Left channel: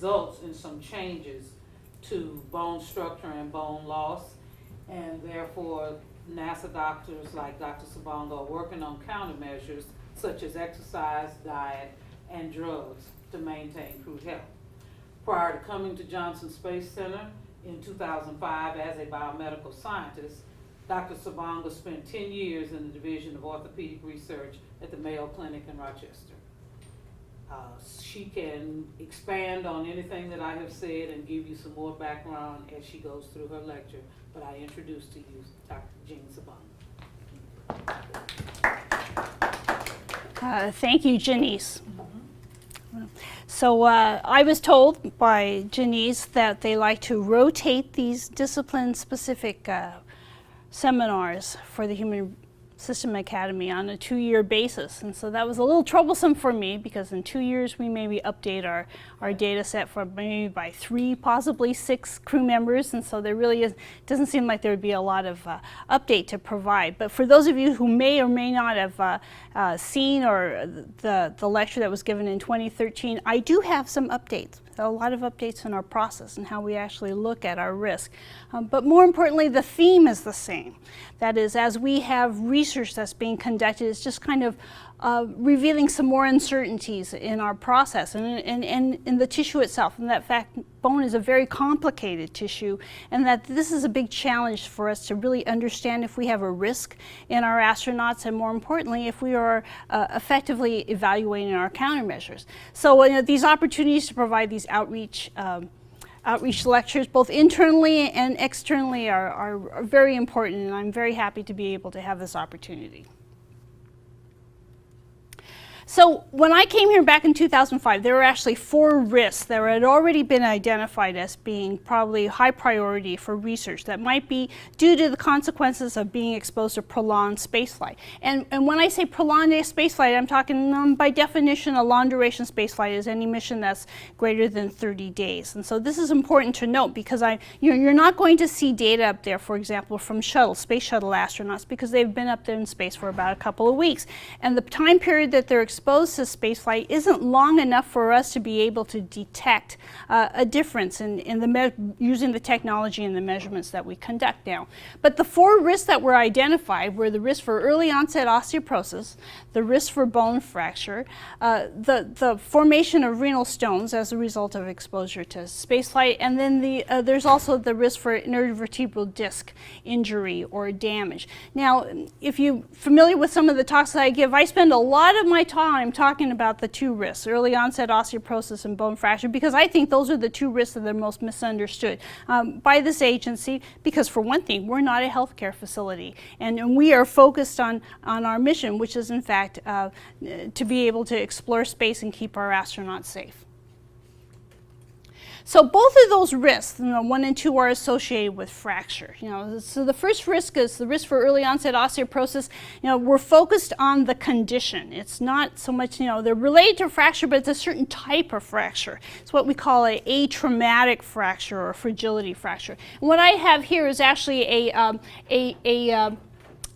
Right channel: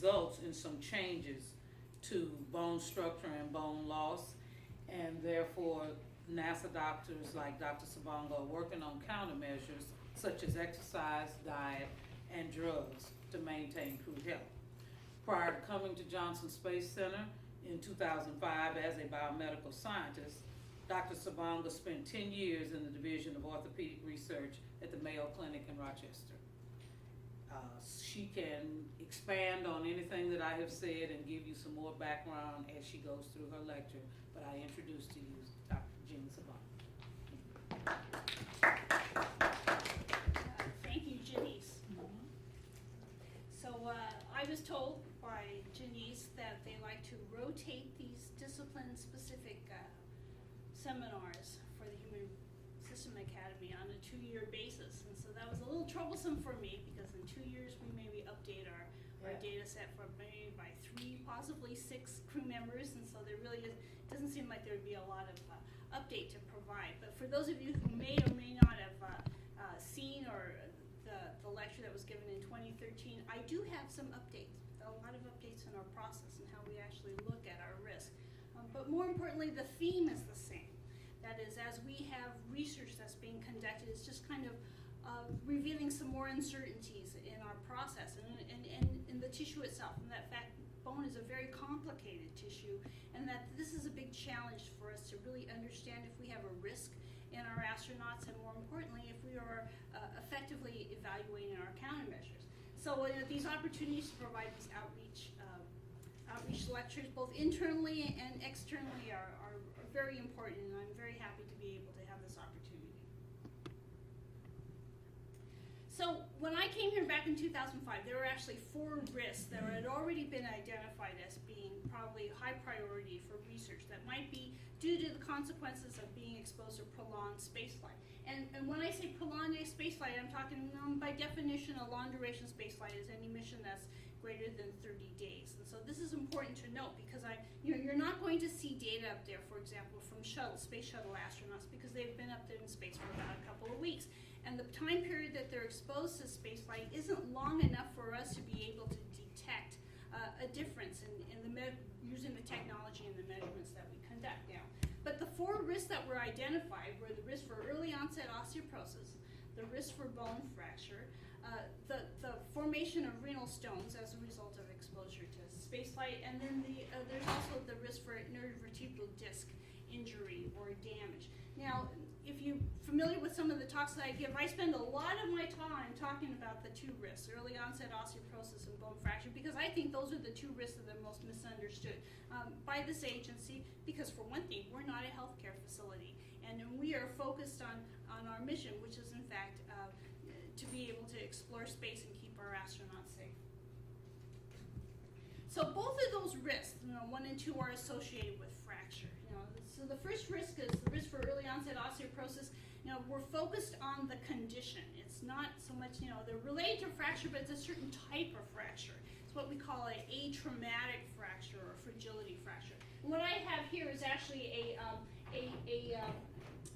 results in some changes to bone structure and bone loss, and therefore NASA doctors like Dr. Sabongo are working on countermeasures such as exercise, diet, and drugs to maintain crew health. Prior to coming to Johnson Space Center in 2005 as a biomedical scientist, Dr. Sabongo spent 10 years in the Division of Orthopedic Research at the Mayo Clinic in Rochester. She can expand on anything that I have said and give you some more background as she goes through her lecture, but I introduce to you Dr. Jean Sabongo. Thank you, Janice. So I was told by Janice that they like to rotate these discipline-specific seminars for the Human System Academy on a 2-year basis, and so that was a little troublesome for me because in 2 years we maybe update our data set for maybe by 3, possibly 6 crew members, and so there really doesn't seem like there would be a lot of update to provide. But for those of you who may or may not have seen or the lecture that was given in 2013, I do have some updates. A lot of updates in our process and how we actually look at our risk. But more importantly, the theme is the same. That is, as we have research that's being conducted, it's just kind of revealing some more uncertainties in our process and in the tissue itself, and that fact bone is a very complicated tissue, and that this is a big challenge for us to really understand if we have a risk in our astronauts, and more importantly, if we are effectively evaluating our countermeasures. So these opportunities to provide these outreach lectures, both internally and externally, are very important, and I'm very happy to be able to have this opportunity. So when I came here back in 2005, there were actually 4 risks that had already been identified as being probably high priority for research that might be due to the consequences of being exposed to prolonged spaceflight. And when I say prolonged spaceflight, I'm talking by definition a long duration spaceflight is any mission that's greater than 30 days. And so this is important to note because you're not going to see data up there, for example, from space shuttle astronauts, because they've been up there in space for about a couple of weeks. And the time period that they're exposed to spaceflight isn't long enough for us to be able to detect a difference using the technology and the measurements that we conduct now. But the 4 risks that were identified were the risk for early onset osteoporosis, the risk for bone fracture, the formation of renal stones as a result of exposure to spaceflight, and then there's also the risk for intervertebral disc injury or damage. Now, if you're familiar with some of the talks that I give, I spend a lot of my time talking about the 2 risks, early onset osteoporosis and bone fracture, because I think those are the 2 risks that are most misunderstood by this agency, because for one thing, we're not a healthcare facility, and we are focused on our mission, which is in fact to be able to explore space and keep our astronauts safe. So both of those risks, 1 and 2, are associated with fracture. So the first risk is the risk for early onset osteoporosis. We're focused on the condition. It's not so much, they're related to fracture, but it's a certain type of fracture. It's what we call a atraumatic fracture or fragility fracture. And what I have here is actually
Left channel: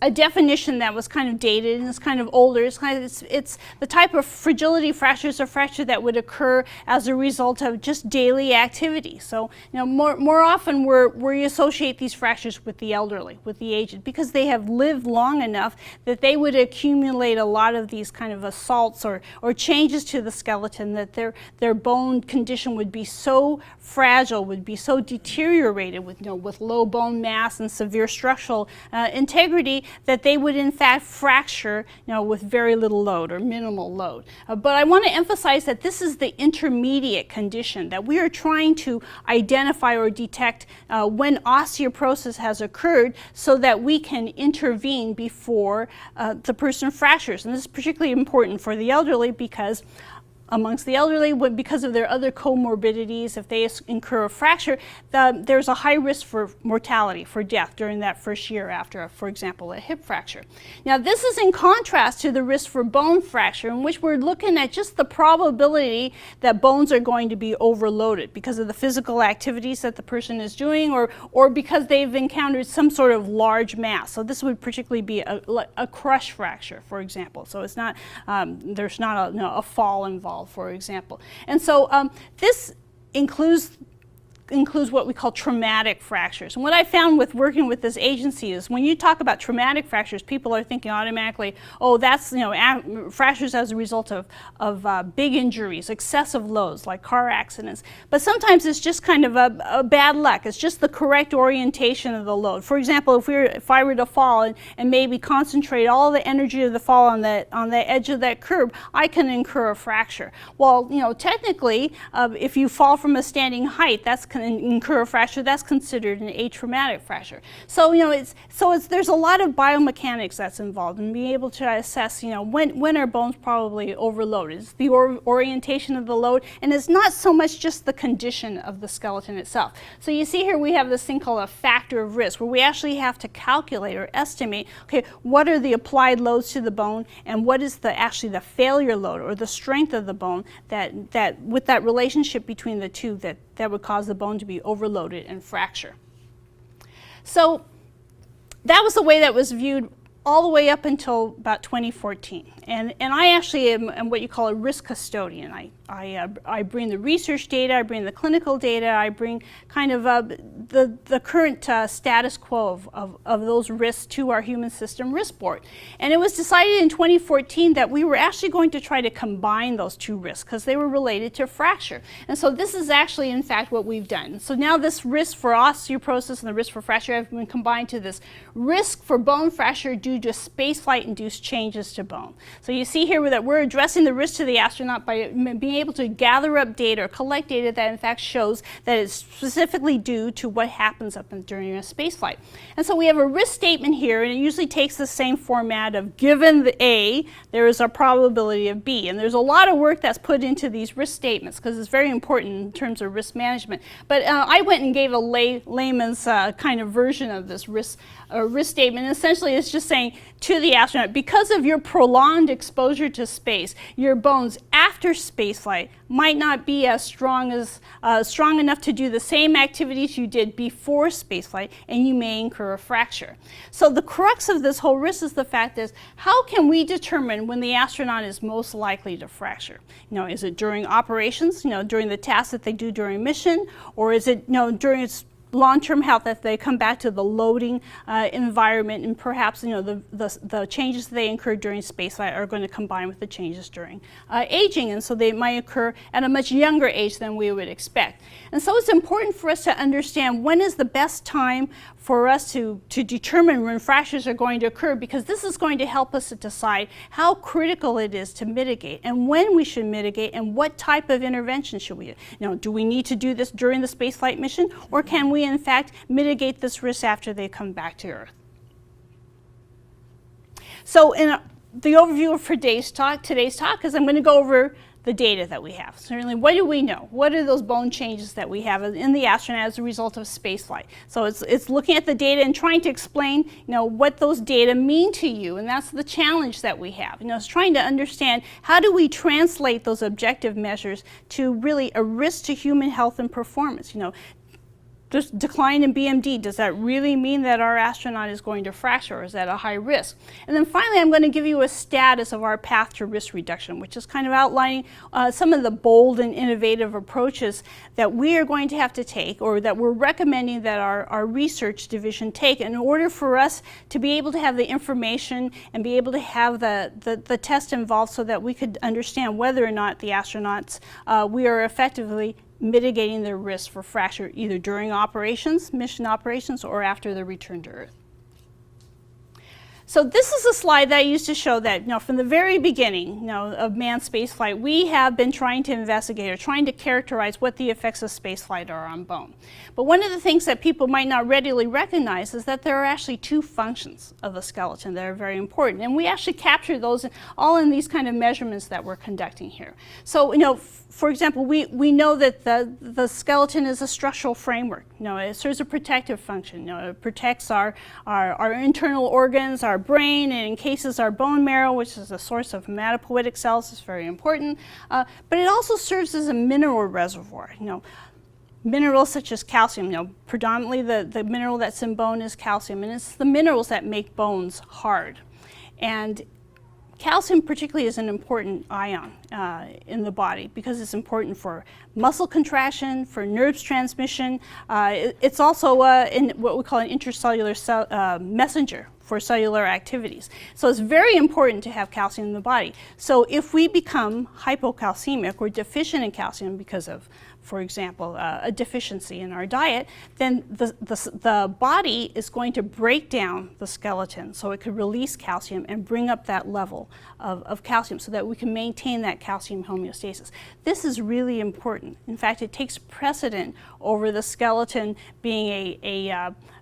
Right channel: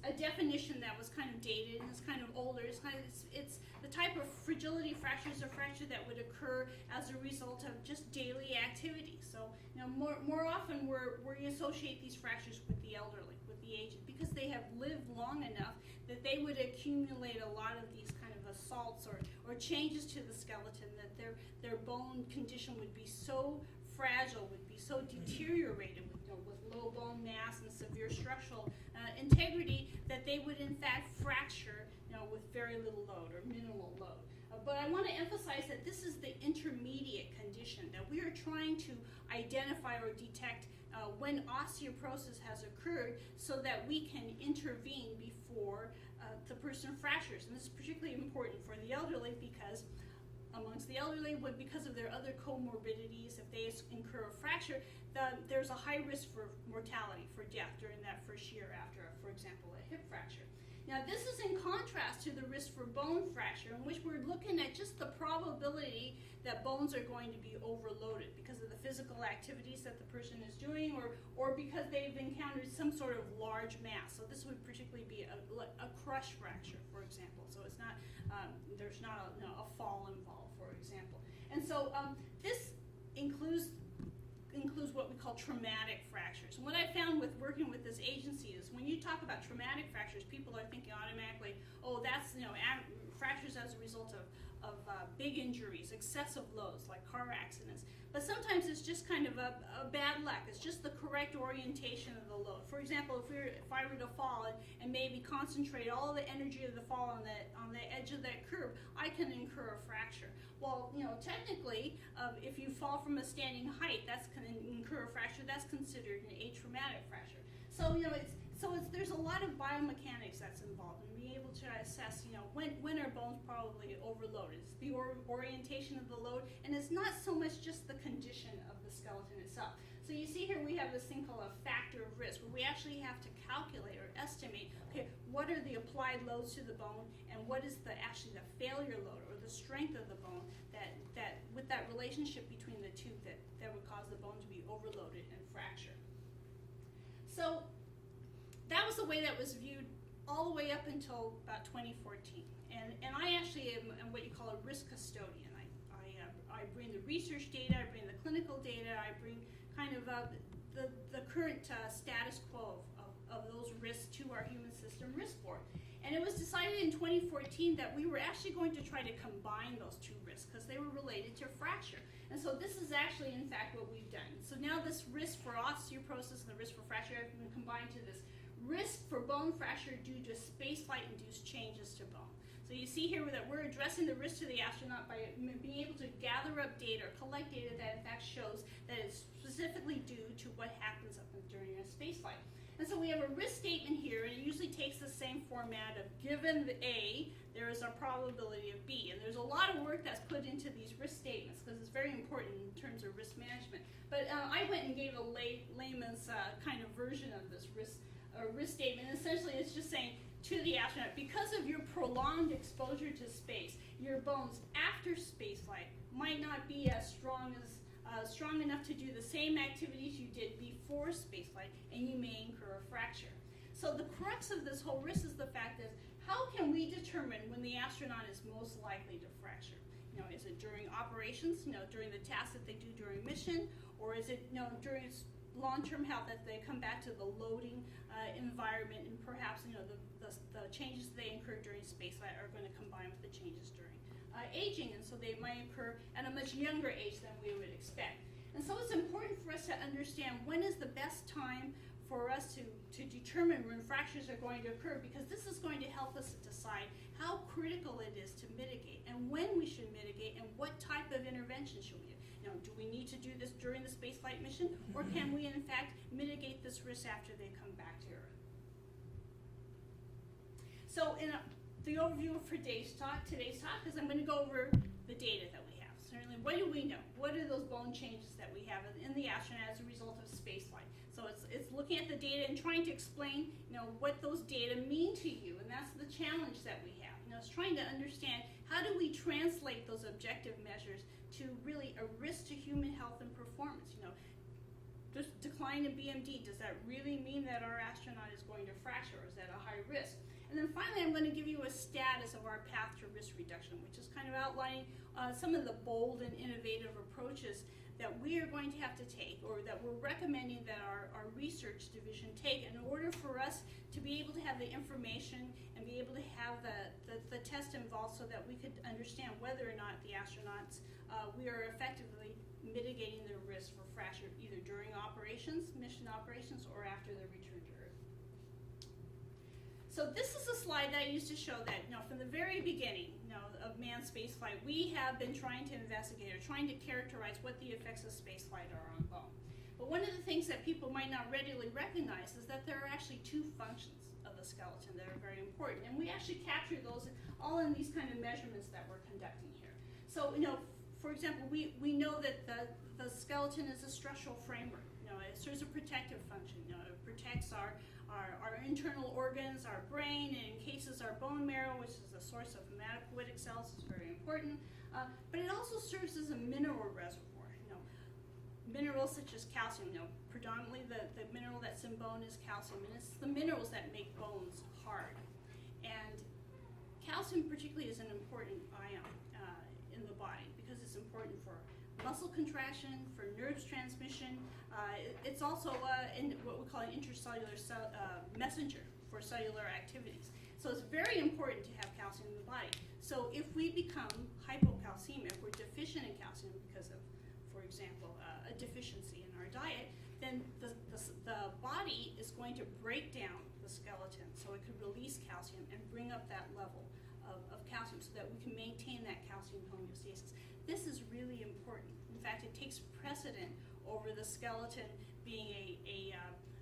a definition that was kind of dated and it's kind of older. It's the type of fragility fracture is a fracture that would occur as a result of just daily activity. So more often we associate these fractures with the elderly, with the aged, because they have lived long enough that they would accumulate a lot of these kind of assaults or changes to the skeleton, that their bone condition would be so fragile, would be so deteriorated with low bone mass and severe structural integrity that they would in fact fracture with very little load or minimal load. But I want to emphasize that this is the intermediate condition, that we are trying to identify or detect when osteoporosis has occurred so that we can intervene before the person fractures. And this is particularly important for the elderly because amongst the elderly, because of their other comorbidities, if they incur a fracture, there's a high risk for mortality, for death during that first year after, for example, a hip fracture. Now, this is in contrast to the risk for bone fracture, in which we're looking at just the probability that bones are going to be overloaded because of the physical activities that the person is doing, or because they've encountered some sort of large mass. So this would particularly be a crush fracture, for example. So it's not, there's not a fall involved, for example. And so this includes what we call traumatic fractures. And what I found with working with this agency is when you talk about traumatic fractures, people are thinking automatically, oh, that's fractures as a result of big injuries, excessive loads like car accidents. But sometimes it's just kind of a bad luck. It's just the correct orientation of the load. For example, if I were to fall and maybe concentrate all the energy of the fall on the edge of that curb, I can incur a fracture. Well, technically, if you fall from a standing height, that's incur a fracture, that's considered an atraumatic fracture. So there's a lot of biomechanics that's involved in being able to assess when are bones probably overloaded. It's the orientation of the load, and it's not so much just the condition of the skeleton itself. So you see here we have this thing called a factor of risk, where we actually have to calculate or estimate, okay, what are the applied loads to the bone and what is actually the failure load or the strength of the bone that with that relationship between the two that would cause the bone to be overloaded and fracture. So that was the way that was viewed all the way up until about 2014. And I actually am what you call a risk custodian. I bring the research data, I bring the clinical data, I bring kind of the current status quo of those risks to our human system risk board. And it was decided in 2014 that we were actually going to try to combine those two risks because they were related to fracture. And so this is actually, in fact, what we've done. So now this risk for osteoporosis and the risk for fracture have been combined to this risk for bone fracture due to spaceflight-induced changes to bone. So you see here that we're addressing the risk to the astronaut by being able to gather up data or collect data that in fact shows that it's specifically due to what happens during a spaceflight. And so we have a risk statement here, and it usually takes the same format of given the A, there is a probability of B. And there's a lot of work that's put into these risk statements because it's very important in terms of risk management. But I went and gave a layman's kind of version of this risk statement. And essentially it's just saying to the astronaut, because of your prolonged exposure to space, your bones after spaceflight might not be as strong enough to do the same activities you did before spaceflight, and you may incur a fracture. So the crux of this whole risk is the fact is, how can we determine when the astronaut is most likely to fracture? Is it during operations, during the tasks that they do during mission, or is it during its long-term health as they come back to the loading environment, and perhaps the changes they incur during spaceflight are going to combine with the changes during aging, and so they might occur at a much younger age than we would expect. And so it's important for us to understand when is the best time for us to determine when fractures are going to occur, because this is going to help us to decide how critical it is to mitigate and when we should mitigate and what type of intervention should we do. Do we need to do this during the spaceflight mission, or can we in fact mitigate this risk after they come back to Earth? So in the overview for today's talk is I'm going to go over the data that we have. Certainly, what do we know? What are those bone changes that we have in the astronaut as a result of spaceflight? So it's looking at the data and trying to explain, what those data mean to you, and that's the challenge that we have. It's trying to understand how do we translate those objective measures to really a risk to human health and performance. Just decline in BMD, does that really mean that our astronaut is going to fracture, or is that a high risk? And then finally, I'm going to give you a status of our path to risk reduction, which is kind of outlining some of the bold and innovative approaches that we are going to have to take, or that we're recommending that our research division take in order for us to be able to have the information and be able to have the test involved so that we could understand whether or not the astronauts, we are effectively mitigating their risk for fracture either during operations, mission operations, or after their return to Earth. So this is a slide that I used to show that from the very beginning of manned spaceflight, we have been trying to investigate or trying to characterize what the effects of spaceflight are on bone. But one of the things that people might not readily recognize is that there are actually two functions of the skeleton that are very important. And we actually capture those all in these kind of measurements that we're conducting here. So, for example, we know that the skeleton is a structural framework. It serves a protective function. It protects our internal organs, our brain, and encases our bone marrow, which is a source of hematopoietic cells. It's very important. But it also serves as a mineral reservoir. Minerals such as calcium, predominantly the mineral that's in bone is calcium, and it's the minerals that make bones hard. And calcium particularly is an important ion in the body because it's important for muscle contraction, for nerves transmission. It's also in what we call an intercellular messenger for cellular activities. So it's very important to have calcium in the body. So if we become hypocalcemic or deficient in calcium because of, for example, a deficiency in our diet, then the body is going to break down the skeleton so it could release calcium and bring up that level of calcium so that we can maintain that calcium homeostasis. This is really important. In fact, it takes precedent over the skeleton being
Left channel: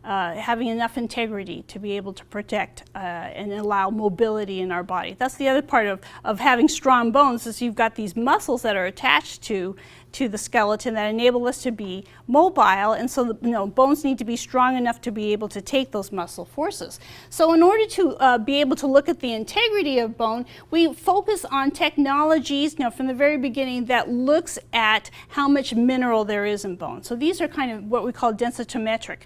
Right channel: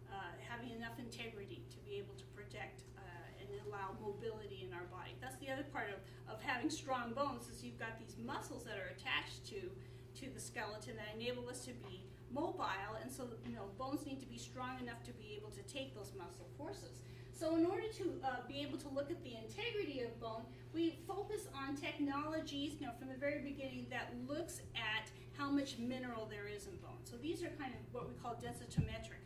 having enough integrity to be able to protect and allow mobility in our body. That's the other part of having strong bones, is you've got these muscles that are attached to the skeleton that enable us to be mobile, and so bones need to be strong enough to be able to take those muscle forces. So in order to be able to look at the integrity of bone, we focus on technologies from the very beginning that looks at how much mineral there is in bone. So these are kind of what we call densitometric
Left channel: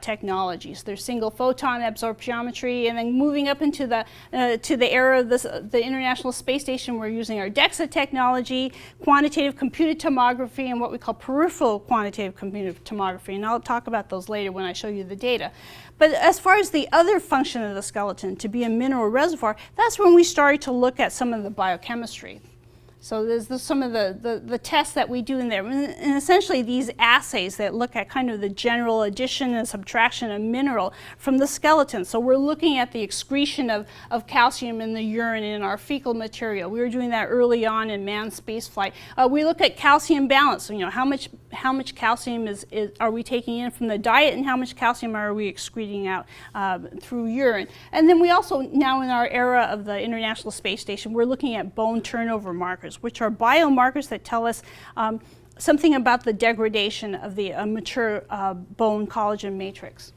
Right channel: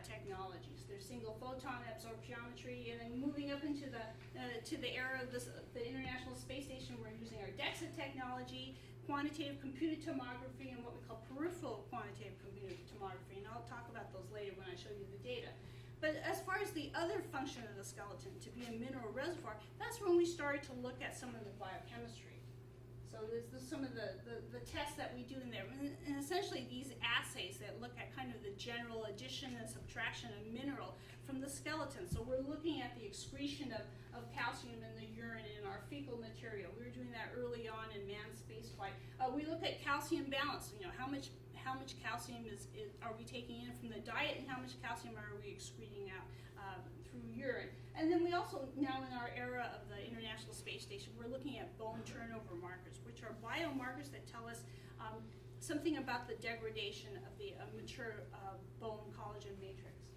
technologies. There's single photon absorptiometry, and then moving up into the era of the International Space Station, we're using our DEXA technology, quantitative computed tomography, and what we call peripheral quantitative computed tomography, and I'll talk about those later when I show you the data. But as far as the other function of the skeleton, to be a mineral reservoir, that's when we started to look at some of the biochemistry. So there's some of the tests that we do in there, and essentially these assays that look at kind of the general addition and subtraction of mineral from the skeleton. So we're looking at the excretion of calcium in the urine in our fecal material. We were doing that early on in manned spaceflight. We look at calcium balance. So, how much calcium are we taking in from the diet, and how much calcium are we excreting out through urine. And then we also, now in our era of the International Space Station, we're looking at bone turnover markers, which are biomarkers that tell us something about the degradation of the mature bone collagen matrix.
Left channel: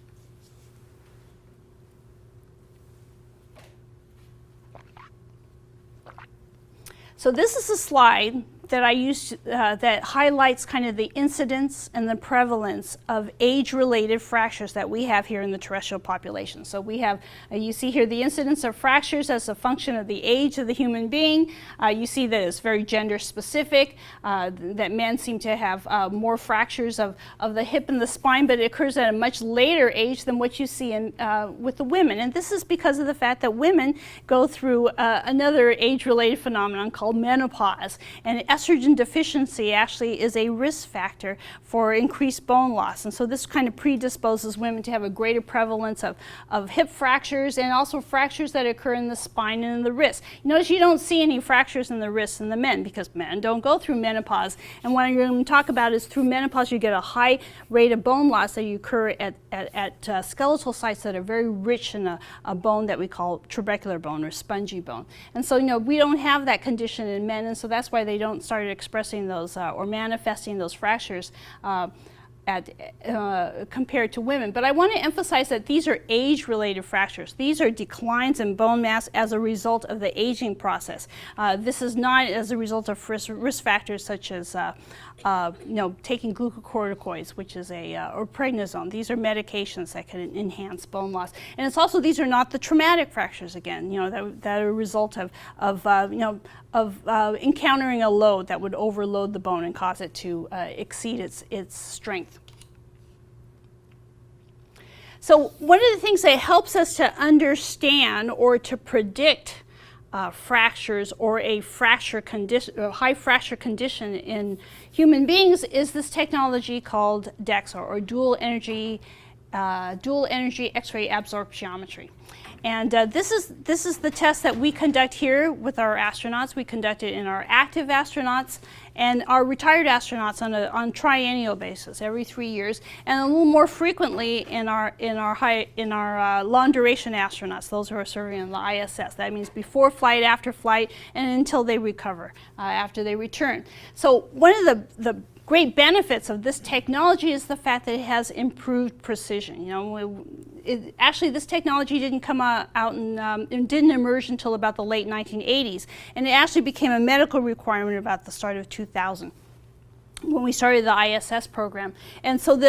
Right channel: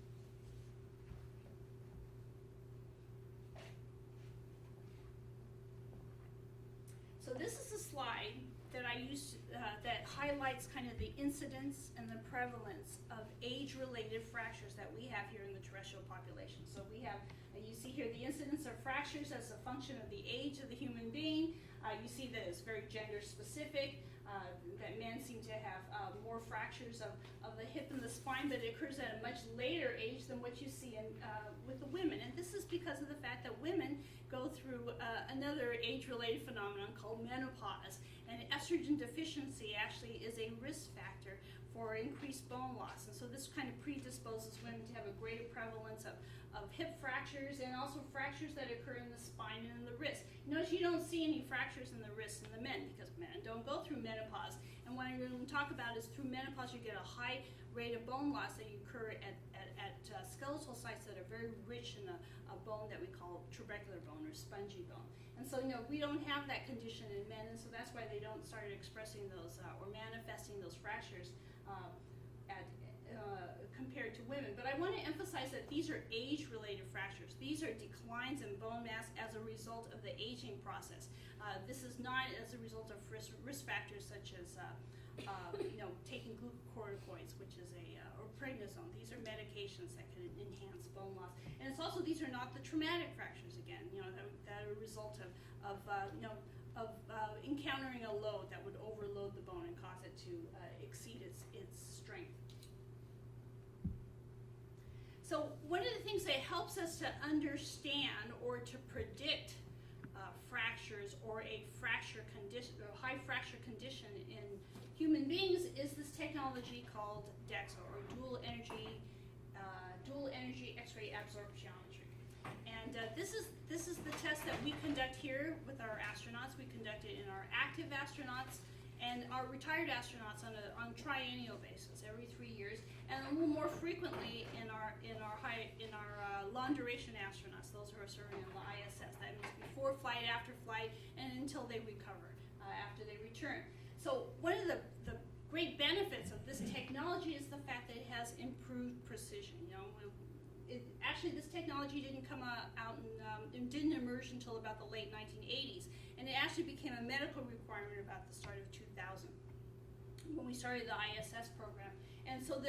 So this is a slide that I used that highlights kind of the incidence and the prevalence of age-related fractures that we have here in the terrestrial population. So we have, you see here the incidence of fractures as a function of the age of the human being. You see that it's very gender-specific, that men seem to have more fractures of the hip and the spine, but it occurs at a much later age than what you see with the women. And this is because of the fact that women go through another age-related phenomenon called menopause. And estrogen deficiency actually is a risk factor for increased bone loss, and so this kind of predisposes women to have a greater prevalence of hip fractures and also fractures that occur in the spine and in the wrist. Notice you don't see any fractures in the wrists in the men because men don't go through menopause, and what I'm going to talk about is through menopause you get a high rate of bone loss that you occur at skeletal sites that are very rich in a bone that we call trabecular bone or spongy bone. And so we don't have that condition in men, and so that's why they don't start expressing those or manifesting those fractures compared to women. But I want to emphasize that these are age-related fractures. These are declines in bone mass as a result of the aging process. This is not as a result of risk factors such as taking glucocorticoids, which is or prednisone. These are medications that can enhance bone loss. And it's also, these are not the traumatic fractures again, that are a result of encountering a load that would overload the bone and cause it to exceed its strength. So one of the things that helps us to understand or to predict fractures or a fracture condition, or high fracture condition in human beings is this technology called DEXA, or dual energy X-ray absorptiometry. And this is the test that we conduct here with our astronauts. We conduct it in our active astronauts and our retired astronauts on triennial basis every 3 years, and a little more frequently in our long duration astronauts, those who are serving in the ISS. That means before flight, after flight, and until they recover after they return. So one of the great benefits of this technology is the fact that it has improved precision. Actually, this technology didn't come out and didn't emerge until about the late 1980s, and it actually became a medical requirement about the start of 2000. when we started the ISS program. And so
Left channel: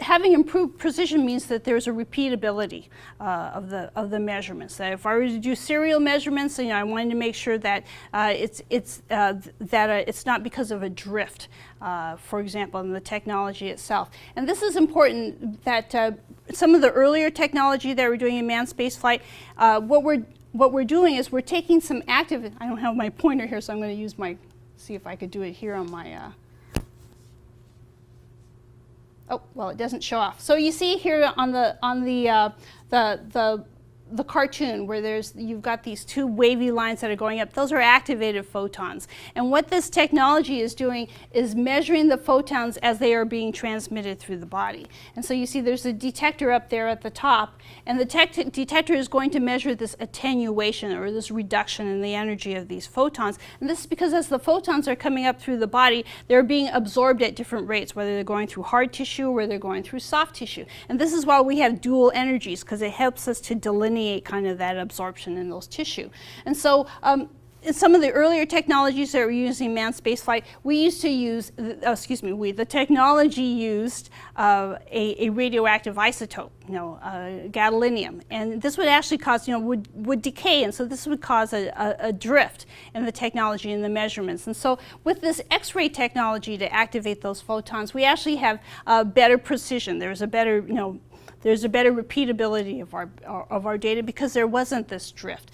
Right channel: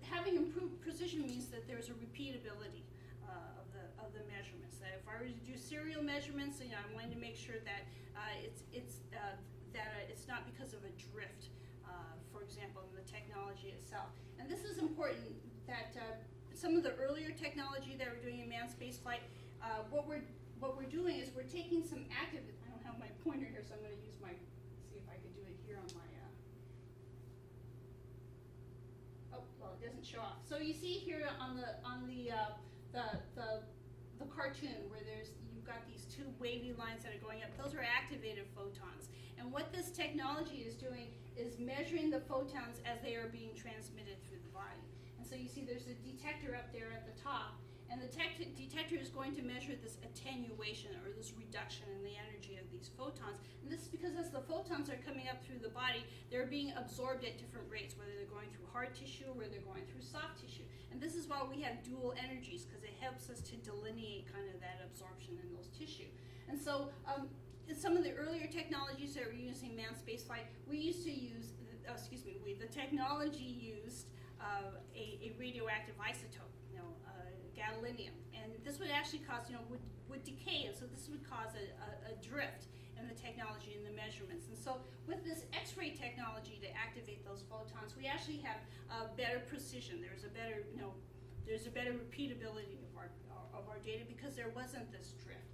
having improved precision means that there's a repeatability of the measurements. That if I were to do serial measurements, I wanted to make sure that it's not because of a drift, for example, in the technology itself. And this is important that some of the earlier technology that we're doing in manned spaceflight, what we're doing is we're taking some active, I don't have my pointer here, so I'm going to use see if I could do it here on my, oh, well, it doesn't show off. So you see here on the cartoon where you've got these two wavy lines that are going up. Those are activated photons. And what this technology is doing is measuring the photons as they are being transmitted through the body. And so you see there's a detector up there at the top, and the detector is going to measure this attenuation or this reduction in the energy of these photons. And this is because as the photons are coming up through the body, they're being absorbed at different rates, whether they're going through hard tissue or they're going through soft tissue. And this is why we have dual energies, because it helps us to delineate kind of that absorption in those tissue. And so in some of the earlier technologies that we're using in manned spaceflight, we used to use, the technology used a radioactive isotope, gadolinium. And this would actually cause, would decay, and so this would cause a drift in the technology and the measurements. And so with this X-ray technology to activate those photons, we actually have better precision. There's a better, there's a better repeatability of our data because there wasn't this drift.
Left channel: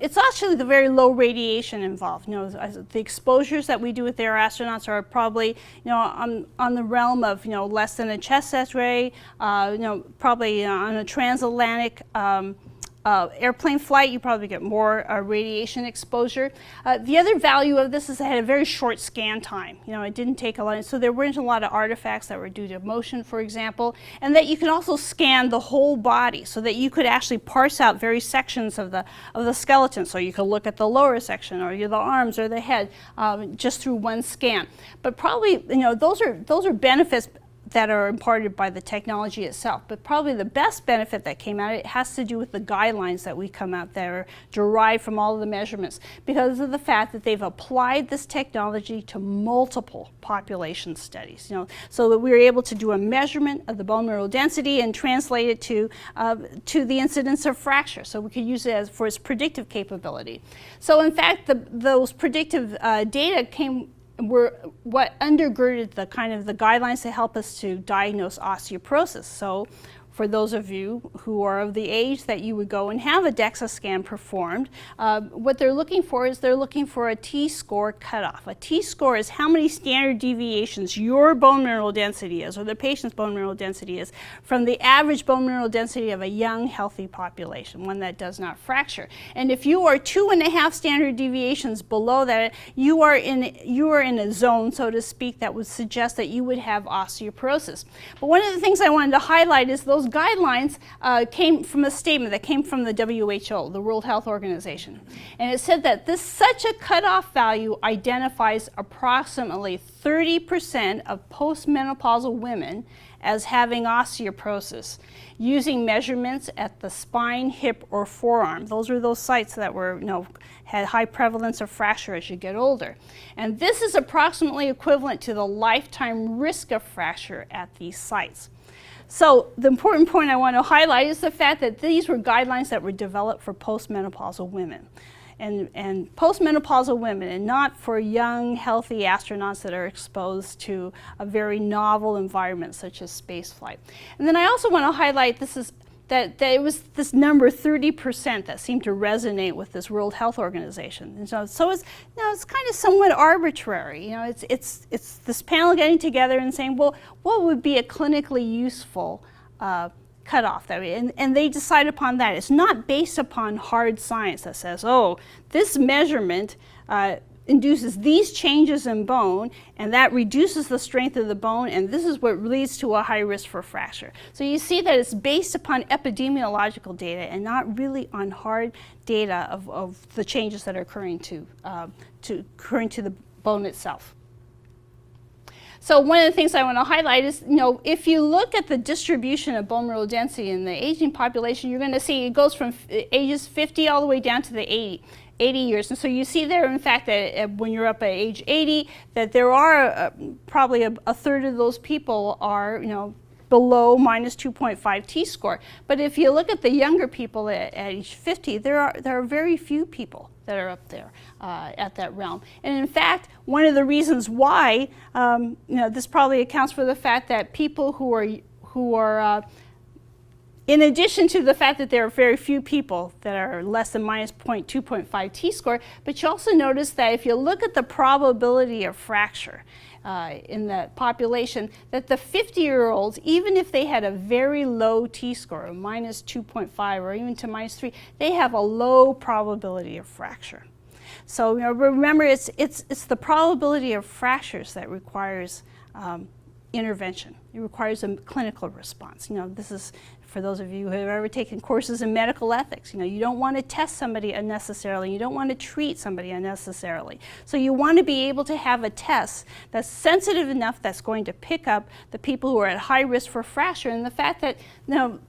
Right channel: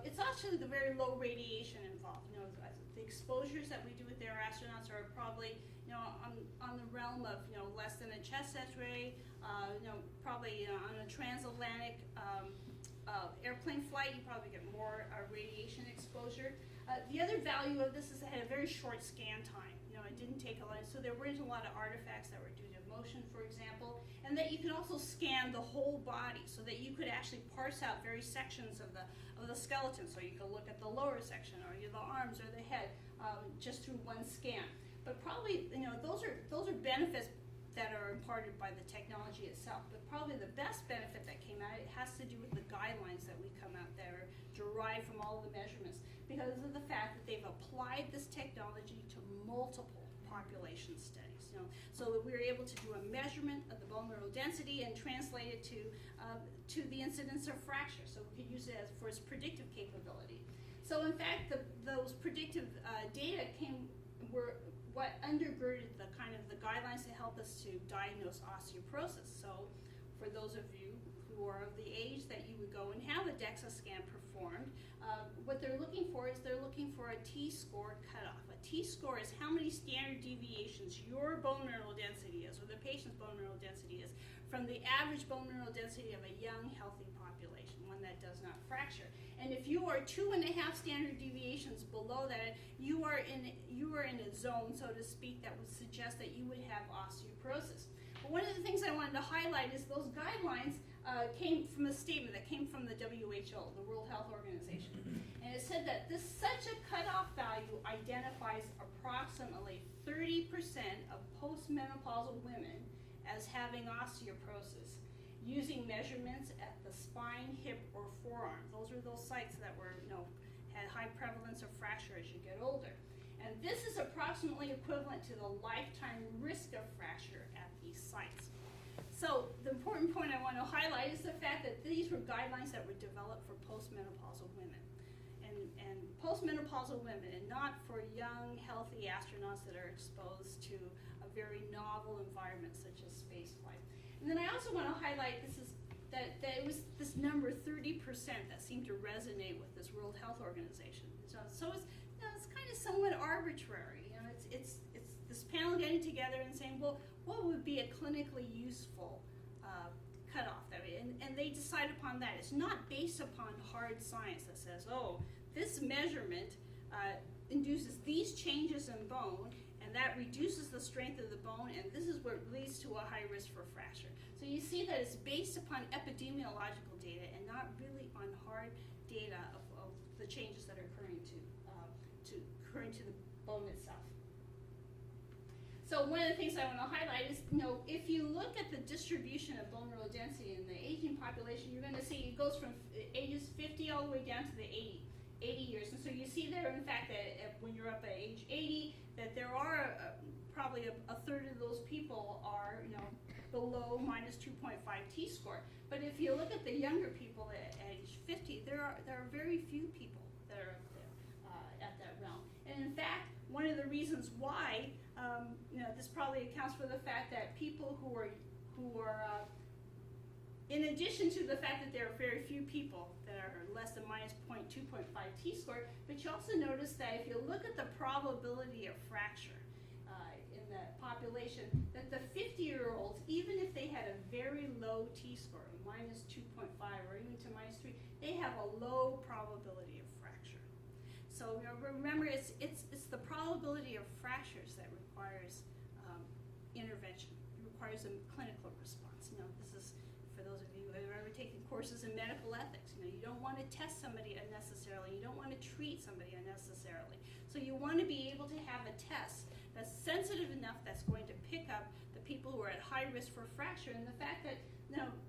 It's actually the very low radiation involved. The exposures that we do with our astronauts are probably, on the realm of, less than a chest X-ray, probably on a transatlantic airplane flight, you probably get more radiation exposure. The other value of this is it had a very short scan time. It didn't take a lot, so there weren't a lot of artifacts that were due to motion, for example, and that you can also scan the whole body so that you could actually parse out various sections of the skeleton. So you could look at the lower section or the arms or the head just through one scan. But probably, those are benefits that are imparted by the technology itself. But probably the best benefit that came out of it has to do with the guidelines that we come out that are derived from all of the measurements, because of the fact that they've applied this technology to multiple population studies. So that we were able to do a measurement of the bone mineral density and translate it to the incidence of fracture. So we could use it for its predictive capability. So in fact, those predictive data were what undergirded the kind of the guidelines to help us to diagnose osteoporosis. So for those of you who are of the age that you would go and have a DEXA scan performed, what they're looking for is they're looking for a T-score cutoff. A T-score is how many standard deviations your bone mineral density is, or the patient's bone mineral density is, from the average bone mineral density of a young, healthy population, one that does not fracture. And if you are 2.5 standard deviations below that, you are in a zone, so to speak, that would suggest that you would have osteoporosis. But one of the things I wanted to highlight is those guidelines came from a statement that came from the WHO, the World Health Organization. And it said that such a cutoff value identifies approximately 30% of postmenopausal women as having osteoporosis, using measurements at the spine, hip, or forearm. Those are those sites that were, had high prevalence of fracture as you get older. And this is approximately equivalent to the lifetime risk of fracture at these sites. So the important point I want to highlight is the fact that these were guidelines that were developed for postmenopausal women. And postmenopausal women, and not for young, healthy astronauts that are exposed to a very novel environment such as spaceflight. And then I also want to highlight that it was this number 30% that seemed to resonate with this World Health Organization. And so it's it's kind of somewhat arbitrary. It's this panel getting together and saying, well, what would be a clinically useful cutoff? And they decide upon that. It's not based upon hard science that says, oh, this measurement induces these changes in bone, and that reduces the strength of the bone, and this is what leads to a high risk for fracture. So you see that it's based upon epidemiological data and not really on hard data of the changes that are occurring to the bone itself. So one of the things I want to highlight is, if you look at the distribution of bone mineral density in the aging population, you're going to see it goes from ages 50 all the way down to the 80 years. And so you see there, in fact, that when you're up at age 80, that there are probably a third of those people are, below minus 2.5 t-score. But if you look at the younger people at age 50, there are very few people that are up there at that realm. And in fact, one of the reasons why, this probably accounts for the fact that people who are in addition to the fact that there are very few people that are less than minus 2.5 t-score, but you also notice that if you look at the probability of fracture in the population, that the 50-year-olds, even if they had a very low t-score, of minus 2.5 or even to minus 3, they have a low probability of fracture. So remember, it's the probability of fractures that requires intervention. It requires a clinical response. This is for those of you who have ever taken courses in medical ethics. You don't want to test somebody unnecessarily. You don't want to treat somebody unnecessarily. So you want to be able to have a test that's sensitive enough that's going to pick up the people who are at high risk for fracture. And the fact that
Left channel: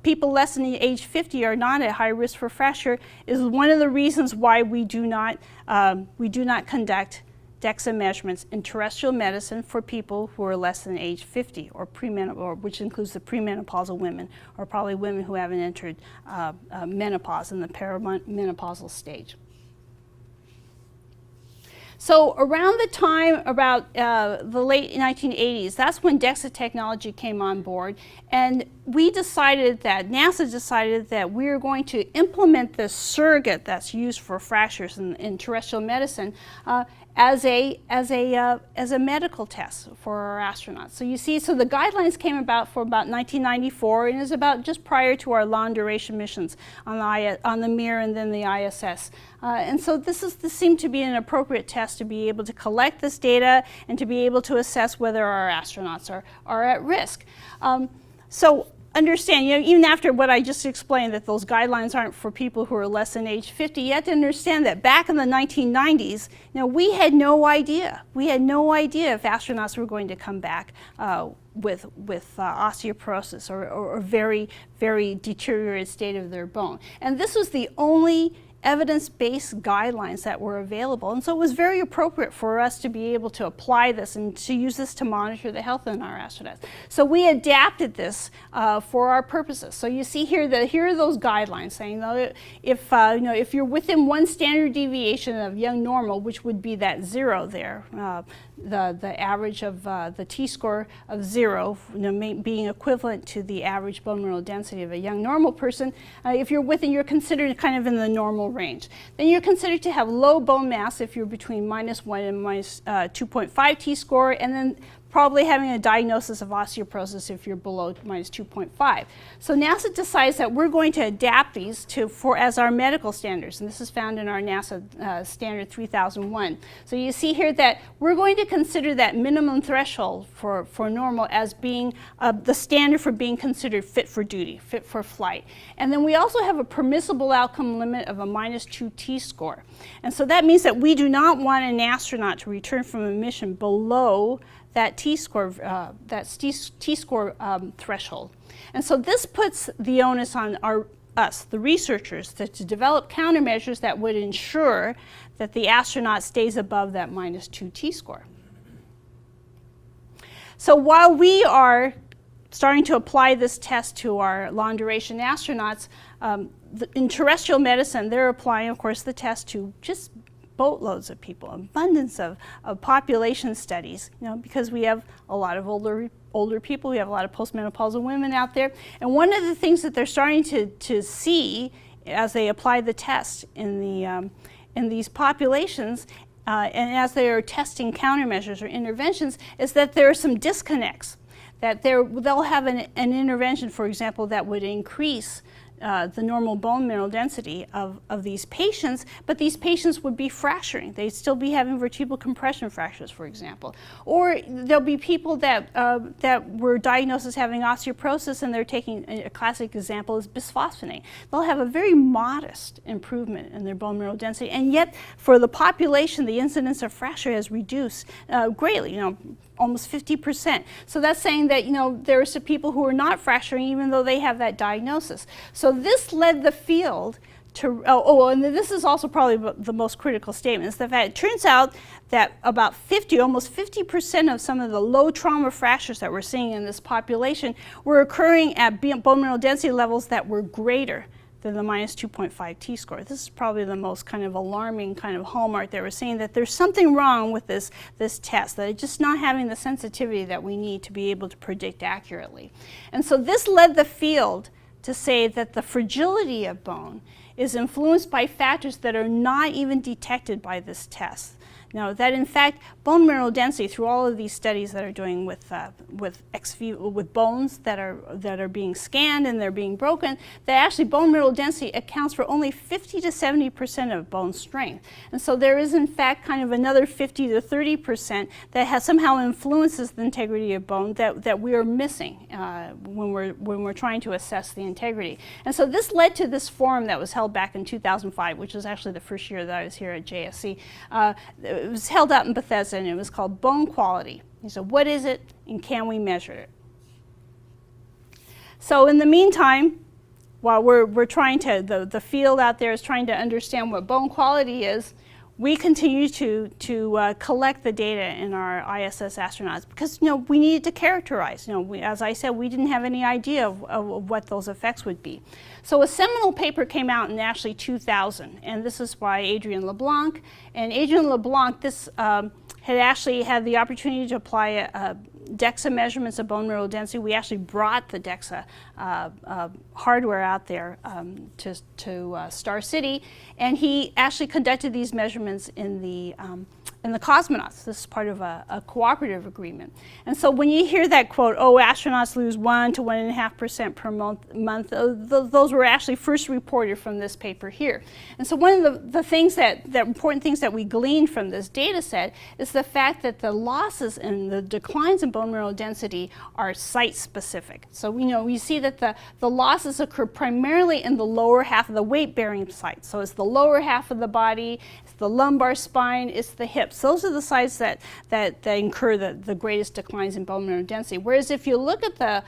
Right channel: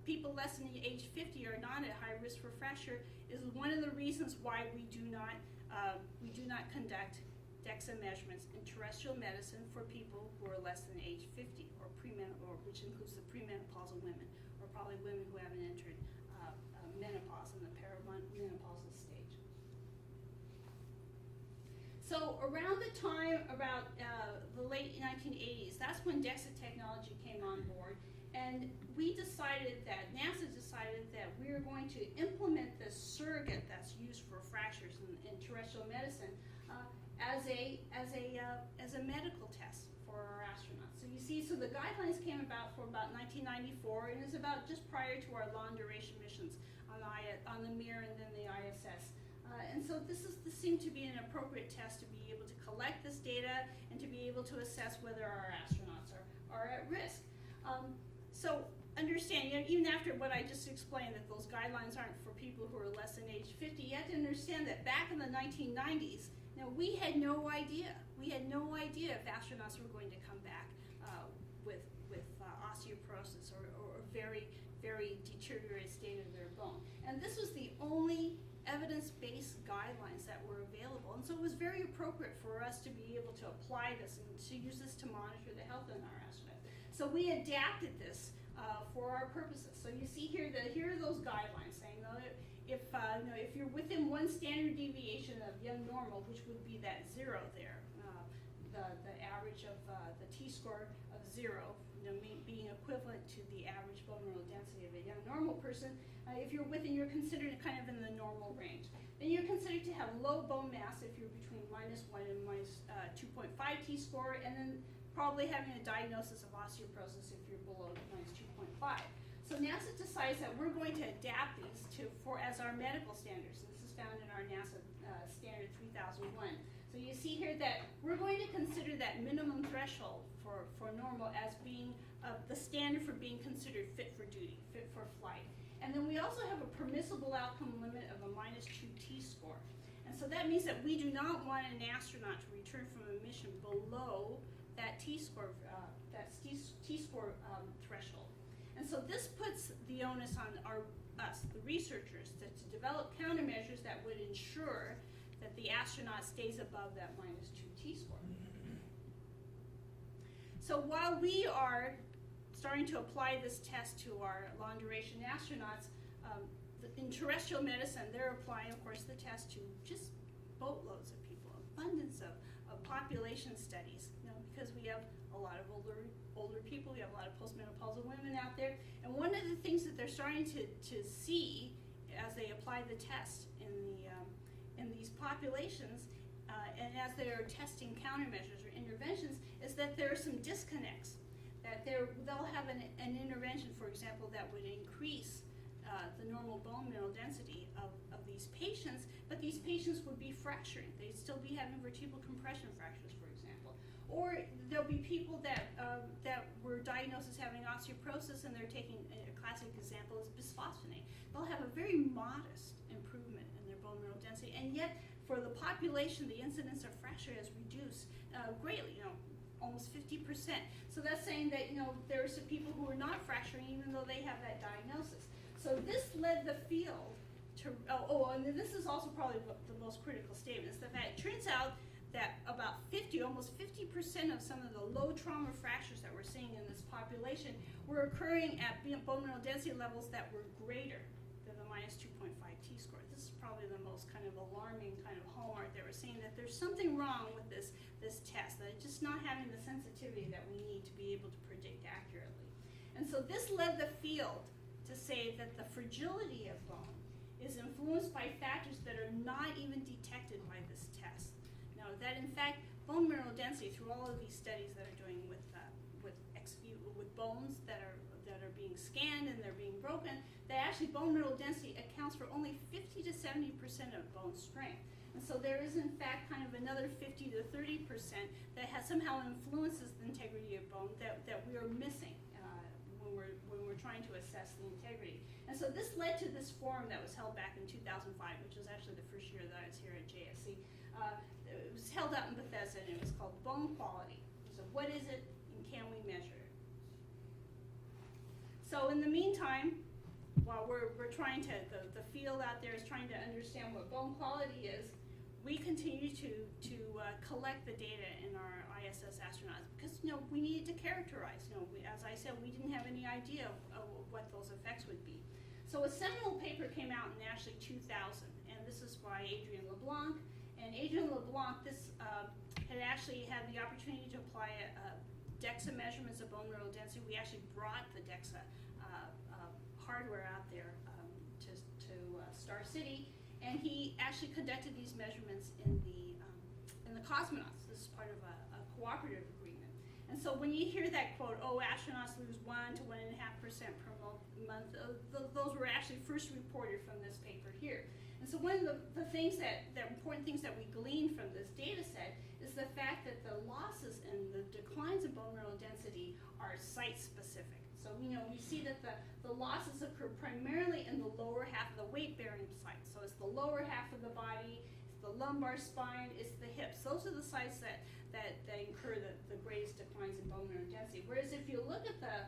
people less than the age 50 are not at high risk for fracture is one of the reasons why we do not conduct DEXA measurements in terrestrial medicine for people who are less than age 50 or which includes the premenopausal women, or probably women who haven't entered menopause in the perimenopausal stage. So around the time, about the late 1980s, that's when DEXA technology came on board, and NASA decided that we were going to implement this surrogate that's used for fractures in terrestrial medicine as a medical test for our astronauts. So you see, so the guidelines came about for about 1994, and is about just prior to our long duration missions on the Mir and then the ISS. And so this seemed to be an appropriate test to be able to collect this data and to be able to assess whether our astronauts are at risk. So understand, even after what I just explained, that those guidelines aren't for people who are less than age 50, you have to understand that back in the 1990s, we had no idea. We had no idea if astronauts were going to come back with osteoporosis or very, very deteriorated state of their bone. And this was the only evidence-based guidelines that were available, and so it was very appropriate for us to be able to apply this and to use this to monitor the health of our astronauts. So we adapted this for our purposes. So you see here that here are those guidelines saying that if you're within one standard deviation of young normal, which would be that 0 there, the average of the t-score of 0, being equivalent to the average bone mineral density of a young normal person. If you're within, you're considered kind of in the normal range. Then you're considered to have low bone mass if you're between minus 1 and minus 2.5 t-score, and then probably having a diagnosis of osteoporosis if you're below minus 2.5. So NASA decides that we're going to adapt these as our medical standards, and this is found in our NASA standard 3001. So you see here that we're going to consider that minimum threshold for normal as being the standard for being considered fit for duty, fit for flight. And then we also have a permissible outcome limit of a minus 2 t-score. And so that means that we do not want an astronaut to return from a mission below that t-score threshold. And so this puts the onus on us, the researchers, to develop countermeasures that would ensure that the astronaut stays above that minus 2 t-score. So while we are starting to apply this test to our long-duration astronauts, in terrestrial medicine, they're applying, of course, the test to just boatloads of people, abundance of population studies, because we have a lot of older people, we have a lot of postmenopausal women out there. And one of the things that they're starting to see as they apply the test in these populations, and as they are testing countermeasures or interventions, is that there are some disconnects. That they'll have an intervention, for example, that would increase the normal bone mineral density of these patients, but these patients would be fracturing. They'd still be having vertebral compression fractures, for example. Or there'll be people that were diagnosed as having osteoporosis, and they're taking, a classic example is bisphosphonate. They'll have a very modest improvement in their bone mineral density, and yet for the population, the incidence of fracture has reduced greatly, almost 50%. So that's saying that, there are some people who are not fracturing even though they have that diagnosis. So this led the field to, and this is also probably the most critical statement, is the fact it turns out that about almost 50% of some of the low trauma fractures that we're seeing in this population were occurring at bone mineral density levels that were greater than the minus 2.5 t-score. This is probably the most kind of alarming kind of hallmark that we're seeing, that there's something wrong with this test, that it's just not having the sensitivity that we need to be able to predict accurately. And so this led the field to say that the fragility of bone is influenced by factors that are not even detected by this test. Now, that in fact, bone mineral density, through all of these studies that are doing with bones that are being scanned and they're being broken, that actually bone mineral density accounts for only 50 to 70% of bone strength. And so there is in fact kind of another 50 to 30% that somehow influences the integrity of bone that we are missing when we're trying to assess the integrity. And so this led to this forum that was held back in 2005, which was actually the first year that I was here at JSC. It was held out in Bethesda, and it was called Bone Quality. So what is it, and can we measure it? So in the meantime, while we're trying to, the field out there is trying to understand what bone quality is, we continue to collect the data in our ISS astronauts because we needed to characterize. As I said, we didn't have any idea of what those effects would be. So a seminal paper came out in actually 2000, and this is by Adrian LeBlanc. And Adrian LeBlanc, had actually had the opportunity to apply DEXA measurements of bone mineral density. We actually brought the DEXA hardware out there to Star City, and he actually conducted these measurements in the cosmonauts. This is part of a cooperative agreement. And so when you hear that quote, astronauts lose 1 to 1.5% per month, those were actually first reported from this paper here. And so one of the things the important things that we gleaned from this data set is the fact that the losses and the declines in bone mineral density are site specific. So we see that the losses occur primarily in the lower half of the weight-bearing site. So it's the lower half of the body, it's the lumbar spine, it's the hips. Those are the sites that incur the greatest declines in bone mineral density. Whereas if you look at the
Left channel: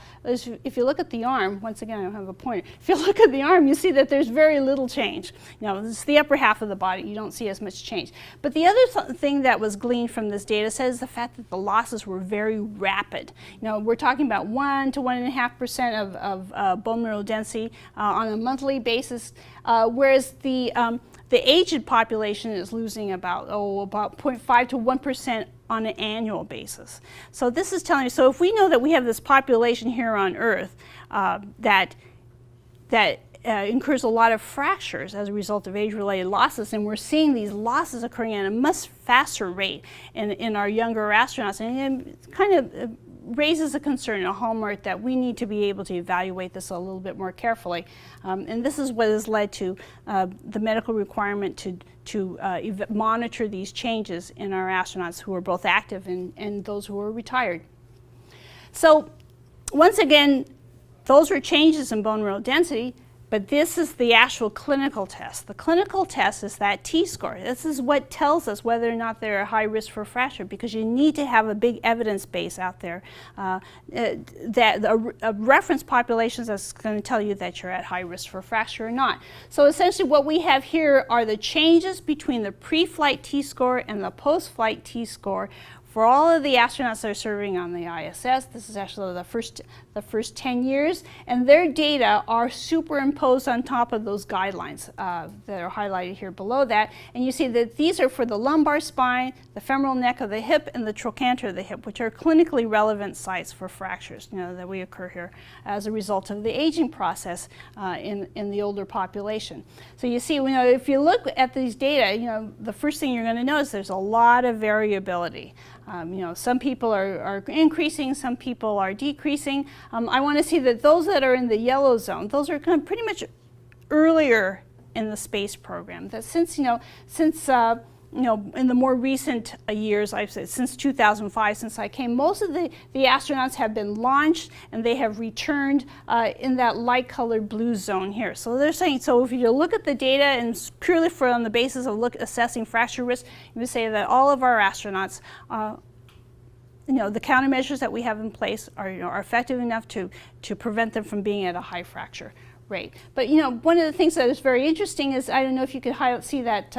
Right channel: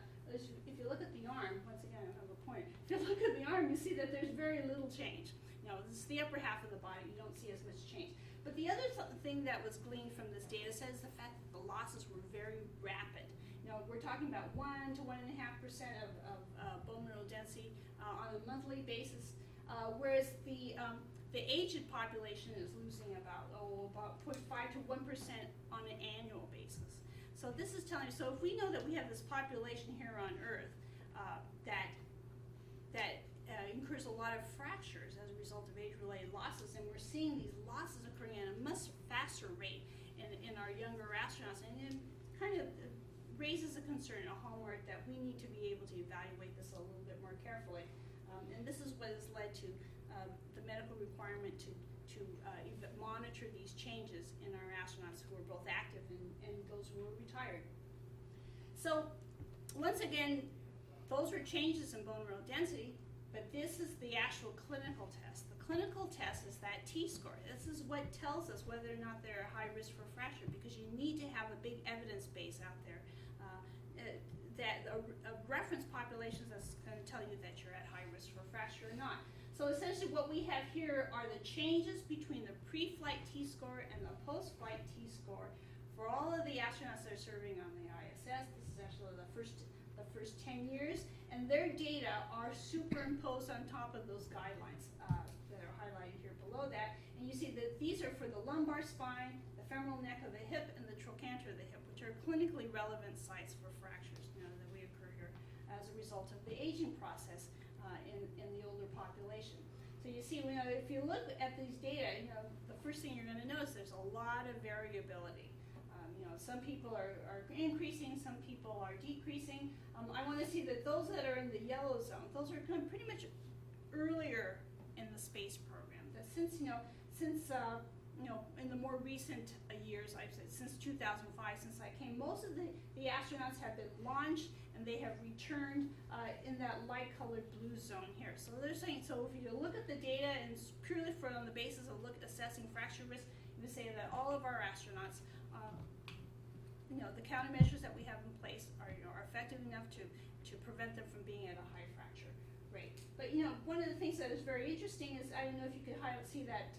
arm, once again I don't have a pointer, if you look at the arm, you see that there's very little change. It's the upper half of the body, you don't see as much change. But the other thing that was gleaned from this data set is the fact that the losses were very rapid. We're talking about 1 to 1.5% of bone mineral density on a monthly basis, whereas the aged population is losing about 0.5 to 1% on an annual basis. So this is telling you, so if we know that we have this population here on Earth that incurs a lot of fractures as a result of age-related losses, and we're seeing these losses occurring at a much faster rate in our younger astronauts, and it kind of raises a concern, a hallmark that we need to be able to evaluate this a little bit more carefully. And this is what has led to the medical requirement to monitor these changes in our astronauts who are both active and those who are retired. So once again, those are changes in bone mineral density, but this is the actual clinical test. The clinical test is that t-score. This is what tells us whether or not they're at high risk for fracture, because you need to have a big evidence base out there, that a reference population that's going to tell you that you're at high risk for fracture or not. So essentially what we have here are the changes between the pre-flight t-score and the post-flight t-score for all of the astronauts that are serving on the ISS. This is actually the first 10 years, and their data are superimposed on top of those guidelines that are highlighted here below that. And you see that these are for the lumbar spine, the femoral neck of the hip, and the trochanter of the hip, which are clinically relevant sites for fractures that we occur here as a result of the aging process in the older population. So you see, if you look at these data, the first thing you're going to notice there's a lot of variability. Some people are increasing, some people are decreasing. I want to see that those that are in the yellow zone, those are kind of pretty much earlier in the space program. That since in the more recent years, I've said since 2005, since I came, most of the astronauts have been launched and they have returned in that light-colored blue zone here. So they're saying, so if you look at the data and purely on the basis of assessing fracture risk, you would say that all of our astronauts the countermeasures that we have in place are, are effective enough to prevent them from being at a high fracture rate. But one of the things that is very interesting is, I don't know if you could see that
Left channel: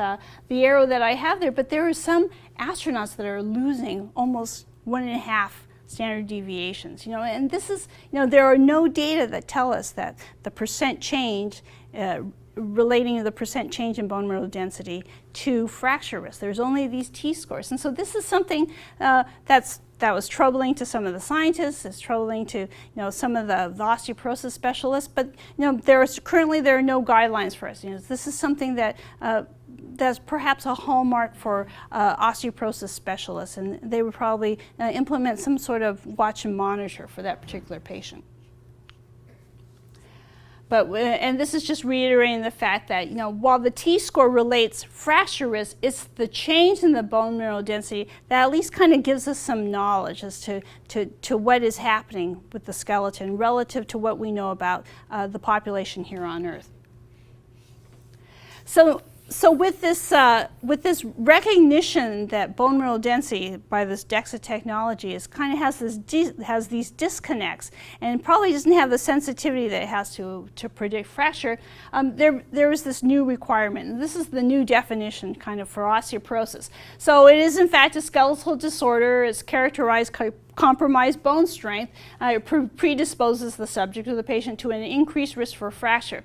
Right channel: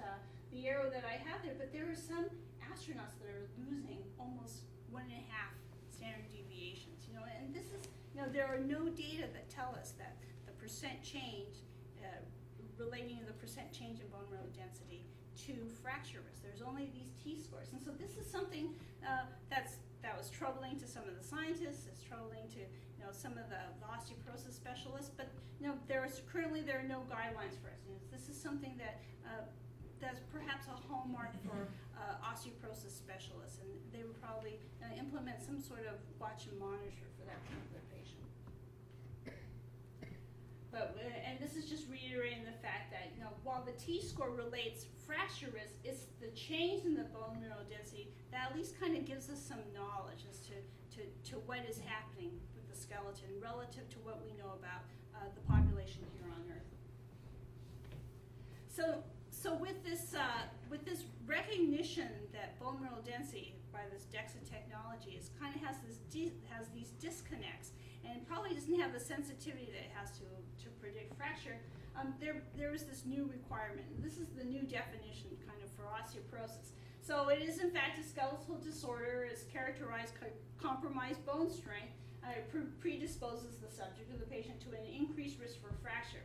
the arrow that I have there, but there are some astronauts that are losing almost 1.5 standard deviations. And this is, there are no data that tell us that the percent change relating to the percent change in bone mineral density to fracture risk. There's only these T-scores. And so this is something that was troubling to some of the scientists, it's troubling to some of the osteoporosis specialists, but currently there are no guidelines for us. This is something that that's perhaps a hallmark for osteoporosis specialists, and they would probably implement some sort of watch and monitor for that particular patient. But, and this is just reiterating the fact that, while the T-score relates fracture risk, it's the change in the bone mineral density that at least kind of gives us some knowledge as to what is happening with the skeleton relative to what we know about the population here on Earth. So with this recognition that bone mineral density by this DEXA technology kind of has these disconnects and probably doesn't have the sensitivity that it has to predict fracture, there is this new requirement. And this is the new definition kind of for osteoporosis. So it is in fact a skeletal disorder. It's characterized compromised bone strength. It predisposes the subject or the patient to an increased risk for fracture.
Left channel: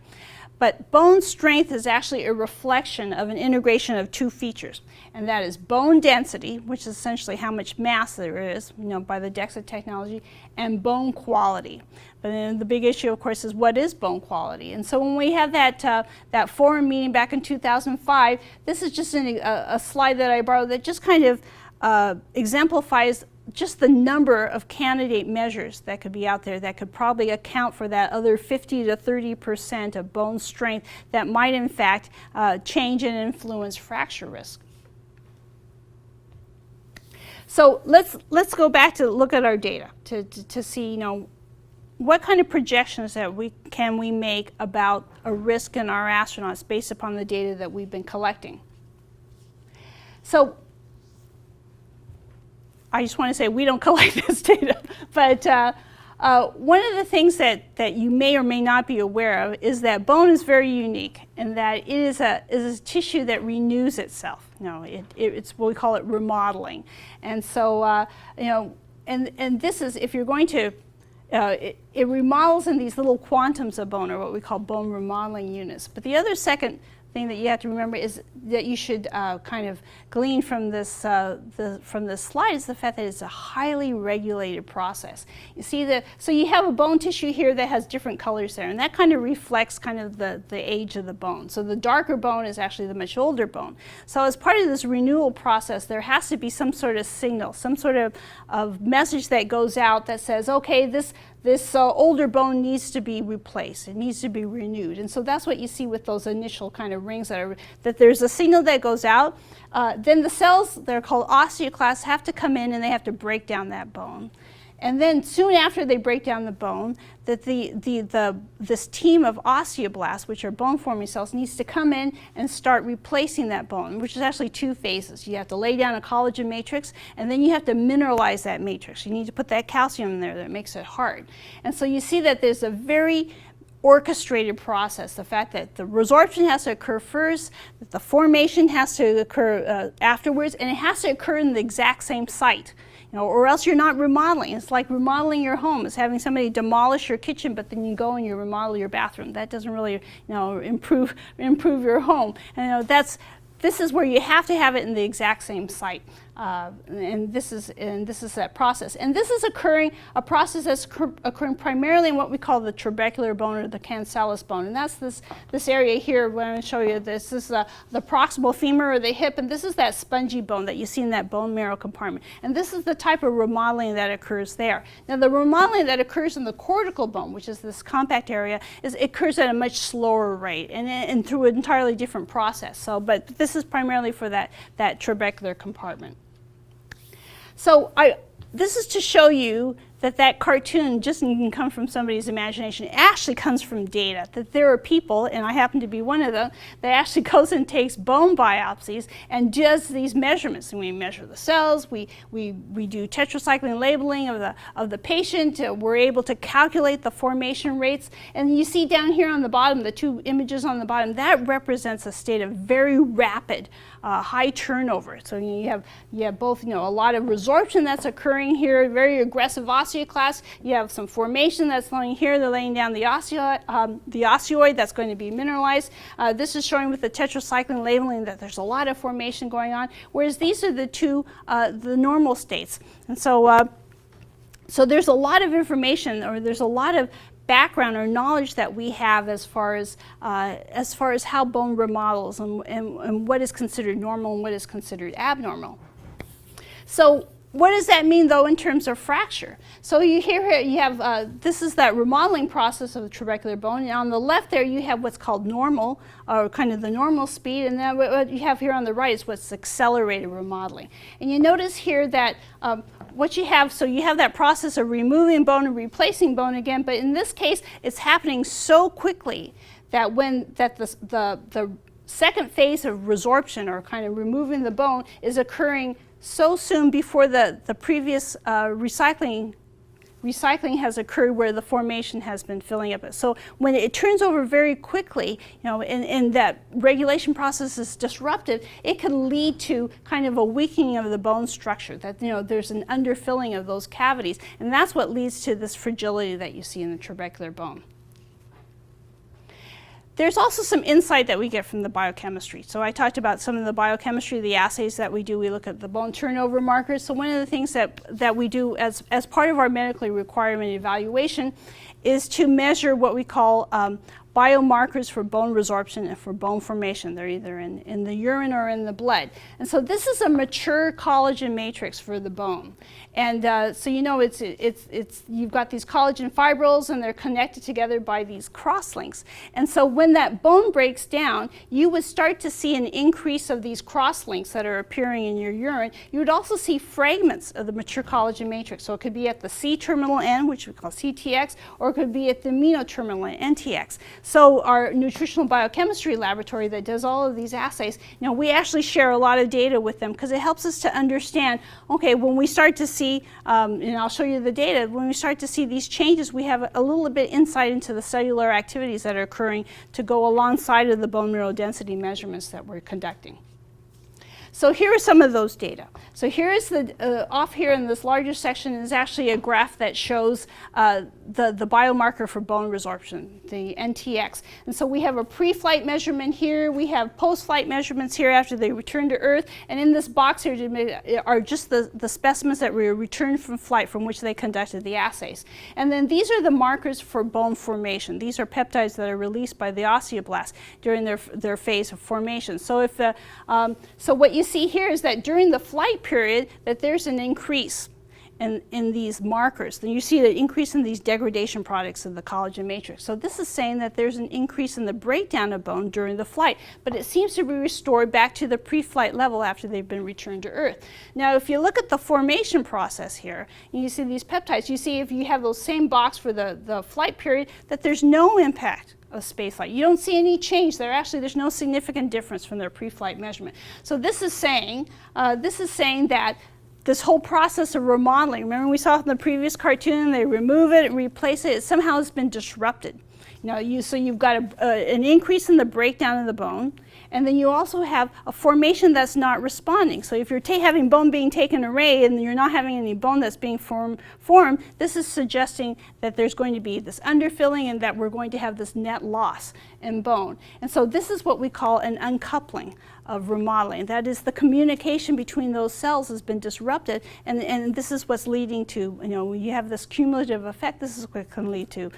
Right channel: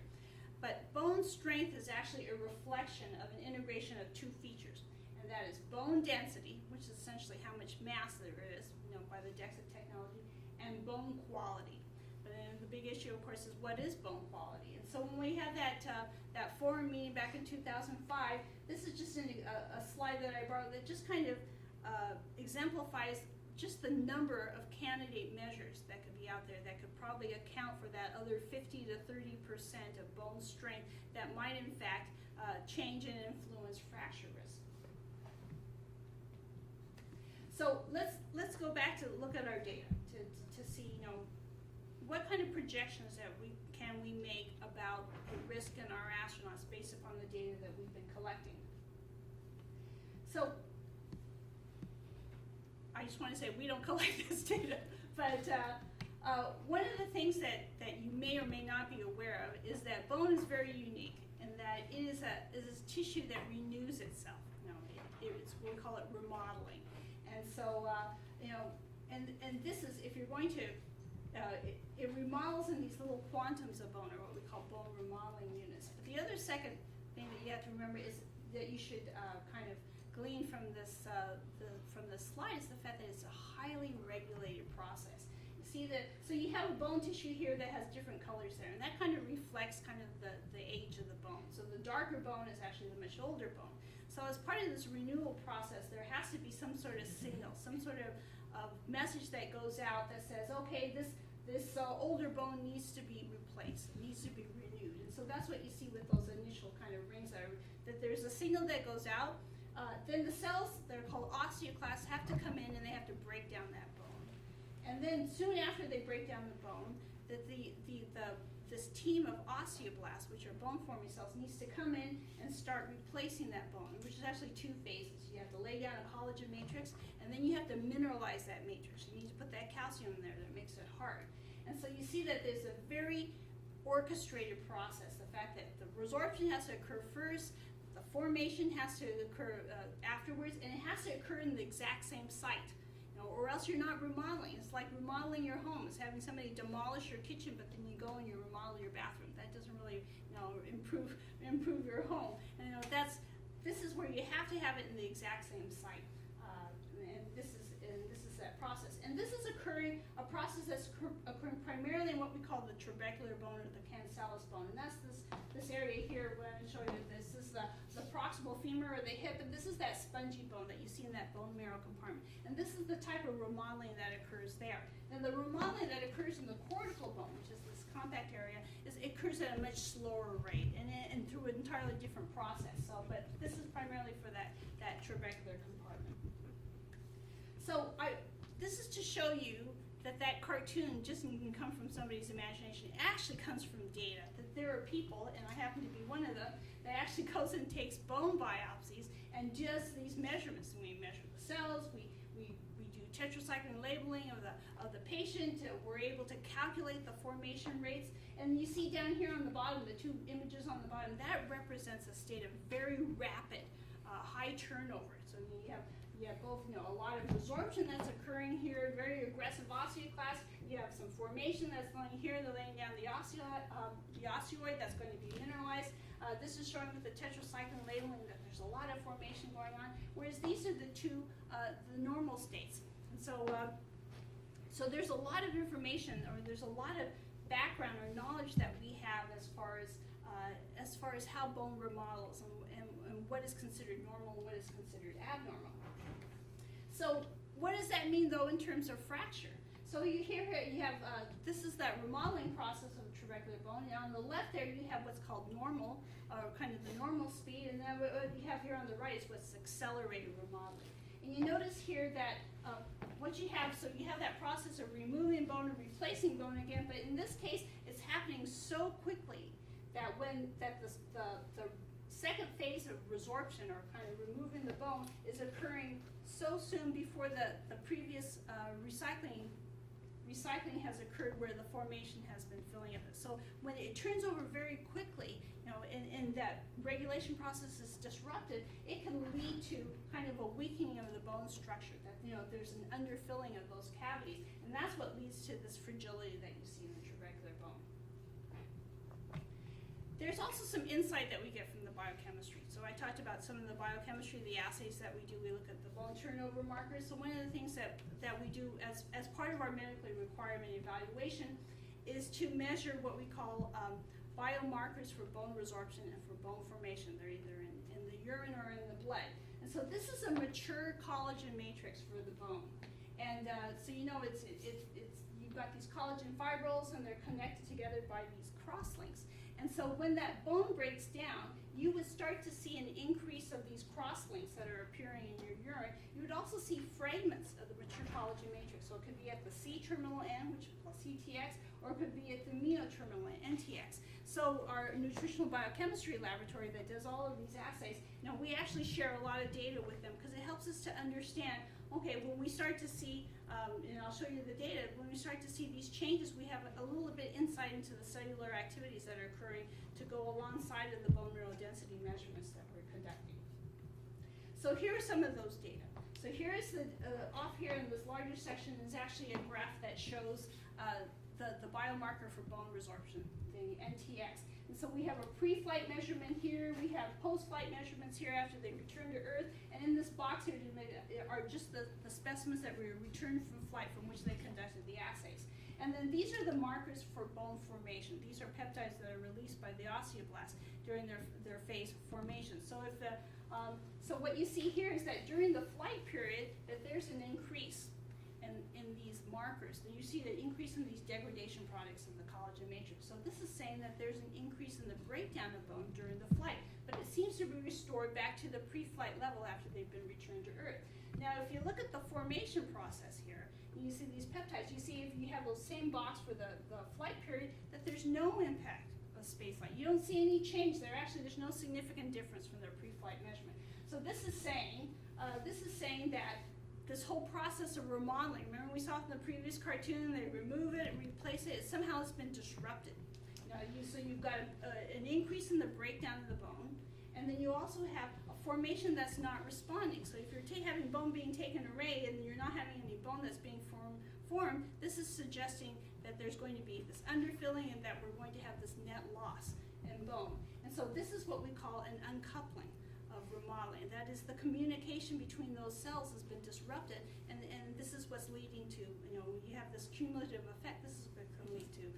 But bone strength is actually a reflection of an integration of two features, and that is bone density, which is essentially how much mass there is, by the DEXA technology, and bone quality. But then the big issue, of course, is what is bone quality? And so when we had that forum meeting back in 2005, this is just a slide that I borrowed that just kind of exemplifies just the number of candidate measures that could be out there that could probably account for that other 50 to 30% of bone strength that might in fact change and influence fracture risk. So let's go back to look at our data to see what kind of projections that can we make about a risk in our astronauts based upon the data that we've been collecting. So I just want to say we don't collect this data, but one of the things that you may or may not be aware of is that bone is very unique in that it is a tissue that renews itself. It's what we call it remodeling, and so and this is, if you're going to it remodels in these little quantums of bone, or what we call bone remodeling units. But the other second thing that you have to remember is that you should kind of glean from this slide is the fact that it's a highly regulated process. You see so you have a bone tissue here that has different colors there, and that kind of reflects kind of the age of the bone. So the darker bone is actually the much older bone. So as part of this renewal process, there has to be some sort of signal, some sort of message that goes out that says, okay, this older bone needs to be replaced. It needs to be renewed. And so that's what you see with those initial kind of rings that there's a signal that goes out. Then the cells, they're called osteoclasts, have to come in and they have to break down that bone. And then soon after they break down the bone, that this team of osteoblasts, which are bone-forming cells, needs to come in and start replacing that bone, which is actually two phases. You have to lay down a collagen matrix, and then you have to mineralize that matrix. You need to put that calcium in there that makes it hard. And so you see that there's a very orchestrated process. The fact that the resorption has to occur first, that the formation has to occur afterwards, and it has to occur in the exact same site. Or else you're not remodeling. It's like remodeling your home. It's having somebody demolish your kitchen, but then you go and you remodel your bathroom. That doesn't really, improve your home. And this is where you have to have it in the exact same site. And this is that process. And this is a process that's occurring primarily in what we call the trabecular bone, or the cancellous bone. And that's this area here. When I'm going to show you this is the proximal femur, or the hip, and this is that spongy bone that you see in that bone marrow compartment. And this is the type of remodeling that occurs there. Now the remodeling that occurs in the cortical bone, which is this compact area, occurs at a much slower rate and through an entirely different process. So, but this is primarily for that trabecular compartment. So this is to show you that cartoon just didn't come from somebody's imagination. It actually comes from data, that there are people, and I happen to be one of them, that actually goes and takes bone biopsies and does these measurements. And we measure the cells, we do tetracycline labeling of the patient, we're able to calculate the formation rates. And you see down here on the bottom, the two images on the bottom, that represents a state of very rapid high turnover. So you have both, a lot of resorption that's occurring here, very aggressive osteoclast. You have some formation that's laying here. They're laying down the osteoid that's going to be mineralized. This is showing with the tetracycline labeling that there's a lot of formation going on, whereas these are the two, the normal states. And so, so there's a lot of information, or there's a lot of background or knowledge that we have as far as how bone remodels and what is considered normal and what is considered abnormal. So what does that mean though in terms of fracture? So you have this is that remodeling process of the trabecular bone, and on the left there you have what's called normal, or kind of the normal speed, and then what you have here on the right is what's accelerated remodeling. And you notice here that what you have, so you have that process of removing bone and replacing bone again, but in this case it's happening so quickly that the second phase of resorption, or kind of removing the bone, is occurring so soon before the previous recycling has occurred, where the formation has been filling up. So when it turns over very quickly, and that regulation process is disrupted, it can lead to kind of a weakening of the bone structure, that there's an underfilling of those cavities, and that's what leads to this fragility that you see in the trabecular bone. There's also some insight that we get from the biochemistry. So I talked about some of the biochemistry, the assays that we do. We look at the bone turnover markers. So one of the things that we do as part of our medically requirement evaluation is to measure what we call biomarkers for bone resorption and for bone formation. They're either in the urine or in the blood. And so this is a mature collagen matrix for the bone. And so you've got these collagen fibrils, and they're connected together by these crosslinks. And so when that bone breaks down, you would start to see an increase of these crosslinks that are appearing in your urine. You would also see fragments of the mature collagen matrix. So it could be at the C-terminal end, which we call CTX, or it could be at the amino-terminal end, NTX. So our nutritional biochemistry laboratory that does all of these assays, we actually share a lot of data with them, because it helps us to understand, okay, when we start to see, and I'll show you the data, when we start to see these changes, we have a little bit insight into the cellular activities that are occurring to go alongside of the bone mineral density measurements that we're conducting. So here are some of those data. So here is off here in this larger section is actually a graph that shows the biomarker for bone resorption, the NTX. And so we have a pre-flight measurement here, we have post-flight measurements here after they return to Earth, and in this box here are just the specimens that were returned from flight from which they conducted the assays. And then these are the markers for bone formation. These are peptides that are released by the osteoblast during their phase of formation. So so what you see here is that during the flight period, that there's an increase in these markers. Then you see the increase in these degradation products of the collagen matrix. So this is saying that there's an increase in the breakdown of bone during the flight, but it seems to be restored back to the pre-flight level after they've been returned to Earth. Now, if you look at the formation process here, and you see these peptides, you see if you have those same box for the flight period, that there's no impact of spaceflight. You don't see any change there. Actually, there's no significant difference from their pre-flight measurement. So this is saying that this whole process of remodeling, remember we saw in the previous cartoon, they remove it and replace it, somehow has been disrupted. So you've got an increase in the breakdown of the bone, and then you also have a formation that's not responding. So if you're having bone being taken away and you're not having any bone that's being formed, this is suggesting that there's going to be this underfilling and that we're going to have this net loss in bone. And so this is what we call an uncoupling of remodeling. That is, the communication between those cells has been disrupted, and this is what's leading to, when you have this cumulative effect, this is what can lead to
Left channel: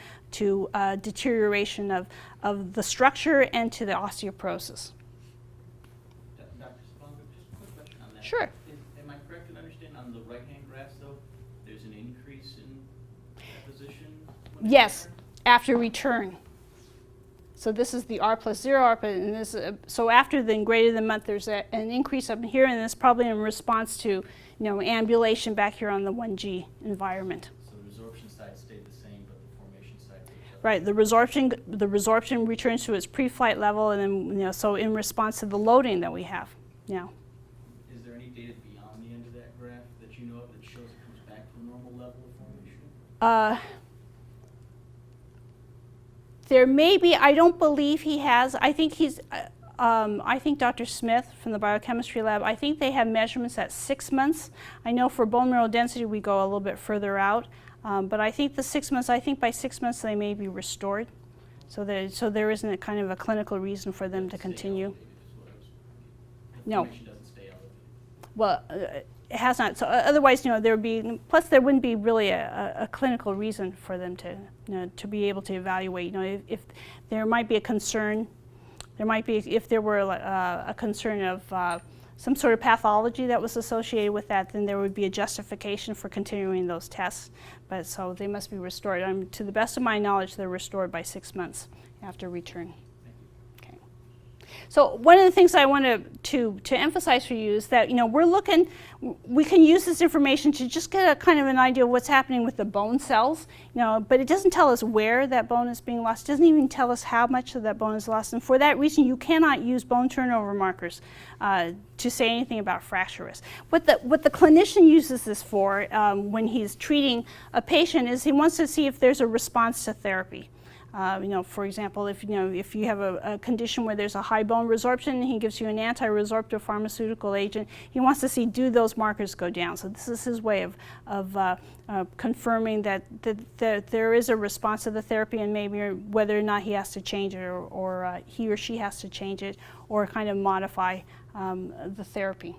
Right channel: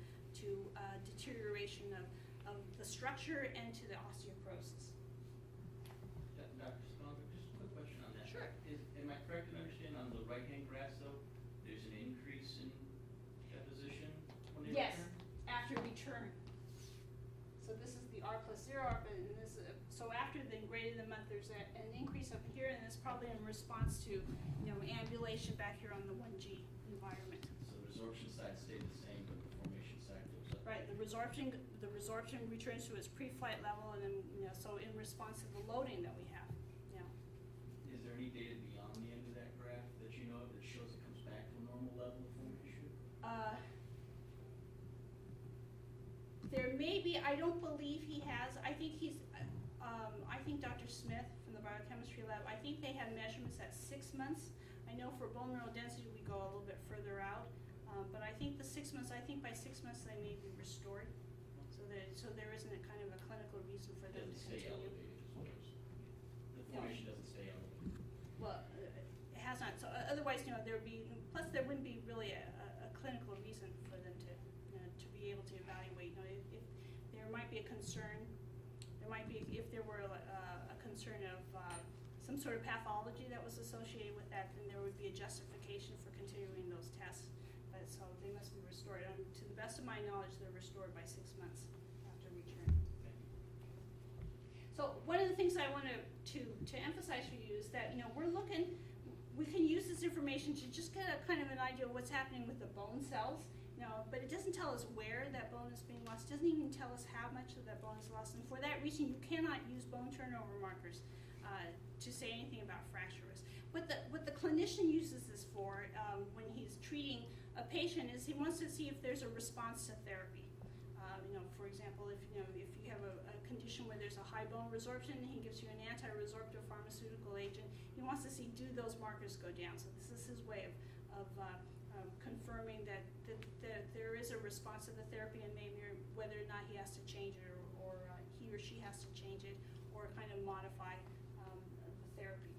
deterioration of the structure and to the osteoporosis. Dr. Sponger, just a quick question on that. Sure. Am I correct in understanding on the right-hand graph, though, there's an increase in deposition? Yes, after return. So this is the R+0, and this. So after the greater than month, there's an increase up here, and it's probably in response to, ambulation back here on the 1G environment. So the Right, the resorption returns to its pre-flight level, and then so in response to the loading that we have. Yeah. Is there any data beyond the end of that graph that you know of that shows it comes back to a normal level of formation? There may be. I don't believe he has. I think he's. I think Dr. Smith from the biochemistry lab, I think they have measurements at 6 months. I know for bone mineral density we go a little bit further out, but I think the 6 months, I think by 6 months they may be restored. So there isn't a kind of a clinical reason for them to continue. No. Doesn't stay elevated. Well, it has not. So otherwise, there would be, plus there wouldn't be really a clinical reason for them to, to be able to evaluate. If there might be a concern, there might be, if there were a concern of some sort of pathology that was associated with that, then there would be a justification for continuing those tests. But so they must be restored. To the best of my knowledge, they're restored by 6 months after return. Okay. So one of the things I want to emphasize for you is that we can use this information to just get a kind of an idea of what's happening with the bone cells, but it doesn't tell us where that bone is being lost. It doesn't even tell us how much of that bone is lost. And for that reason, you cannot use bone turnover markers to say anything about fracture risk. What the clinician uses this for when he's treating a patient is he wants to see if there's a response to therapy. For example, if you have a condition where there's a high bone resorption and he gives you an anti-resorptive pharmaceutical agent, he wants to see, do those markers go down? So this is his way of confirming that there is a response to the therapy, and maybe whether or not he has to change it, or he or she has to change it, or kind of modify the therapy.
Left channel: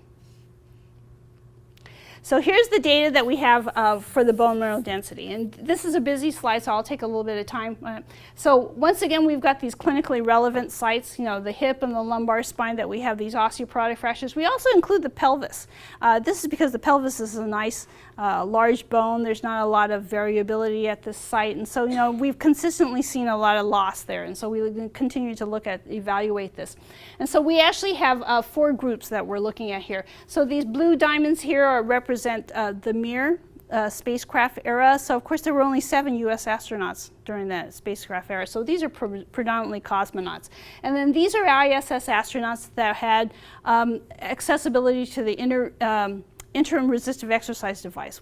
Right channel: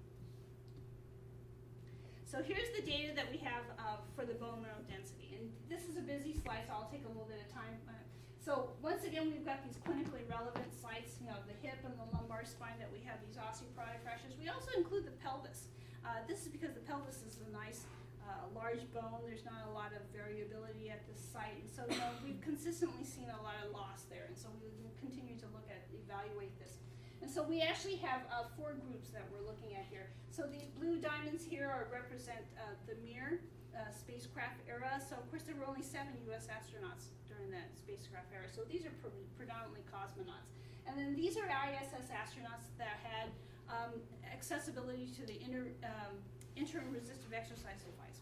So here's the data that we have for the bone mineral density. And this is a busy slide, so I'll take a little bit of time. So once again, we've got these clinically relevant sites, the hip and the lumbar spine, that we have these osteoporotic fractures. We also include the pelvis. This is because the pelvis is a nice large bone. There's not a lot of variability at this site. And so, we've consistently seen a lot of loss there. And so we continue to evaluate this. And so we actually have 4 groups that we're looking at here. So these blue diamonds here represent the Mir spacecraft era. So of course there were only 7 US astronauts during that spacecraft era. So these are predominantly cosmonauts. And then these are ISS astronauts that had accessibility to the interim resistive exercise device,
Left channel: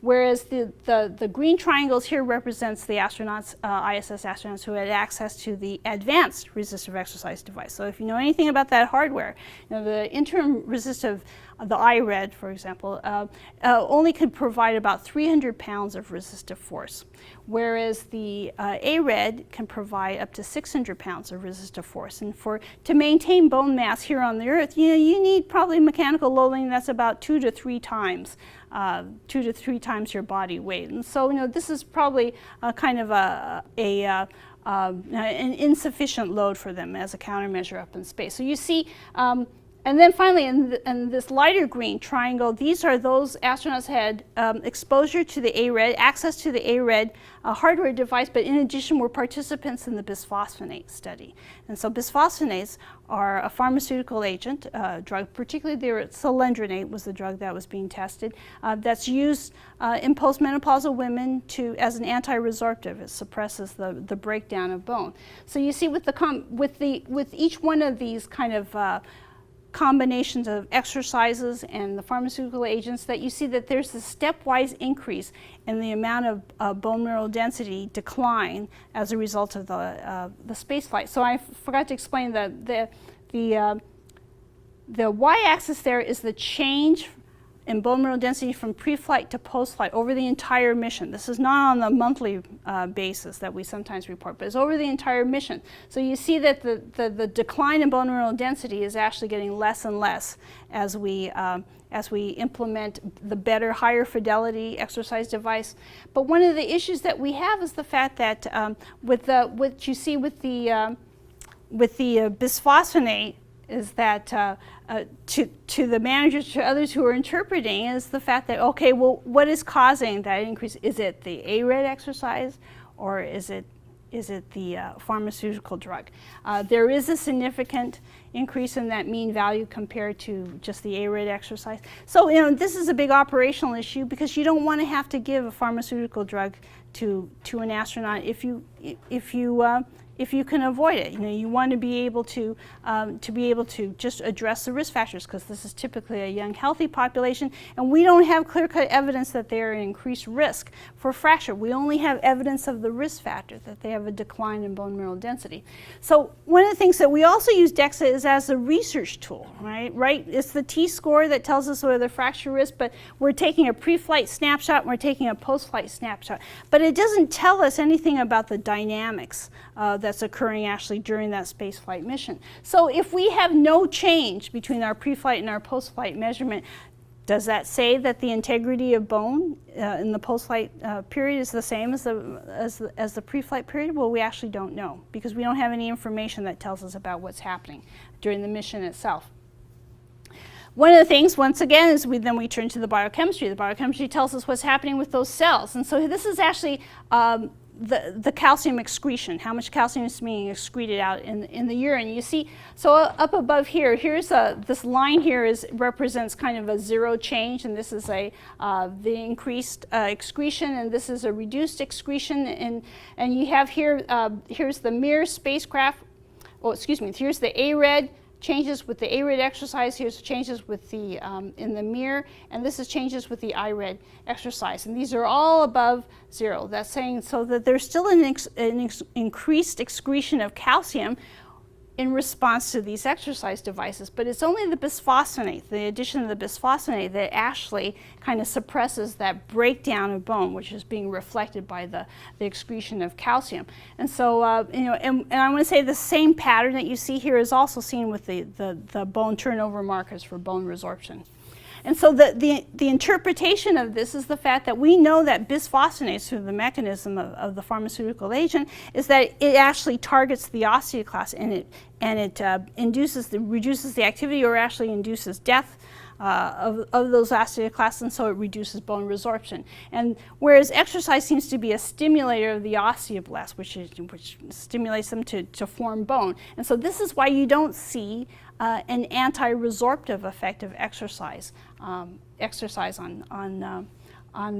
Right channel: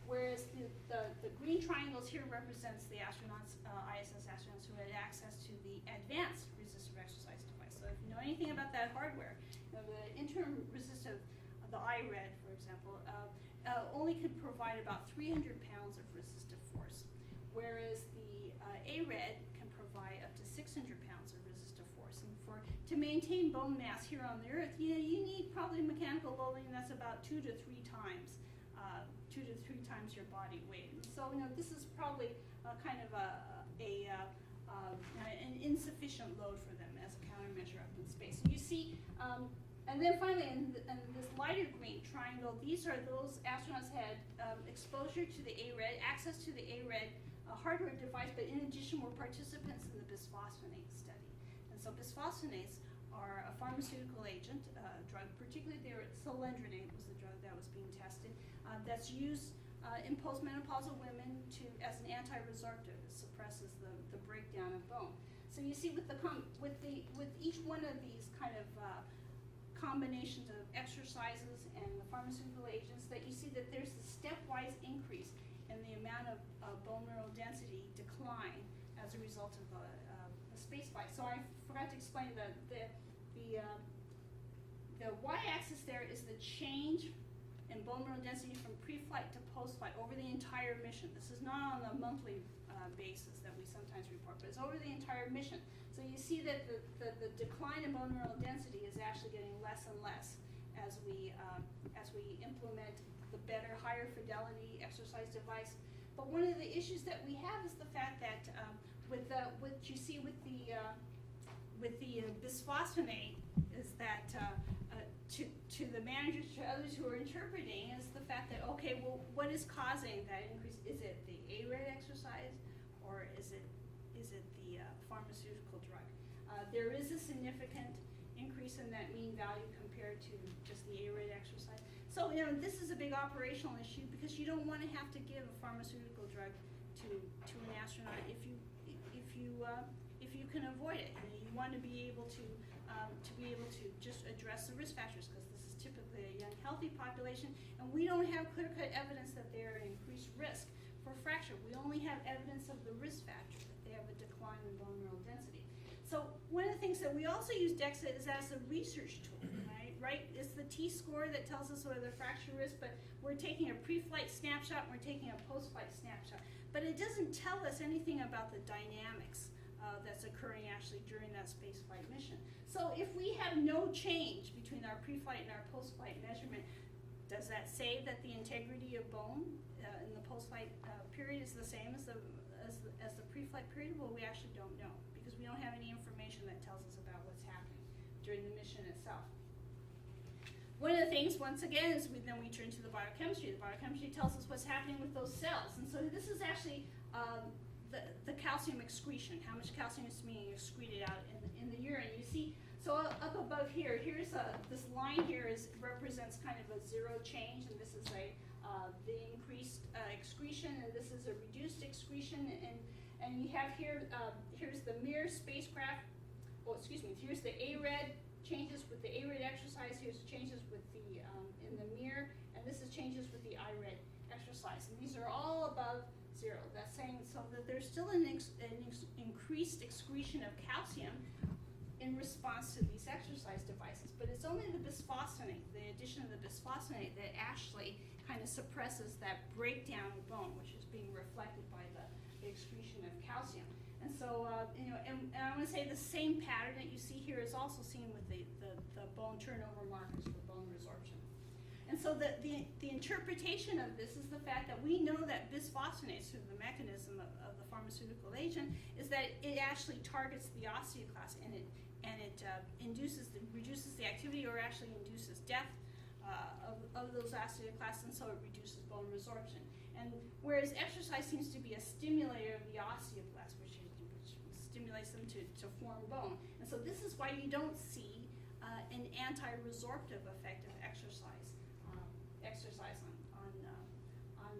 whereas the green triangles here represents the astronauts, ISS astronauts who had access to the advanced resistive exercise device. So if you know anything about that hardware, the interim resistive, the IRED, for example, only could provide about 300 pounds of resistive force, whereas the ARED can provide up to 600 pounds of resistive force. And to maintain bone mass here on the Earth, you need probably mechanical loading that's about 2 to 3 times your body weight. And so, this is probably kind of an insufficient load for them as a countermeasure up in space. So you see. And then finally, in this lighter green triangle, these are those astronauts who had exposure to the ARED, access to the ARED hardware device, but in addition were participants in the bisphosphonate study. And so bisphosphonates are a pharmaceutical agent, drug, particularly cylindronate was the drug that was being tested, that's used in postmenopausal women as an anti-resorptive. It suppresses the breakdown of bone. So you see with each one of these kind of combinations of exercises and the pharmaceutical agents, that you see that there's a stepwise increase in the amount of bone mineral density decline as a result of the space flight. So I forgot to explain that the y-axis there is the change in bone mineral density from pre-flight to post-flight over the entire mission. This is not on the monthly basis that we sometimes report, but it's over the entire mission. So you see that the decline in bone mineral density is actually getting less and less as we implement the better, higher fidelity exercise device. But one of the issues that we have is the fact that what you see with the bisphosphonate is that to the managers, to others who are interpreting, is the fact that, okay, well, what is causing that increase? Is it the ARED exercise, or is it the pharmaceutical drug? There is a significant increase in that mean value compared to just the ARED exercise. So, this is a big operational issue because you don't want to have to give a pharmaceutical drug to an astronaut if you can avoid it. You want to be able to just address the risk factors, because this is typically a young, healthy population, and we don't have clear-cut evidence that they are at increased risk for fracture. We only have evidence of the risk factor, that they have a decline in bone mineral density. So one of the things that we also use DEXA is as a research tool, right? It's the T-score that tells us whether the fracture risk, but we're taking a pre-flight snapshot and we're taking a post-flight snapshot. But it doesn't tell us anything about the dynamics that's occurring actually during that space flight mission. So if we have no change between our pre-flight and our post-flight measurement, does that say that the integrity of bone in the post-flight period is the same as the pre-flight period? Well, we actually don't know, because we don't have any information that tells us about what's happening during the mission itself. One of the things, once again, is we turn to the biochemistry. The biochemistry tells us what's happening with those cells. And so this is actually the calcium excretion, how much calcium is being excreted out in the urine. You see, so up above here, here's this line here represents kind of a zero change, and this is the increased excretion, and this is a reduced excretion, and you have here, here's the Mir spacecraft, here's the ARED, changes with the ARED exercise, here's changes with the in the Mir, and this is changes with the IRED exercise, and these are all above zero. That's saying so that there's still an increased excretion of calcium in response to these exercise devices, but it's only the bisphosphonate, the addition of the bisphosphonate, that actually kind of suppresses that breakdown of bone, which is being reflected by the excretion of calcium. And so, and I want to say the same pattern that you see here is also seen with the bone turnover markers for bone resorption. And so the interpretation of this is the fact that we know that bisphosphonates, through the mechanism of the pharmaceutical agent, is that it actually targets the osteoclast, and it reduces the activity, or actually induces death of those osteoclasts, and so it reduces bone resorption. And whereas exercise seems to be a stimulator of the osteoblasts, which stimulates them to form bone. And so this is why you don't see an anti-resorptive effect of exercise on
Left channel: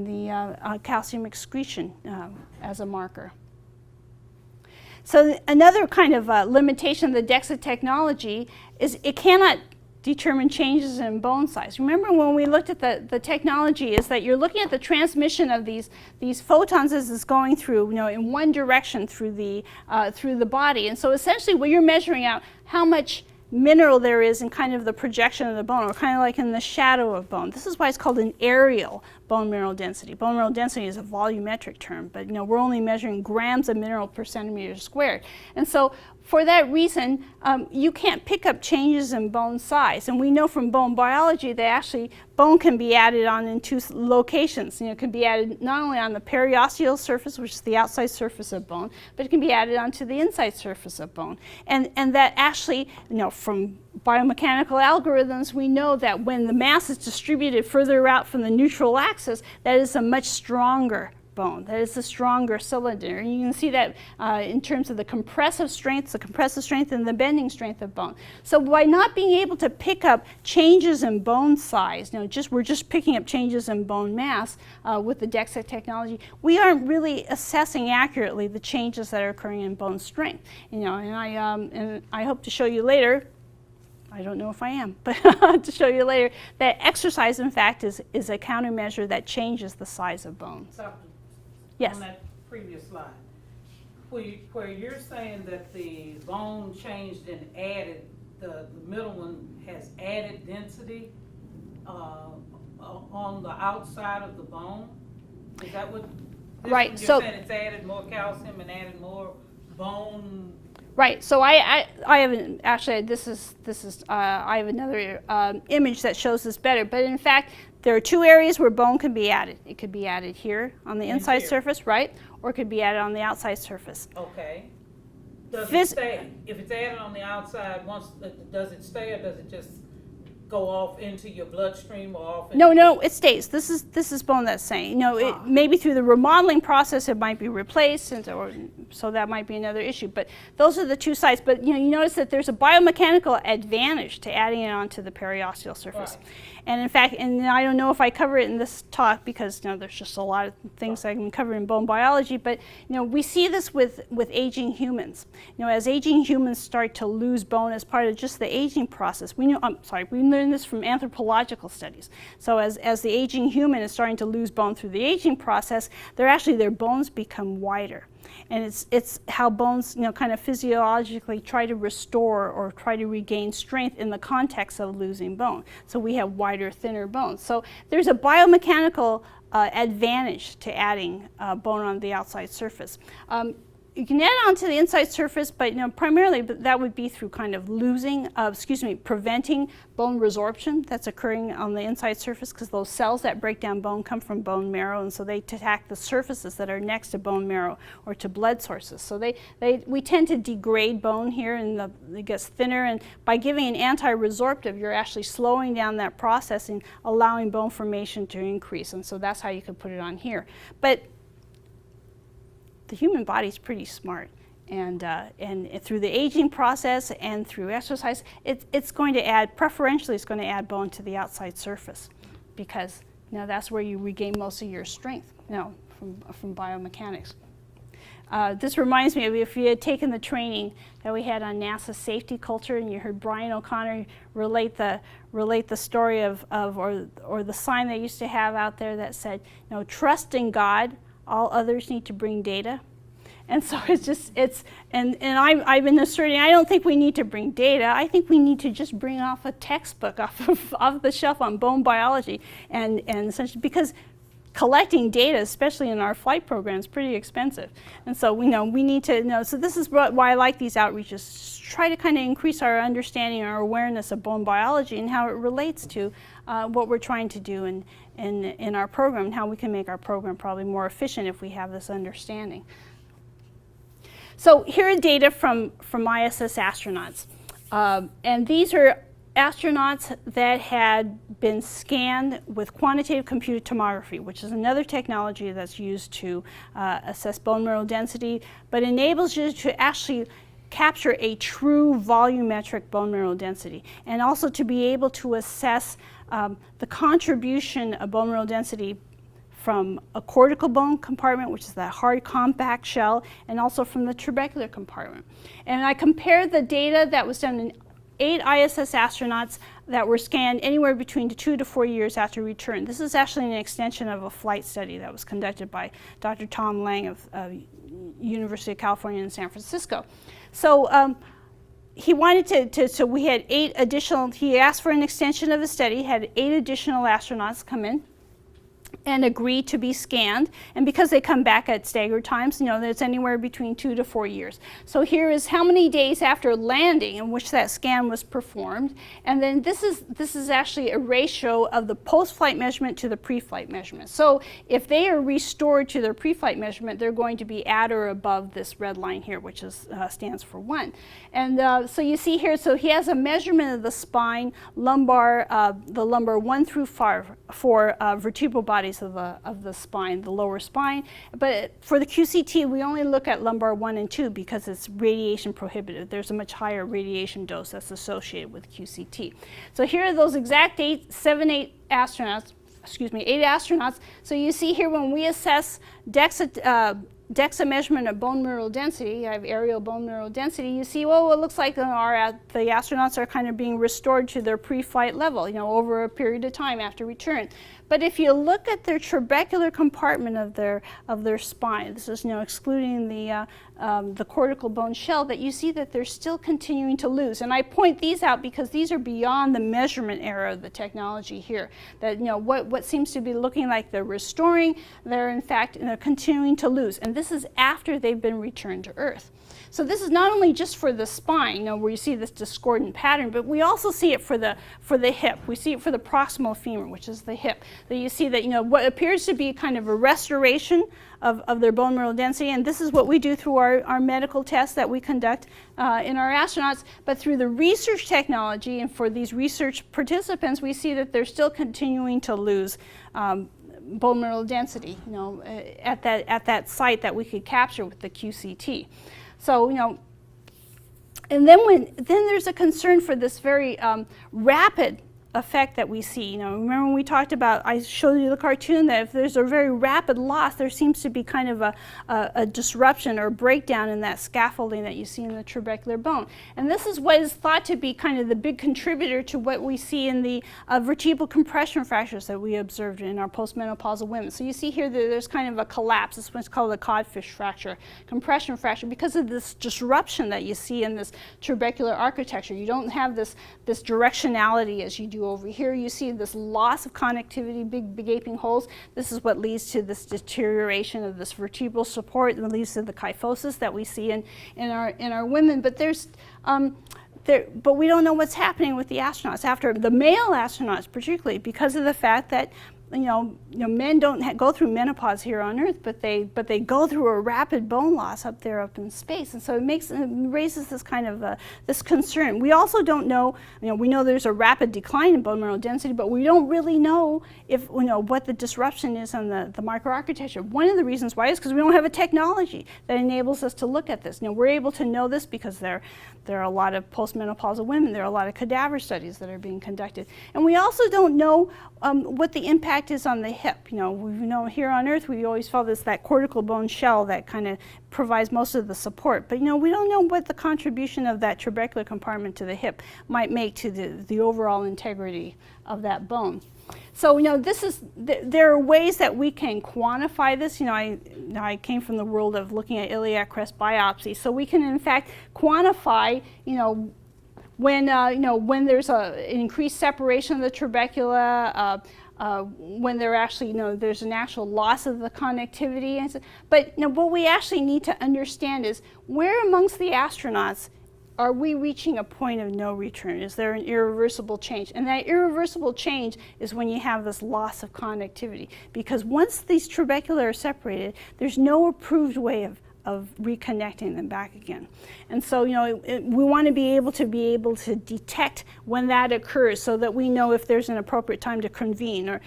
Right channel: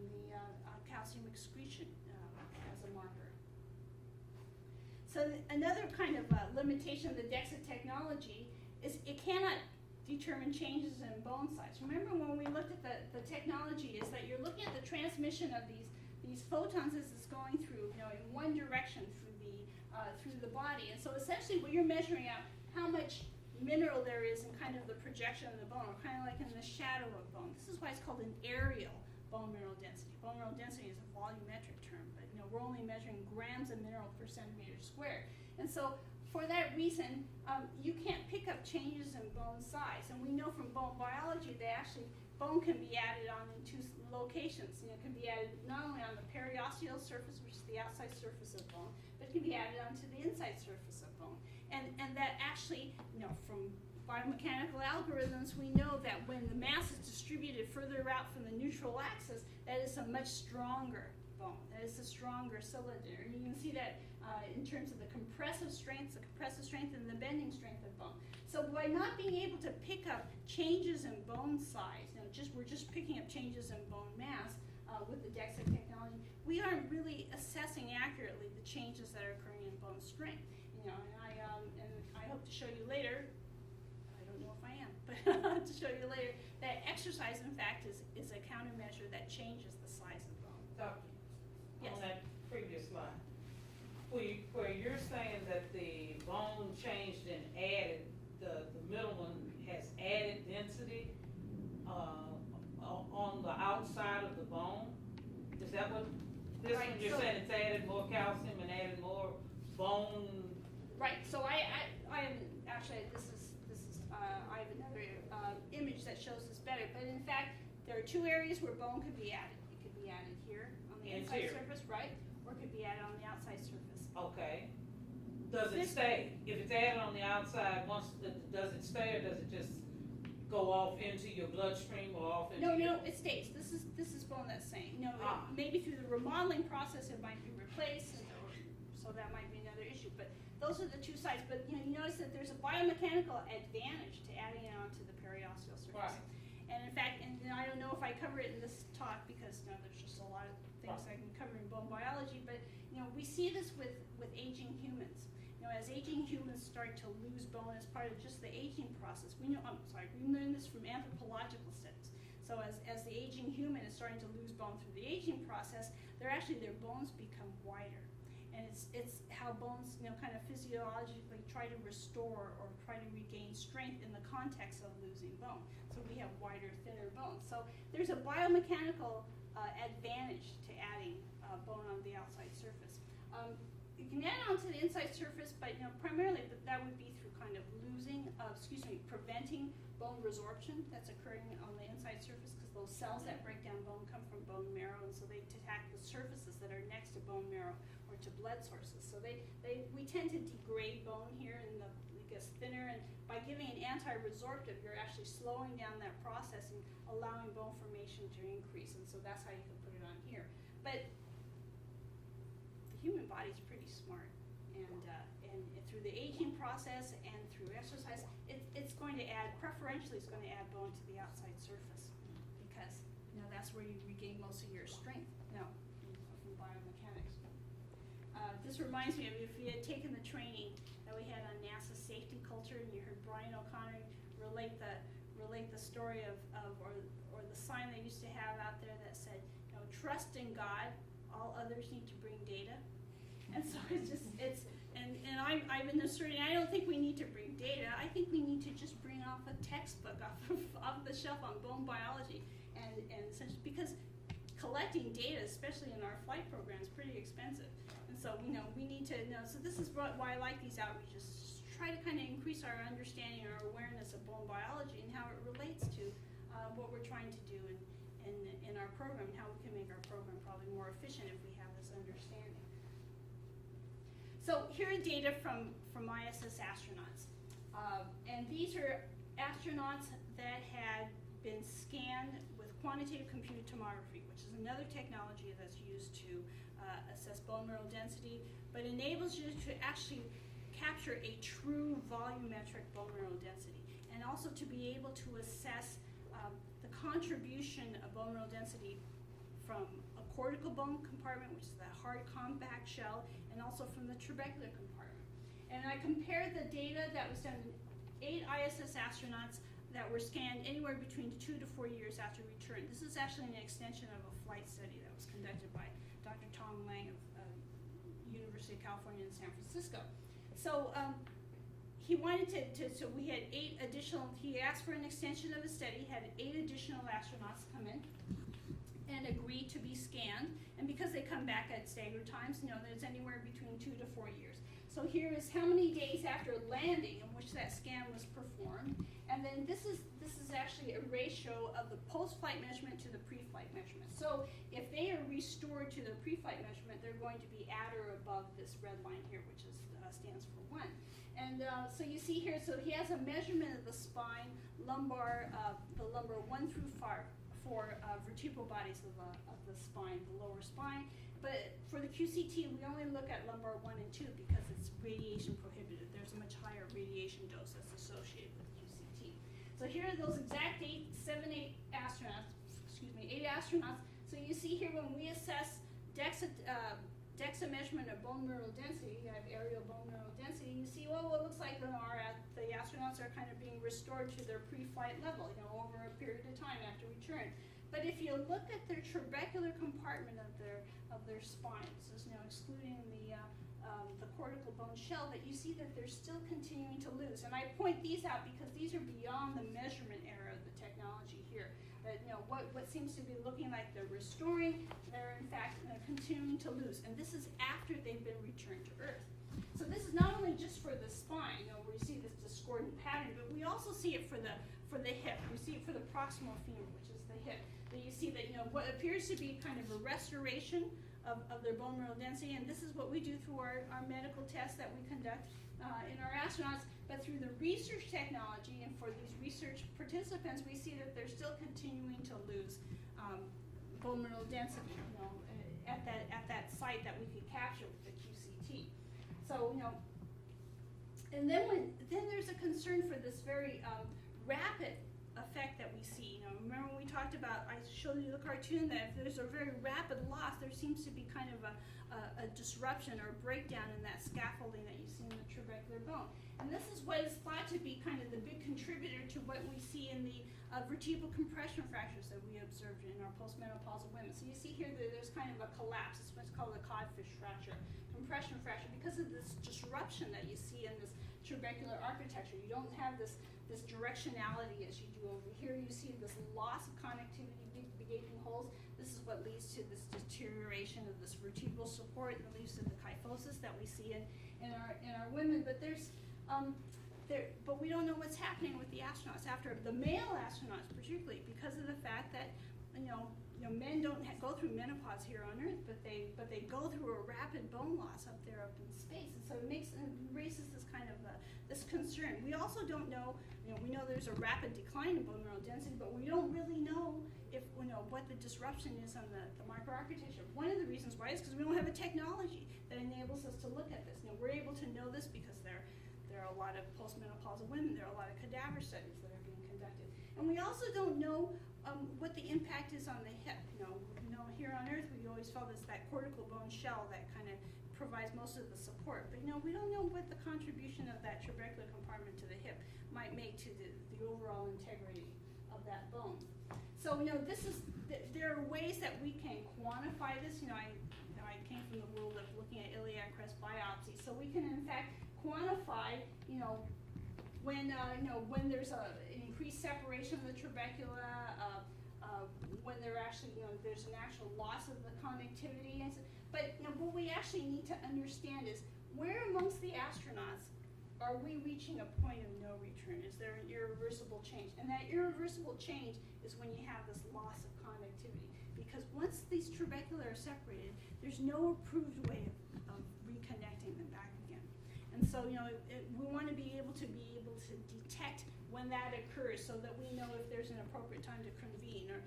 the calcium excretion as a marker. So another kind of limitation of the DEXA technology is it cannot determine changes in bone size. Remember when we looked at the technology, is that you're looking at the transmission of these photons as it's going through, in one direction through the body. And so essentially what you're measuring out how much mineral there is in kind of the projection of the bone, or kind of like in the shadow of bone. This is why it's called an aerial bone mineral density. Bone mineral density is a volumetric term, but we're only measuring grams of mineral per centimeter squared. And so for that reason, you can't pick up changes in bone size. And we know from bone biology that actually bone can be added on in two locations. It can be added not only on the periosteal surface, which is the outside surface of bone, but it can be added onto the inside surface of bone. And that actually, from biomechanical algorithms, we know that when the mass is distributed further out from the neutral axis, that is a much stronger bone. That is a stronger cylinder. And you can see that in terms of the compressive strength and the bending strength of bone. So by not being able to pick up changes in bone size, we're just picking up changes in bone mass with the DEXA technology, we aren't really assessing accurately the changes that are occurring in bone strength. And I hope to show you later, I don't know if I am, but to show you later, that exercise, in fact, is a countermeasure that changes the size of bone. Yes. On that previous slide, where you're saying that the bone changed and added, the middle one has added density on the outside of the bone? Is that what? Right. You're So saying it's added more calcium and added more bone. Right. So I haven't actually. This is I have another image that shows this better. But in fact, there are two areas where bone can be added. It could be added here on the inside surface, right? Or it could be added on the outside surface. Okay. Does it stay? If it's added on the outside, does it stay, or does it just go off into your bloodstream or off? No, it stays. This is bone that's staying. It, maybe through the remodeling process it might be replaced, so that might be another issue. But those are the two sites. But you notice that there's a biomechanical advantage to adding it onto the periosteal surface. Right. And in fact, and I don't know if I cover it in this talk because there's just a lot of things I can cover in bone biology, but we see this with aging humans. As aging humans start to lose bone as part of just the aging process, we learned this from anthropological studies. So as the aging human is starting to lose bone through the aging process, their bones become wider. And it's how bones, kind of physiologically try to restore or try to regain strength in the context of losing bone. So we have wider, thinner bones. So there's a biomechanical advantage to adding bone on the outside surface. You can add it onto the inside surface, but primarily that would be through kind of preventing bone resorption that's occurring on the inside surface, because those cells that break down bone come from bone marrow, and so they attack the surfaces that are next to bone marrow or to blood sources. So we tend to degrade bone here, and it gets thinner, and by giving an anti-resorptive, you're actually slowing down that process and allowing bone formation to increase, and so that's how you could put it on here. But the human body is pretty smart, and through the aging process and through exercise, it's going to add, preferentially it's going to add bone to the outside surface, because that's where you regain most of your strength from biomechanics. This reminds me of if you had taken the training that we had on NASA safety culture, and you heard Brian O'Connor relate the story or the sign they used to have out there that said, trust in God, all others need to bring data. And so I've been asserting, I don't think we need to bring data. I think we need to just bring off a textbook off the shelf on bone biology, and essentially, because collecting data, especially in our flight program, is pretty expensive. And so we need to know. So this is why I like these outreaches. Try to kind of increase our understanding, our awareness of bone biology and how it relates to what we're trying to do in our program, and how we can make our program probably more efficient if we have this understanding. So here are data from ISS astronauts. And these are astronauts that had been scanned with quantitative computed tomography, which is another technology that's used to assess bone mineral density, but enables you to actually capture a true volumetric bone mineral density, and also to be able to assess the contribution of bone mineral density from a cortical bone compartment, which is that hard compact shell, and also from the trabecular compartment. And I compared the data that was done in 8 ISS astronauts that were scanned anywhere between 2 to 4 years after return. This is actually an extension of a flight study that was conducted by Dr. Tom Lang of University of California in San Francisco. So he wanted so we had 8 additional, he asked for an extension of the study, had 8 additional astronauts come in and agree to be scanned, and because they come back at staggered times, it's anywhere between 2 to 4 years. So here is how many days after landing in which that scan was performed, and then this is actually a ratio of the post-flight measurement to the pre-flight measurement. So if they are restored to their pre-flight measurement, they're going to be at or above this red line here, which stands for 1. And so you see here, so he has a measurement of the spine, lumbar, the lumbar 1 through 5 for vertebral bodies of the spine, the lower spine. But for the QCT, we only look at lumbar 1 and 2 because it's radiation prohibitive. There's a much higher radiation dose that's associated with QCT. So here are those exact 8 astronauts. So you see here when we assess DEXA measurement of bone mineral density, I have aerial bone mineral density, you see, well, it looks like the astronauts are kind of being restored to their pre-flight level, over a period of time after return. But if you look at their trabecular compartment of their spine, this is excluding the cortical bone shell, that you see that they're still continuing to lose. And I point these out because these are beyond the measurement era of the technology here. That what seems to be looking like they're restoring, they're in fact continuing to lose. And this is after they've been returned to Earth. So this is not only just for the spine, where you see this discordant pattern, but we also see it for the hip. We see it for the proximal femur, which is the hip. That you see that what appears to be kind of a restoration of their bone mineral density, and this is what we do through our medical tests that we conduct in our astronauts. But through the research technology and for these research participants, we see that they're still continuing to lose bone mineral density, at that site that we could capture with the QCT. So, and then there's a concern for this very rapid effect that we see. You know, remember when we talked about, I showed you the cartoon, that if there's a very rapid loss, there seems to be kind of a disruption or breakdown in that scaffolding that you see in the trabecular bone. And this is what is thought to be kind of the big contributor to what we see in the vertebral compression fractures that we observed in our postmenopausal women. So you see here that there's kind of a collapse. This one's called a codfish fracture, compression fracture, because of this disruption that you see in this trabecular architecture. You don't have this directionality as you do over here. You see this loss of connectivity, big gaping holes. This is what leads to this deterioration of this vertebral support and leads to the kyphosis that we see in our women. But but we don't know what's happening with the astronauts, after the male astronauts particularly, because of the fact that men don't go through menopause here on Earth, but they go through a rapid bone loss up in space, and so it raises this kind of this concern. We also don't know, we know there's a rapid decline in bone mineral density, but we don't really know if what the disruption is on the microarchitecture. One of the reasons why is because we don't have a technology that enables us to look at this. We're able to know this because there are a lot of postmenopausal women. There are a lot of cadaver studies that are being conducted, and we also don't know what the impact is on the hip. We know here on Earth we always follow that cortical bone shell that kind of provides most of the support, but we don't know what the contribution of that trabecular compartment to the hip might make to the overall integrity of that bone. So there are ways that we can quantify this. I came from the world of looking at iliac crest biopsy, so we can in fact quantify when there's an increased separation of the trabecula, when there's an actual loss of the connectivity. But what we actually need to understand is where amongst the astronauts are we reaching a point of no return? Is there an irreversible change? And that irreversible change is when you have this loss of connectivity. Because once these trabecula are separated, there's no approved way of reconnecting them back again. And so, we want to be able to detect when that occurs so that we know if there's an appropriate time to convene or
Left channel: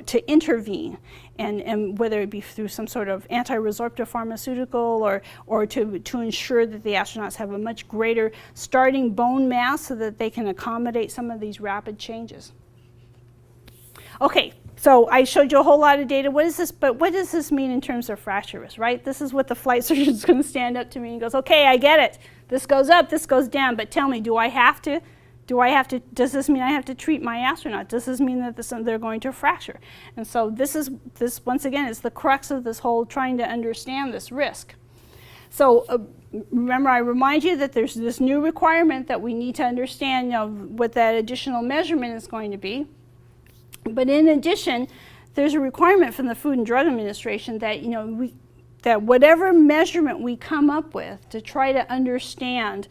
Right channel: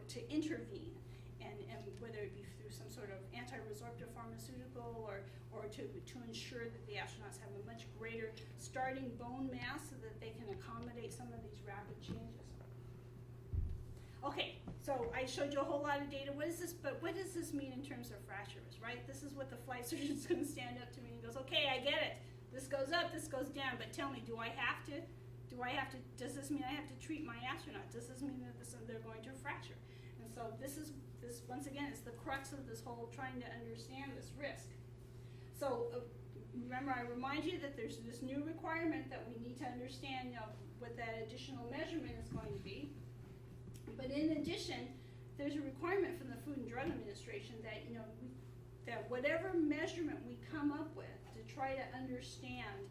to intervene, and whether it be through some sort of anti-resorptive pharmaceutical or to ensure that the astronauts have a much greater starting bone mass so that they can accommodate some of these rapid changes. Okay. So I showed you a whole lot of data. What is this? But what does this mean in terms of fracture risk, right? This is what the flight surgeon is going to stand up to me and goes, okay, I get it. This goes up, this goes down, but tell me, does this mean I have to treat my astronaut? Does this mean that they're going to fracture? And so this once again is the crux of this whole trying to understand this risk. So remember, I remind you that there's this new requirement that we need to understand, what that additional measurement is going to be. But in addition, there's a requirement from the Food and Drug Administration that that whatever measurement we come up with to try to understand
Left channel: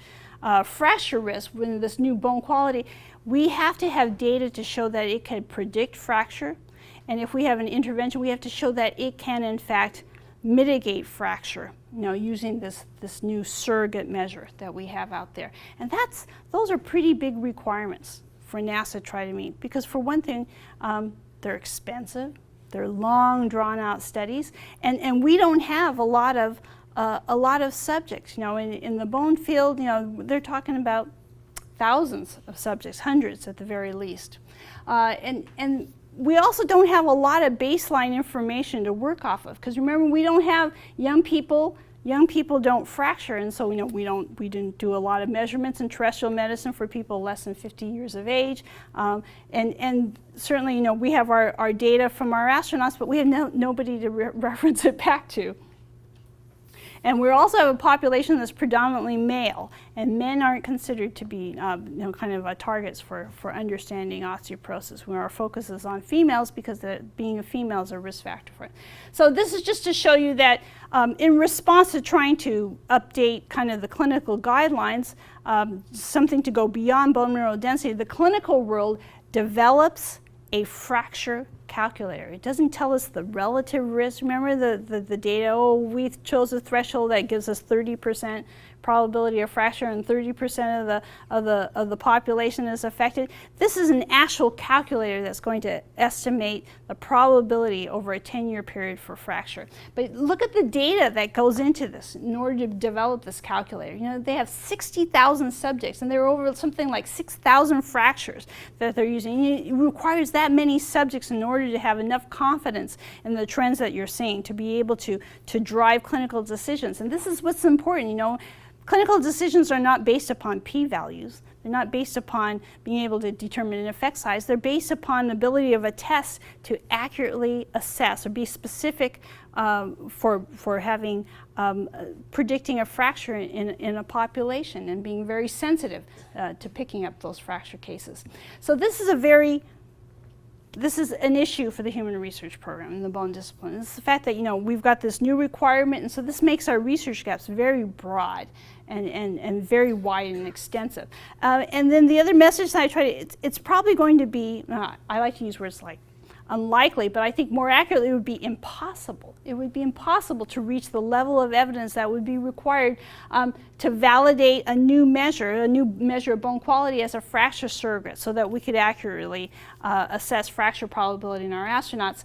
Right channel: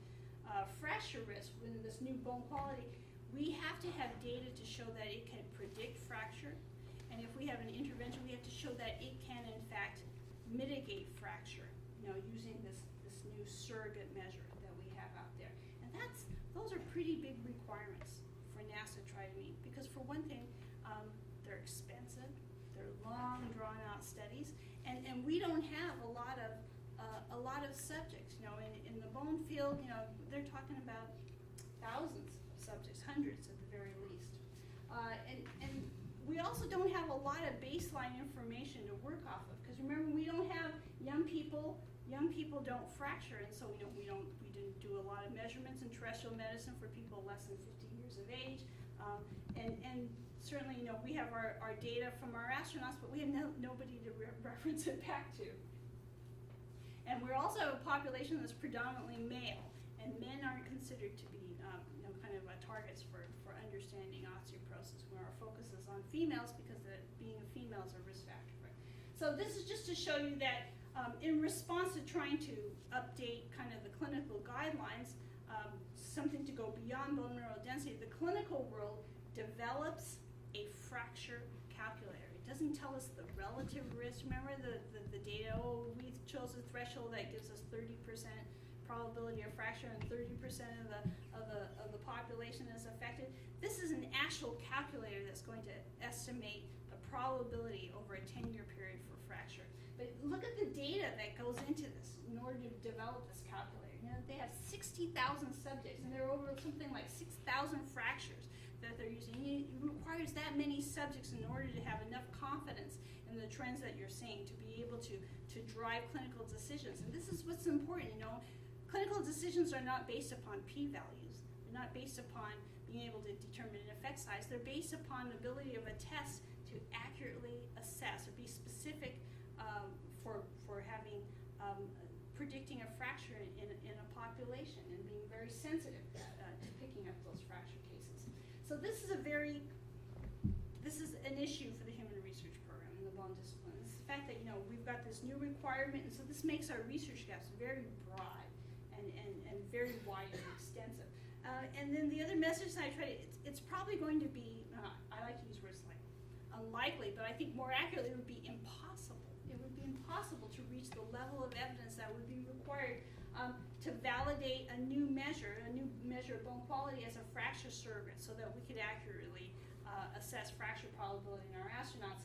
fracture risk with this new bone quality, we have to have data to show that it can predict fracture, and if we have an intervention, we have to show that it can in fact mitigate fracture, using this new surrogate measure that we have out there. And those are pretty big requirements for NASA to try to meet, because for one thing, they're expensive, they're long drawn out studies, and we don't have a lot of subjects. In the bone field, they're talking about thousands of subjects, hundreds at the very least, and we also don't have a lot of baseline information to work off of, because remember, we don't have young people. Young people don't fracture, and so we didn't do a lot of measurements in terrestrial medicine for people less than 50 years of age, and certainly we have our data from our astronauts, but we have nobody to reference it back to. And we also have a population that's predominantly male, and men aren't considered to be kind of targets for understanding osteoporosis, where our focus is on females because being a female is a risk factor for it. So this is just to show you that in response to trying to update kind of the clinical guidelines, something to go beyond bone mineral density, the clinical world develops a fracture calculator. It doesn't tell us the relative risk. Remember the data, oh, we chose a threshold that gives us 30% probability of fracture and 30% of the population is affected. This is an actual calculator that's going to estimate the probability over a 10-year period for fracture. But look at the data that goes into this in order to develop this calculator. You know, they have 60,000 subjects and there are over something like 6,000 fractures that they're using. It requires that many subjects in order to have enough confidence in the trends that you're seeing to be able to drive clinical decisions. And this is what's important, you know. Clinical decisions are not based upon p-values. They're not based upon being able to determine an effect size. They're based upon the ability of a test to accurately assess or be specific for having predicting a fracture in a population and being very sensitive to picking up those fracture cases. So this is an issue for the human research program in the bone discipline. It's the fact that, you know, we've got this new requirement, and so this makes our research gaps very broad and very wide and extensive. And then the other message that I try to, it's probably going to be, I like to use words like unlikely, but I think more accurately it would be impossible. It would be impossible to reach the level of evidence that would be required to validate a new measure of bone quality as a fracture surrogate so that we could accurately assess fracture probability in our astronauts.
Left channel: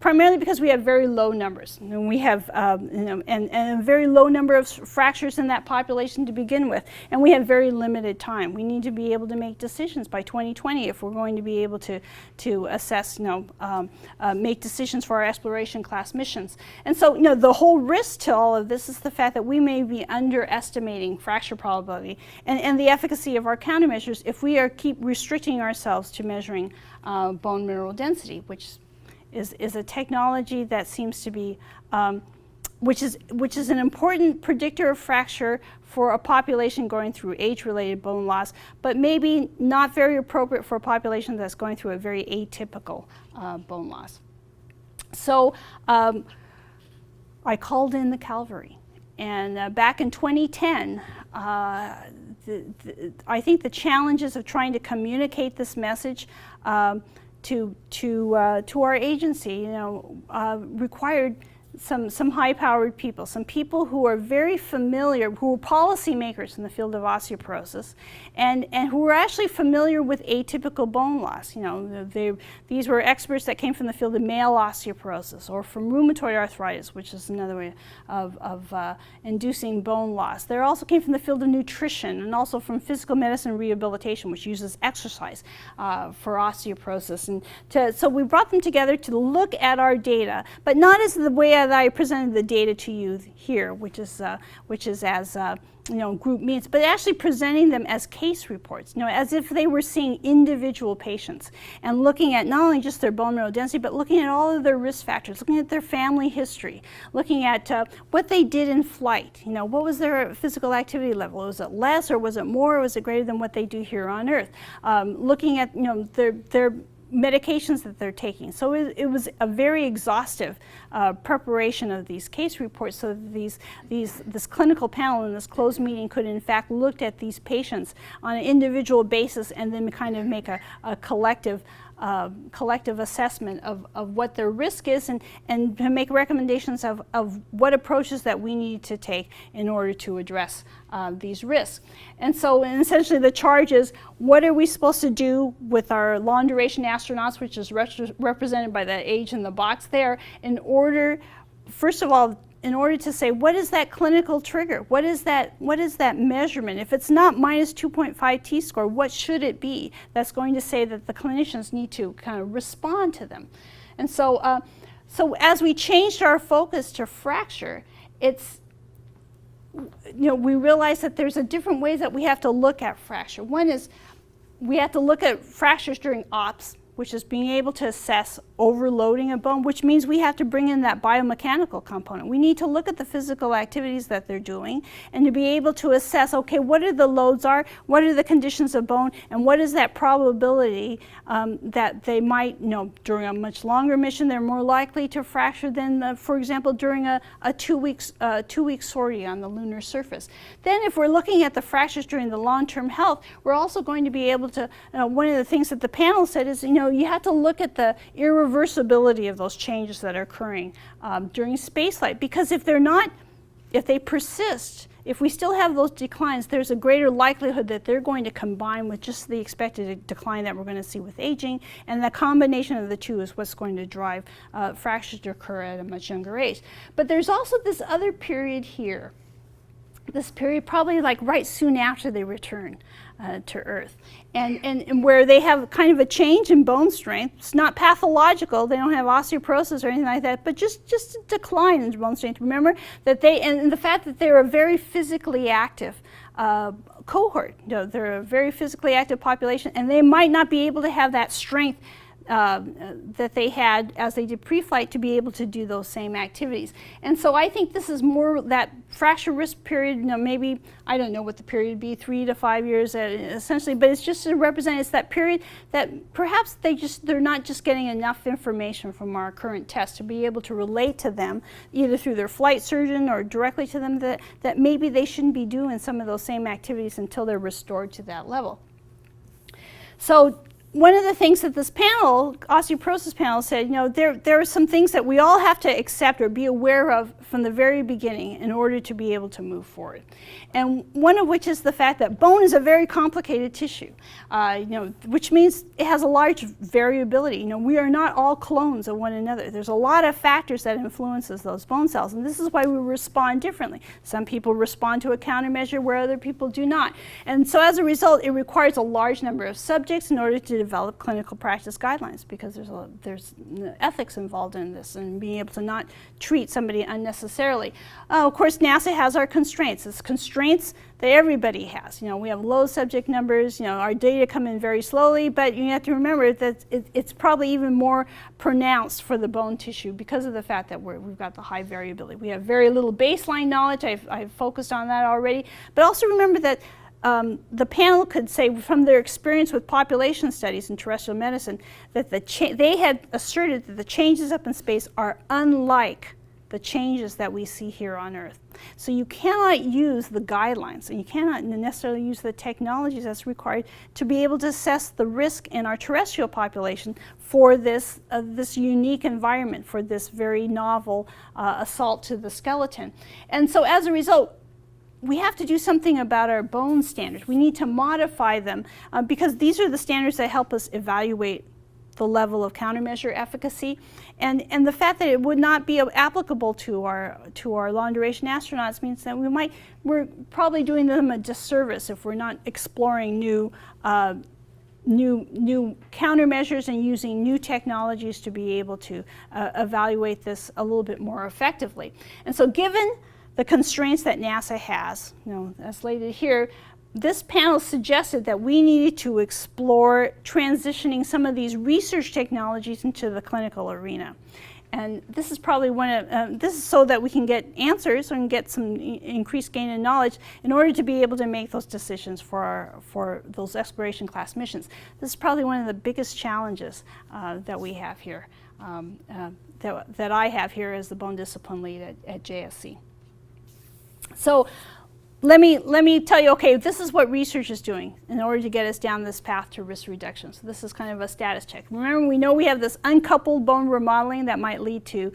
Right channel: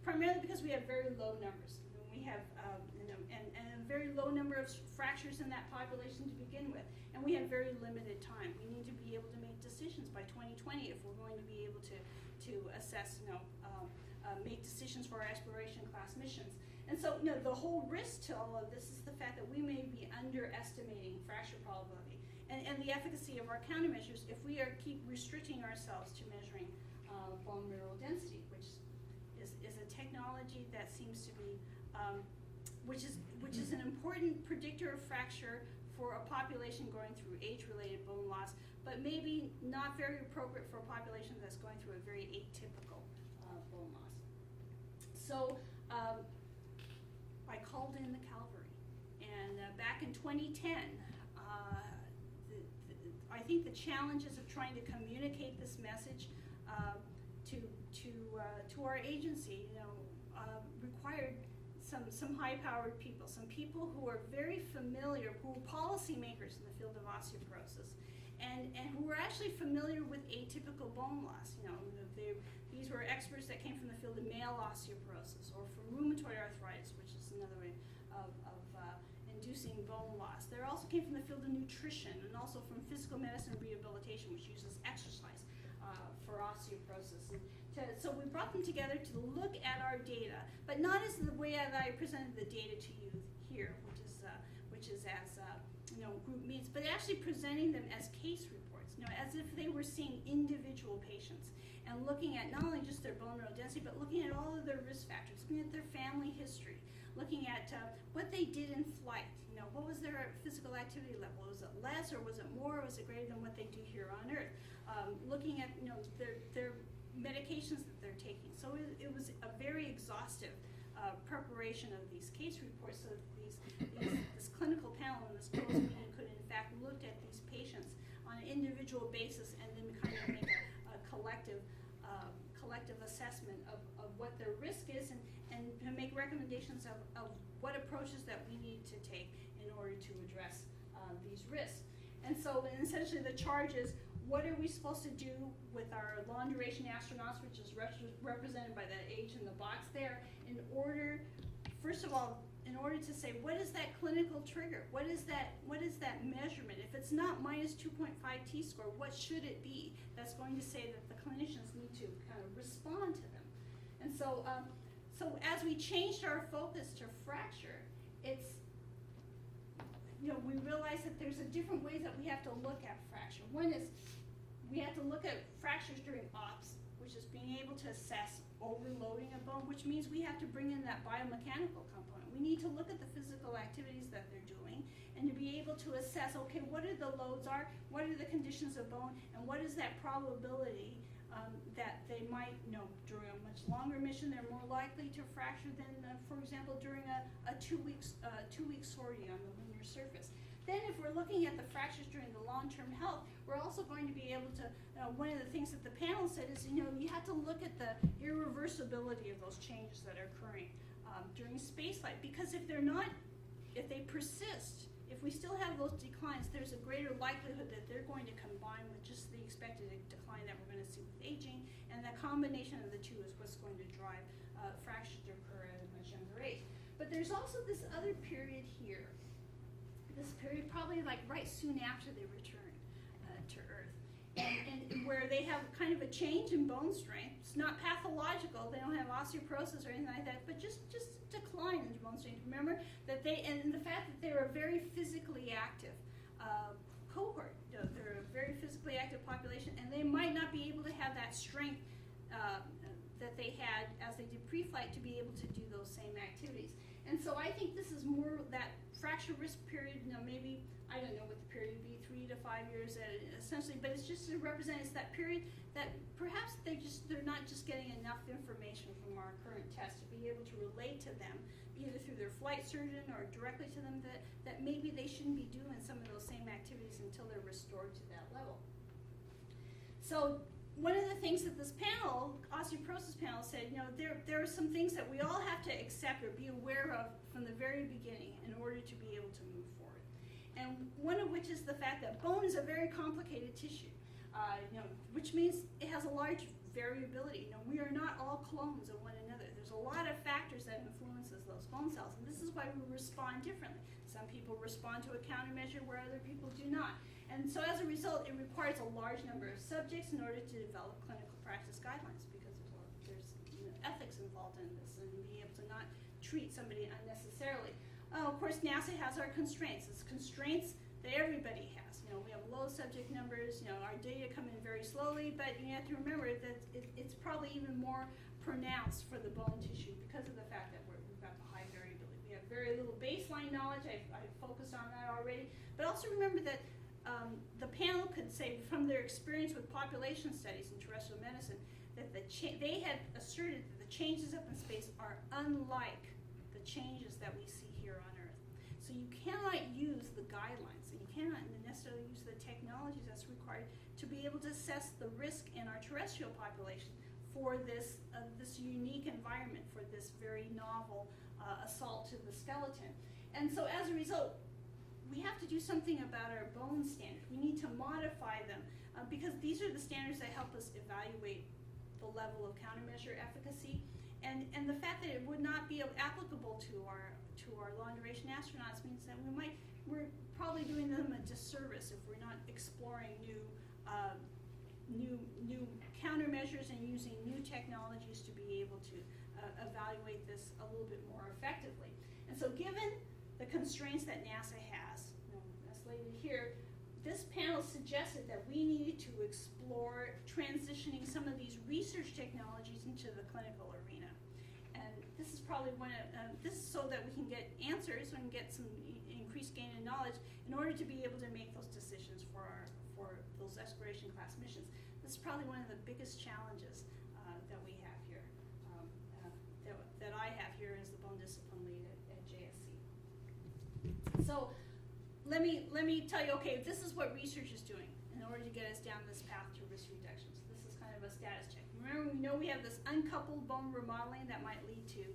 Primarily because we have very low numbers, and we have and a very low number of fractures in that population to begin with, and we have very limited time. We need to be able to make decisions by 2020 if we're going to be able to assess, make decisions for our exploration class missions. And so, you know, the whole risk to all of this is the fact that we may be underestimating fracture probability and the efficacy of our countermeasures if we keep restricting ourselves to measuring bone mineral density, which is a technology that seems to be, which is an important predictor of fracture for a population going through age-related bone loss, but maybe not very appropriate for a population that's going through a very atypical bone loss. So I called in the cavalry, and back in 2010, I think the challenges of trying to communicate this message to our agency, required some high-powered people, some people who are very familiar, who are policymakers in the field of osteoporosis, and who are actually familiar with atypical bone loss. These were experts that came from the field of male osteoporosis or from rheumatoid arthritis, which is another way of inducing bone loss. They also came from the field of nutrition and also from physical medicine rehabilitation, which uses exercise for osteoporosis. And so we brought them together to look at our data, but not as the way that I presented the data to you here, which is as group meets, but actually presenting them as case reports, as if they were seeing individual patients and looking at not only just their bone mineral density, but looking at all of their risk factors, looking at their family history, looking at what they did in flight. What was their physical activity level? Was it less, or was it more, or was it greater than what they do here on Earth? Looking at their medications that they're taking. So it was a very exhaustive preparation of these case reports, so that this clinical panel in this closed meeting could in fact look at these patients on an individual basis and then kind of make a collective assessment of what their risk is and to make recommendations of what approaches that we need to take in order to address these risks. And so essentially the charge is, what are we supposed to do with our long duration astronauts, which is represented by the age in the box there, in order, first of all, in order to say, what is that clinical trigger? What is that measurement? If it's not minus 2.5 t-score, what should it be that's going to say that the clinicians need to kind of respond to them? And so, as we changed our focus to fracture, we realized that there's a different ways that we have to look at fracture. One is we have to look at fractures during ops, which is being able to assess overloading a bone, which means we have to bring in that biomechanical component. We need to look at the physical activities that they're doing and to be able to assess, okay, what are the loads are, what are the conditions of bone, and what is that probability that they might, during a much longer mission, they're more likely to fracture than, for example, during a 2-week sortie on the lunar surface. Then if we're looking at the fractures during the long-term health, we're also going to be able to, one of the things that the panel said is, you have to look at the irreversibility of those changes that are occurring during spaceflight, because if they persist, if we still have those declines, there's a greater likelihood that they're going to combine with just the expected decline that we're going to see with aging, and the combination of the two is what's going to drive fractures to occur at a much younger age. But there's also this other period here, this period probably like right soon after they return to Earth, and where they have kind of a change in bone strength. It's not pathological, they don't have osteoporosis or anything like that, but just a decline in bone strength. Remember that and the fact that they're a very physically active cohort. They're a very physically active population, and they might not be able to have that strength that they had as they did pre-flight to be able to do those same activities. And so I think this is more that fracture risk period, maybe, I don't know what the period would be, 3 to 5 years essentially, but it's just to represent, it's that period that perhaps they're not just getting enough information from our current tests to be able to relate to them, either through their flight surgeon or directly to them, that maybe they shouldn't be doing some of those same activities until they're restored to that level. So one of the things that this panel, osteoporosis panel, said, there are some things that we all have to accept or be aware of from the very beginning in order to be able to move forward. And one of which is the fact that bone is a very complicated tissue, which means it has a large variability. We are not all clones of one another. There's a lot of factors that influences those bone cells, and this is why we respond differently. Some people respond to a countermeasure where other people do not. And so as a result, it requires a large number of subjects in order to develop clinical practice guidelines, because there's ethics involved in this and being able to not treat somebody unnecessarily. Of course, NASA has our constraints. It's constraints that everybody has. We have low subject numbers. Our data come in very slowly, but you have to remember that it's probably even more pronounced for the bone tissue because of the fact that we've got the high variability. We have very little baseline knowledge. I've focused on that already. But also remember that the panel could say from their experience with population studies in terrestrial medicine that they had asserted that the changes up in space are unlike the changes that we see here on Earth. So you cannot use the guidelines, and you cannot necessarily use the technologies that's required to be able to assess the risk in our terrestrial population for this unique environment, for this very novel assault to the skeleton. And so as a result, we have to do something about our bone standards. We need to modify them because these are the standards that help us evaluate the level of countermeasure efficacy, and the fact that it would not be applicable to our long-duration astronauts means that we're probably doing them a disservice if we're not exploring new countermeasures and using new technologies to be able to evaluate this a little bit more effectively. And so, given the constraints that NASA has, as slated here, this panel suggested that we needed to explore transitioning some of these research technologies into the clinical arena. And this is probably this is so that we can get answers and get some increased gain in knowledge in order to be able to make those decisions for those exploration class missions. This is probably one of the biggest challenges that we have here, that I have here as the bone discipline lead at JSC. So let me tell you, okay, this is what research is doing in order to get us down this path to risk reduction. So this is kind of a status check. Remember, we know we have this uncoupled bone remodeling that might lead to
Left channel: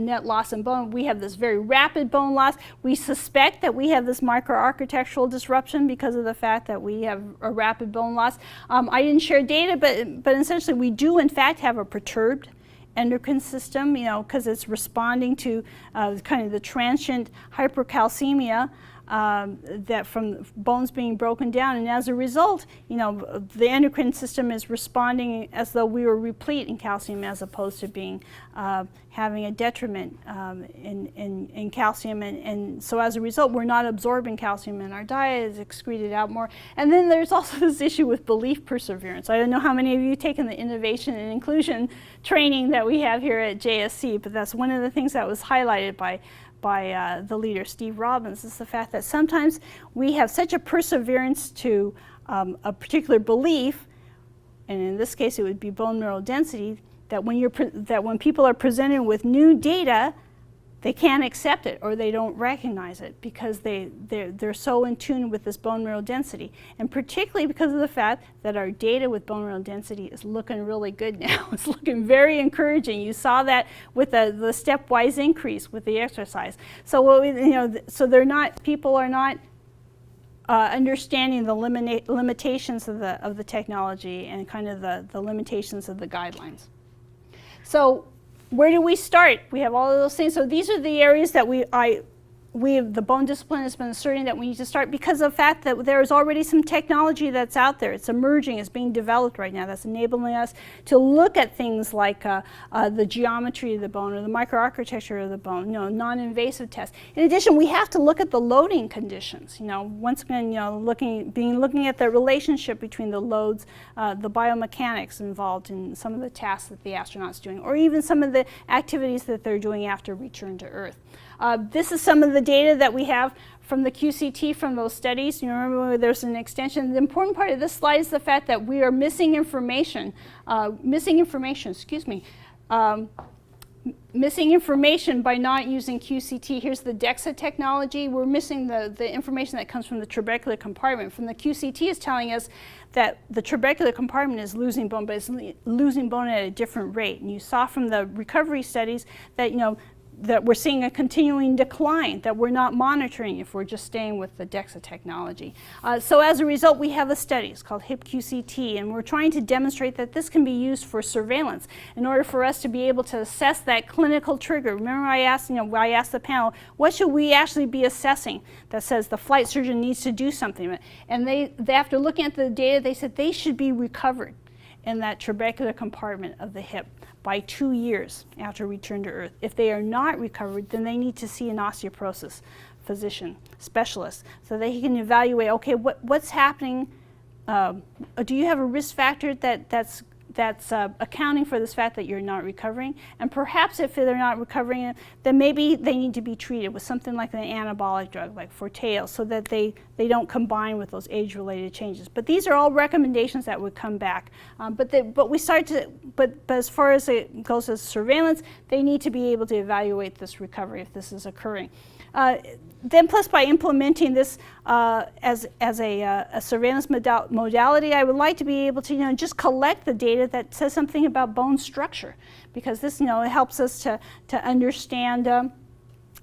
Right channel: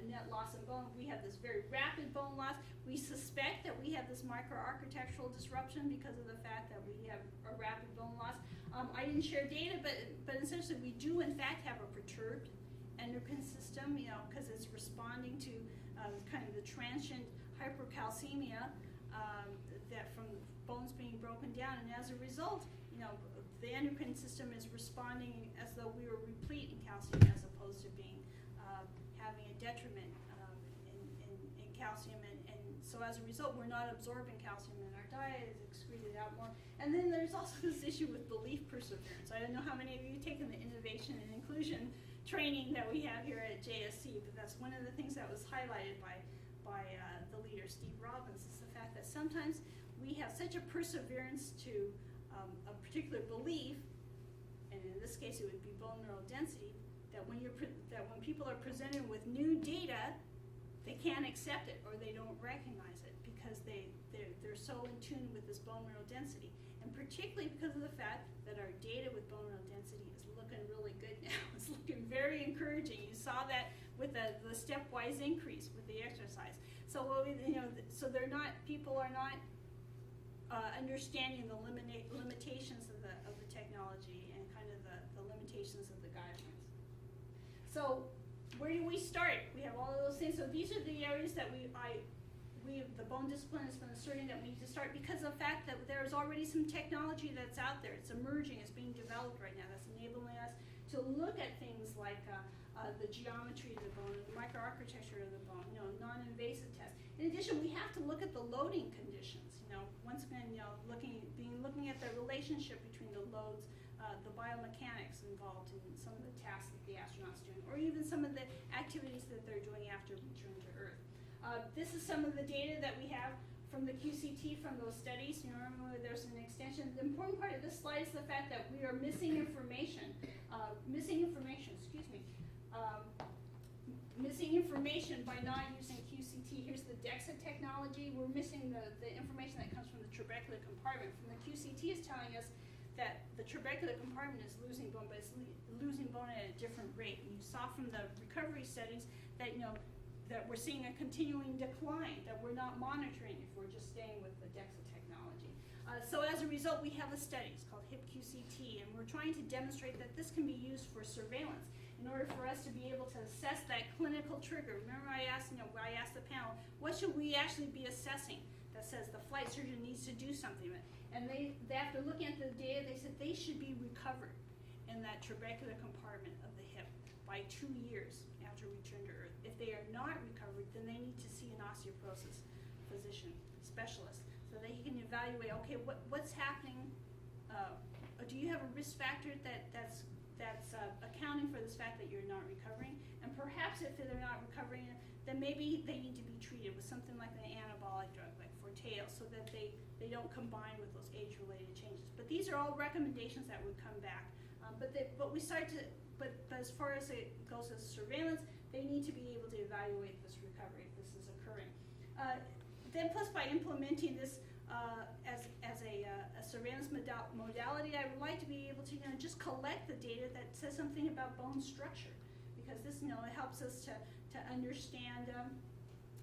net loss in bone. We have this very rapid bone loss. We suspect that we have this microarchitectural disruption because of the fact that we have a rapid bone loss. I didn't share data, but essentially we do in fact have a perturbed endocrine system, because it's responding to kind of the transient hypercalcemia that from bones being broken down, and as a result, the endocrine system is responding as though we were replete in calcium, as opposed to being having a detriment in calcium, and so as a result, we're not absorbing calcium in our diet; it's excreted out more. And then there's also this issue with belief perseverance. I don't know how many of you have taken the innovation and inclusion training that we have here at JSC, but that's one of the things that was highlighted by the leader, Steve Robbins, is the fact that sometimes we have such a perseverance to a particular belief, and in this case it would be bone mineral density, that when people are presented with new data, they can't accept it or they don't recognize it because they're so in tune with this bone mineral density. And particularly because of the fact that our data with bone mineral density is looking really good now. It's looking very encouraging. You saw that with the stepwise increase with the exercise. So so people are not understanding the limitations of the technology and kind of the limitations of the guidelines. So where do we start? We have all of those things. So these are the areas that the bone discipline has been asserting that we need to start because of the fact that there is already some technology that's out there. It's emerging, it's being developed right now that's enabling us to look at things like the geometry of the bone or the microarchitecture of the bone, non-invasive tests. In addition, we have to look at the loading conditions. Once again, looking at the relationship between the loads, the biomechanics involved in some of the tasks that the astronauts doing, or even some of the activities that they're doing after return to Earth. This is some of the data that we have from the QCT from those studies. You remember there's an extension. The important part of this slide is the fact that we are missing information by not using QCT. Here's the DEXA technology. We're missing the information that comes from the trabecular compartment. From the QCT is telling us that the trabecular compartment is losing bone, but it's losing bone at a different rate. And you saw from the recovery studies that that we're seeing a continuing decline that we're not monitoring if we're just staying with the DEXA technology. So as a result, we have a study. It's called HIP-QCT, and we're trying to demonstrate that this can be used for surveillance in order for us to be able to assess that clinical trigger. Remember I asked the panel, what should we actually be assessing that says the flight surgeon needs to do something? And they after looking at the data, they said they should be recovered in that trabecular compartment of the hip by 2 years after return to Earth. If they are not recovered, then they need to see an osteoporosis physician, specialist, so that he can evaluate, okay, what's happening? Do you have a risk factor that's accounting for this fact that you're not recovering? And perhaps if they're not recovering, then maybe they need to be treated with something like an anabolic drug, like Forteo, so that they don't combine with those age-related changes. But these are all recommendations that would come back. But as far as it goes as surveillance, they need to be able to evaluate this recovery if this is occurring. Then plus by implementing this as a surveillance modality, I would like to be able to just collect the data that says something about bone structure, because this it helps us to understand.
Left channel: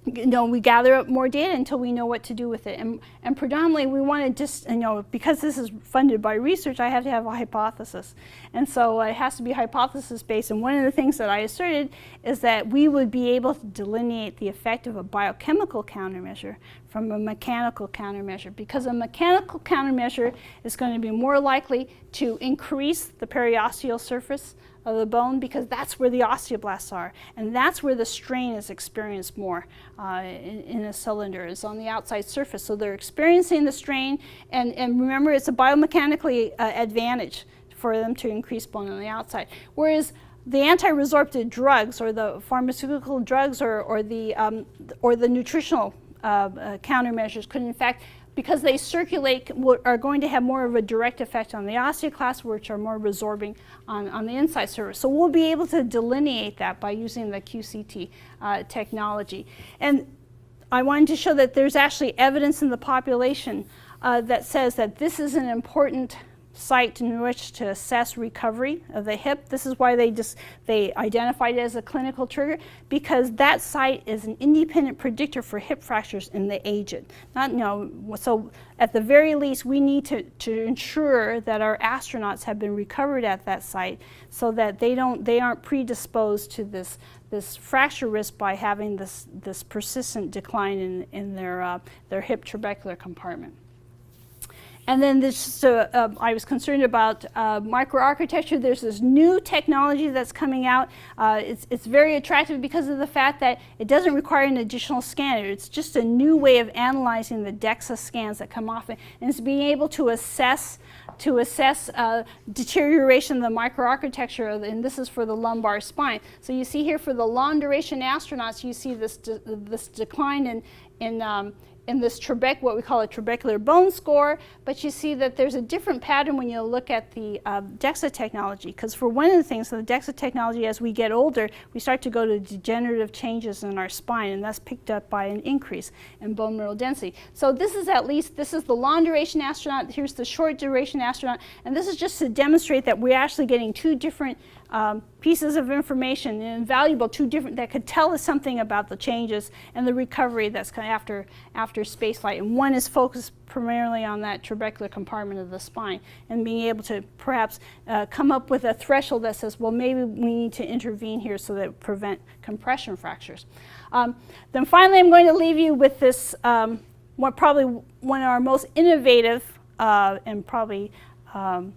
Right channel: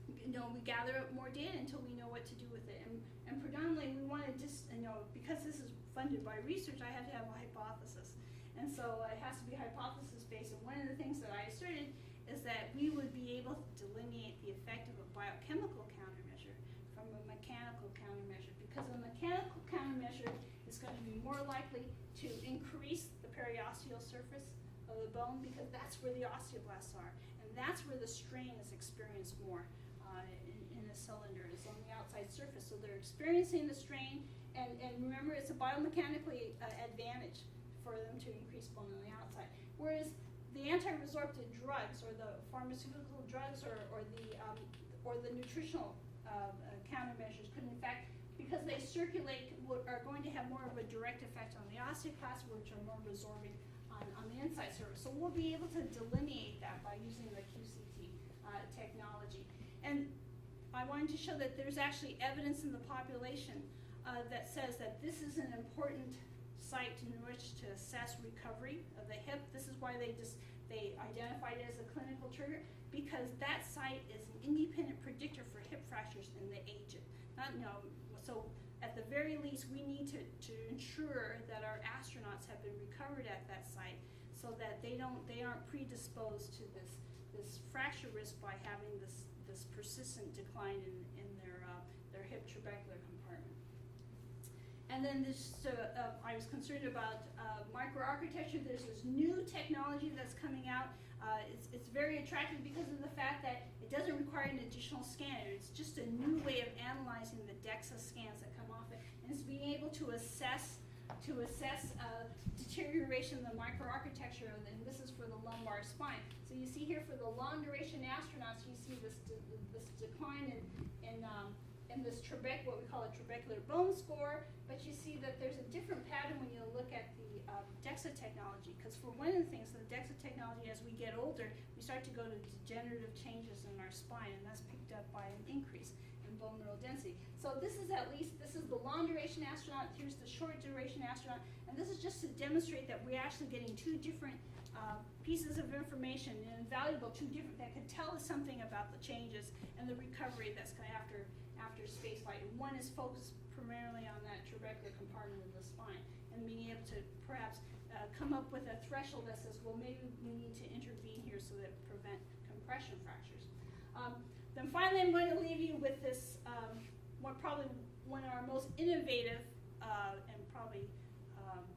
We gather up more data until we know what to do with it. And predominantly we want to just, because this is funded by research, I have to have a hypothesis. And so it has to be hypothesis based. And one of the things that I asserted is that we would be able to delineate the effect of a biochemical countermeasure from a mechanical countermeasure, because a mechanical countermeasure is going to be more likely to increase the periosteal surface of the bone, because that's where the osteoblasts are, and that's where the strain is experienced more in a cylinder, is on the outside surface. So they're experiencing the strain, and remember, it's a biomechanically advantage for them to increase bone on the outside. Whereas the anti-resorptive drugs, or the pharmaceutical drugs, or the nutritional countermeasures could, in fact, because they circulate, are going to have more of a direct effect on the osteoclasts, which are more resorbing on the inside surface. So we'll be able to delineate that by using the QCT technology. And I wanted to show that there's actually evidence in the population that says that this is an important site in which to assess recovery of the hip. This is why they identified it as a clinical trigger, because that site is an independent predictor for hip fractures in the aged. So at the very least, we need to ensure that our astronauts have been recovered at that site, so that they aren't predisposed to this fracture risk by having this persistent decline in their hip trabecular compartment. And then I was concerned about microarchitecture. There's this new technology that's coming out. It's very attractive because of the fact that it doesn't require an additional scanner. It's just a new way of analyzing the DEXA scans that come off it, and it's being able to assess deterioration of the microarchitecture, and this is for the lumbar spine. So you see here for the long duration astronauts, you see this decline in in this what we call a trabecular bone score, but you see that there's a different pattern when you look at the DEXA technology, because for one of the things, the DEXA technology, as we get older, we start to go to degenerative changes in our spine, and that's picked up by an increase in bone mineral density. So this is the long duration astronaut, here's the short duration astronaut, and this is just to demonstrate that we're actually getting two different pieces of information, and valuable, that could tell us something about the changes and the recovery that's kind of after spaceflight. And one is focused primarily on that trabecular compartment of the spine, and being able to perhaps come up with a threshold that says, well, maybe we need to intervene here so that prevent compression fractures. Then finally, I'm going to leave you with this, probably one of our most innovative and probably one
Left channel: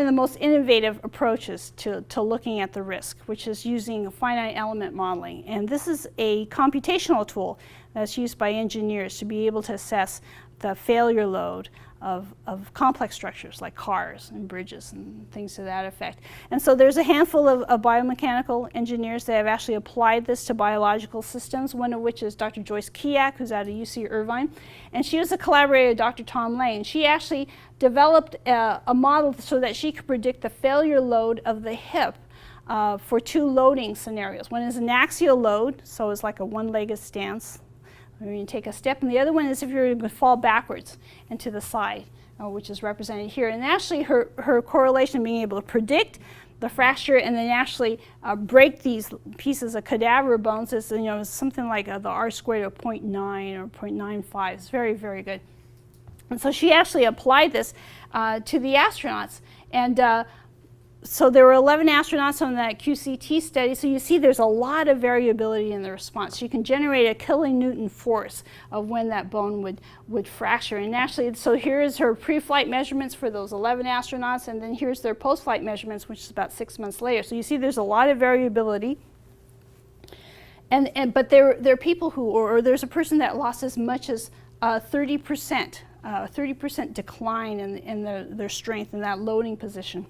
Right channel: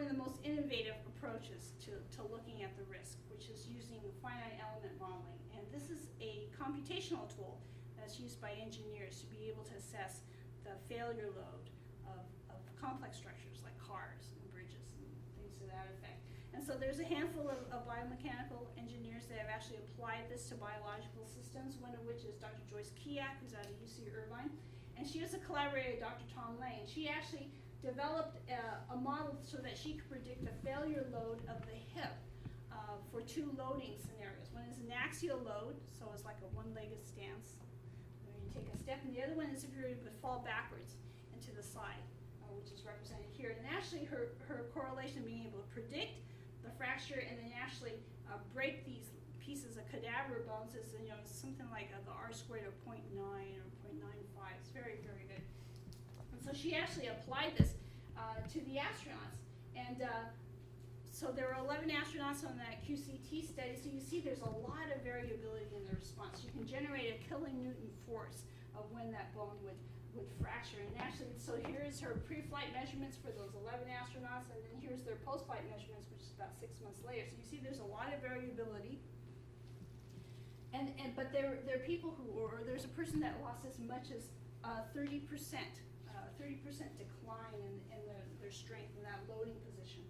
of the most innovative approaches to looking at the risk, which is using finite element modeling. And this is a computational tool that's used by engineers to be able to assess the failure load of complex structures like cars and bridges and things to that effect. And so there's a handful of biomechanical engineers that have actually applied this to biological systems, one of which is Dr. Joyce Kiak, who's out of UC Irvine. And she was a collaborator with Dr. Tom Lane. She actually developed a model so that she could predict the failure load of the hip for two loading scenarios. One is an axial load, so it's like a one-legged stance when you take a step, and the other one is if you're going to fall backwards and to the side, which is represented here. And actually her correlation, being able to predict the fracture and then actually break these pieces of cadaver bones is, something like the R squared of 0.9 or 0.95. It's very, very good. And so she actually applied this to the astronauts. And so there were 11 astronauts on that QCT study. So you see there's a lot of variability in the response. You can generate a kilonewton force of when that bone would fracture. And actually, so here's her pre-flight measurements for those 11 astronauts, and then here's their post-flight measurements, which is about 6 months later. So you see there's a lot of variability. But there are people who, or there's a person that lost as much as 30% decline in their strength in that loading position.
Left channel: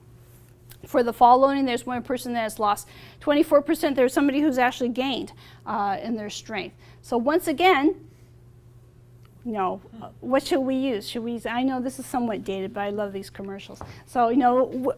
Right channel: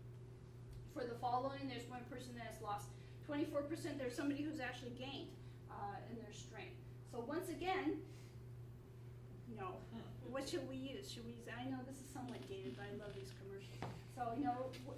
For the fall loading, there's one person that has lost 24%. There's somebody who's actually gained in their strength. So once again, what should we use? I know this is somewhat dated, but I love these commercials. So,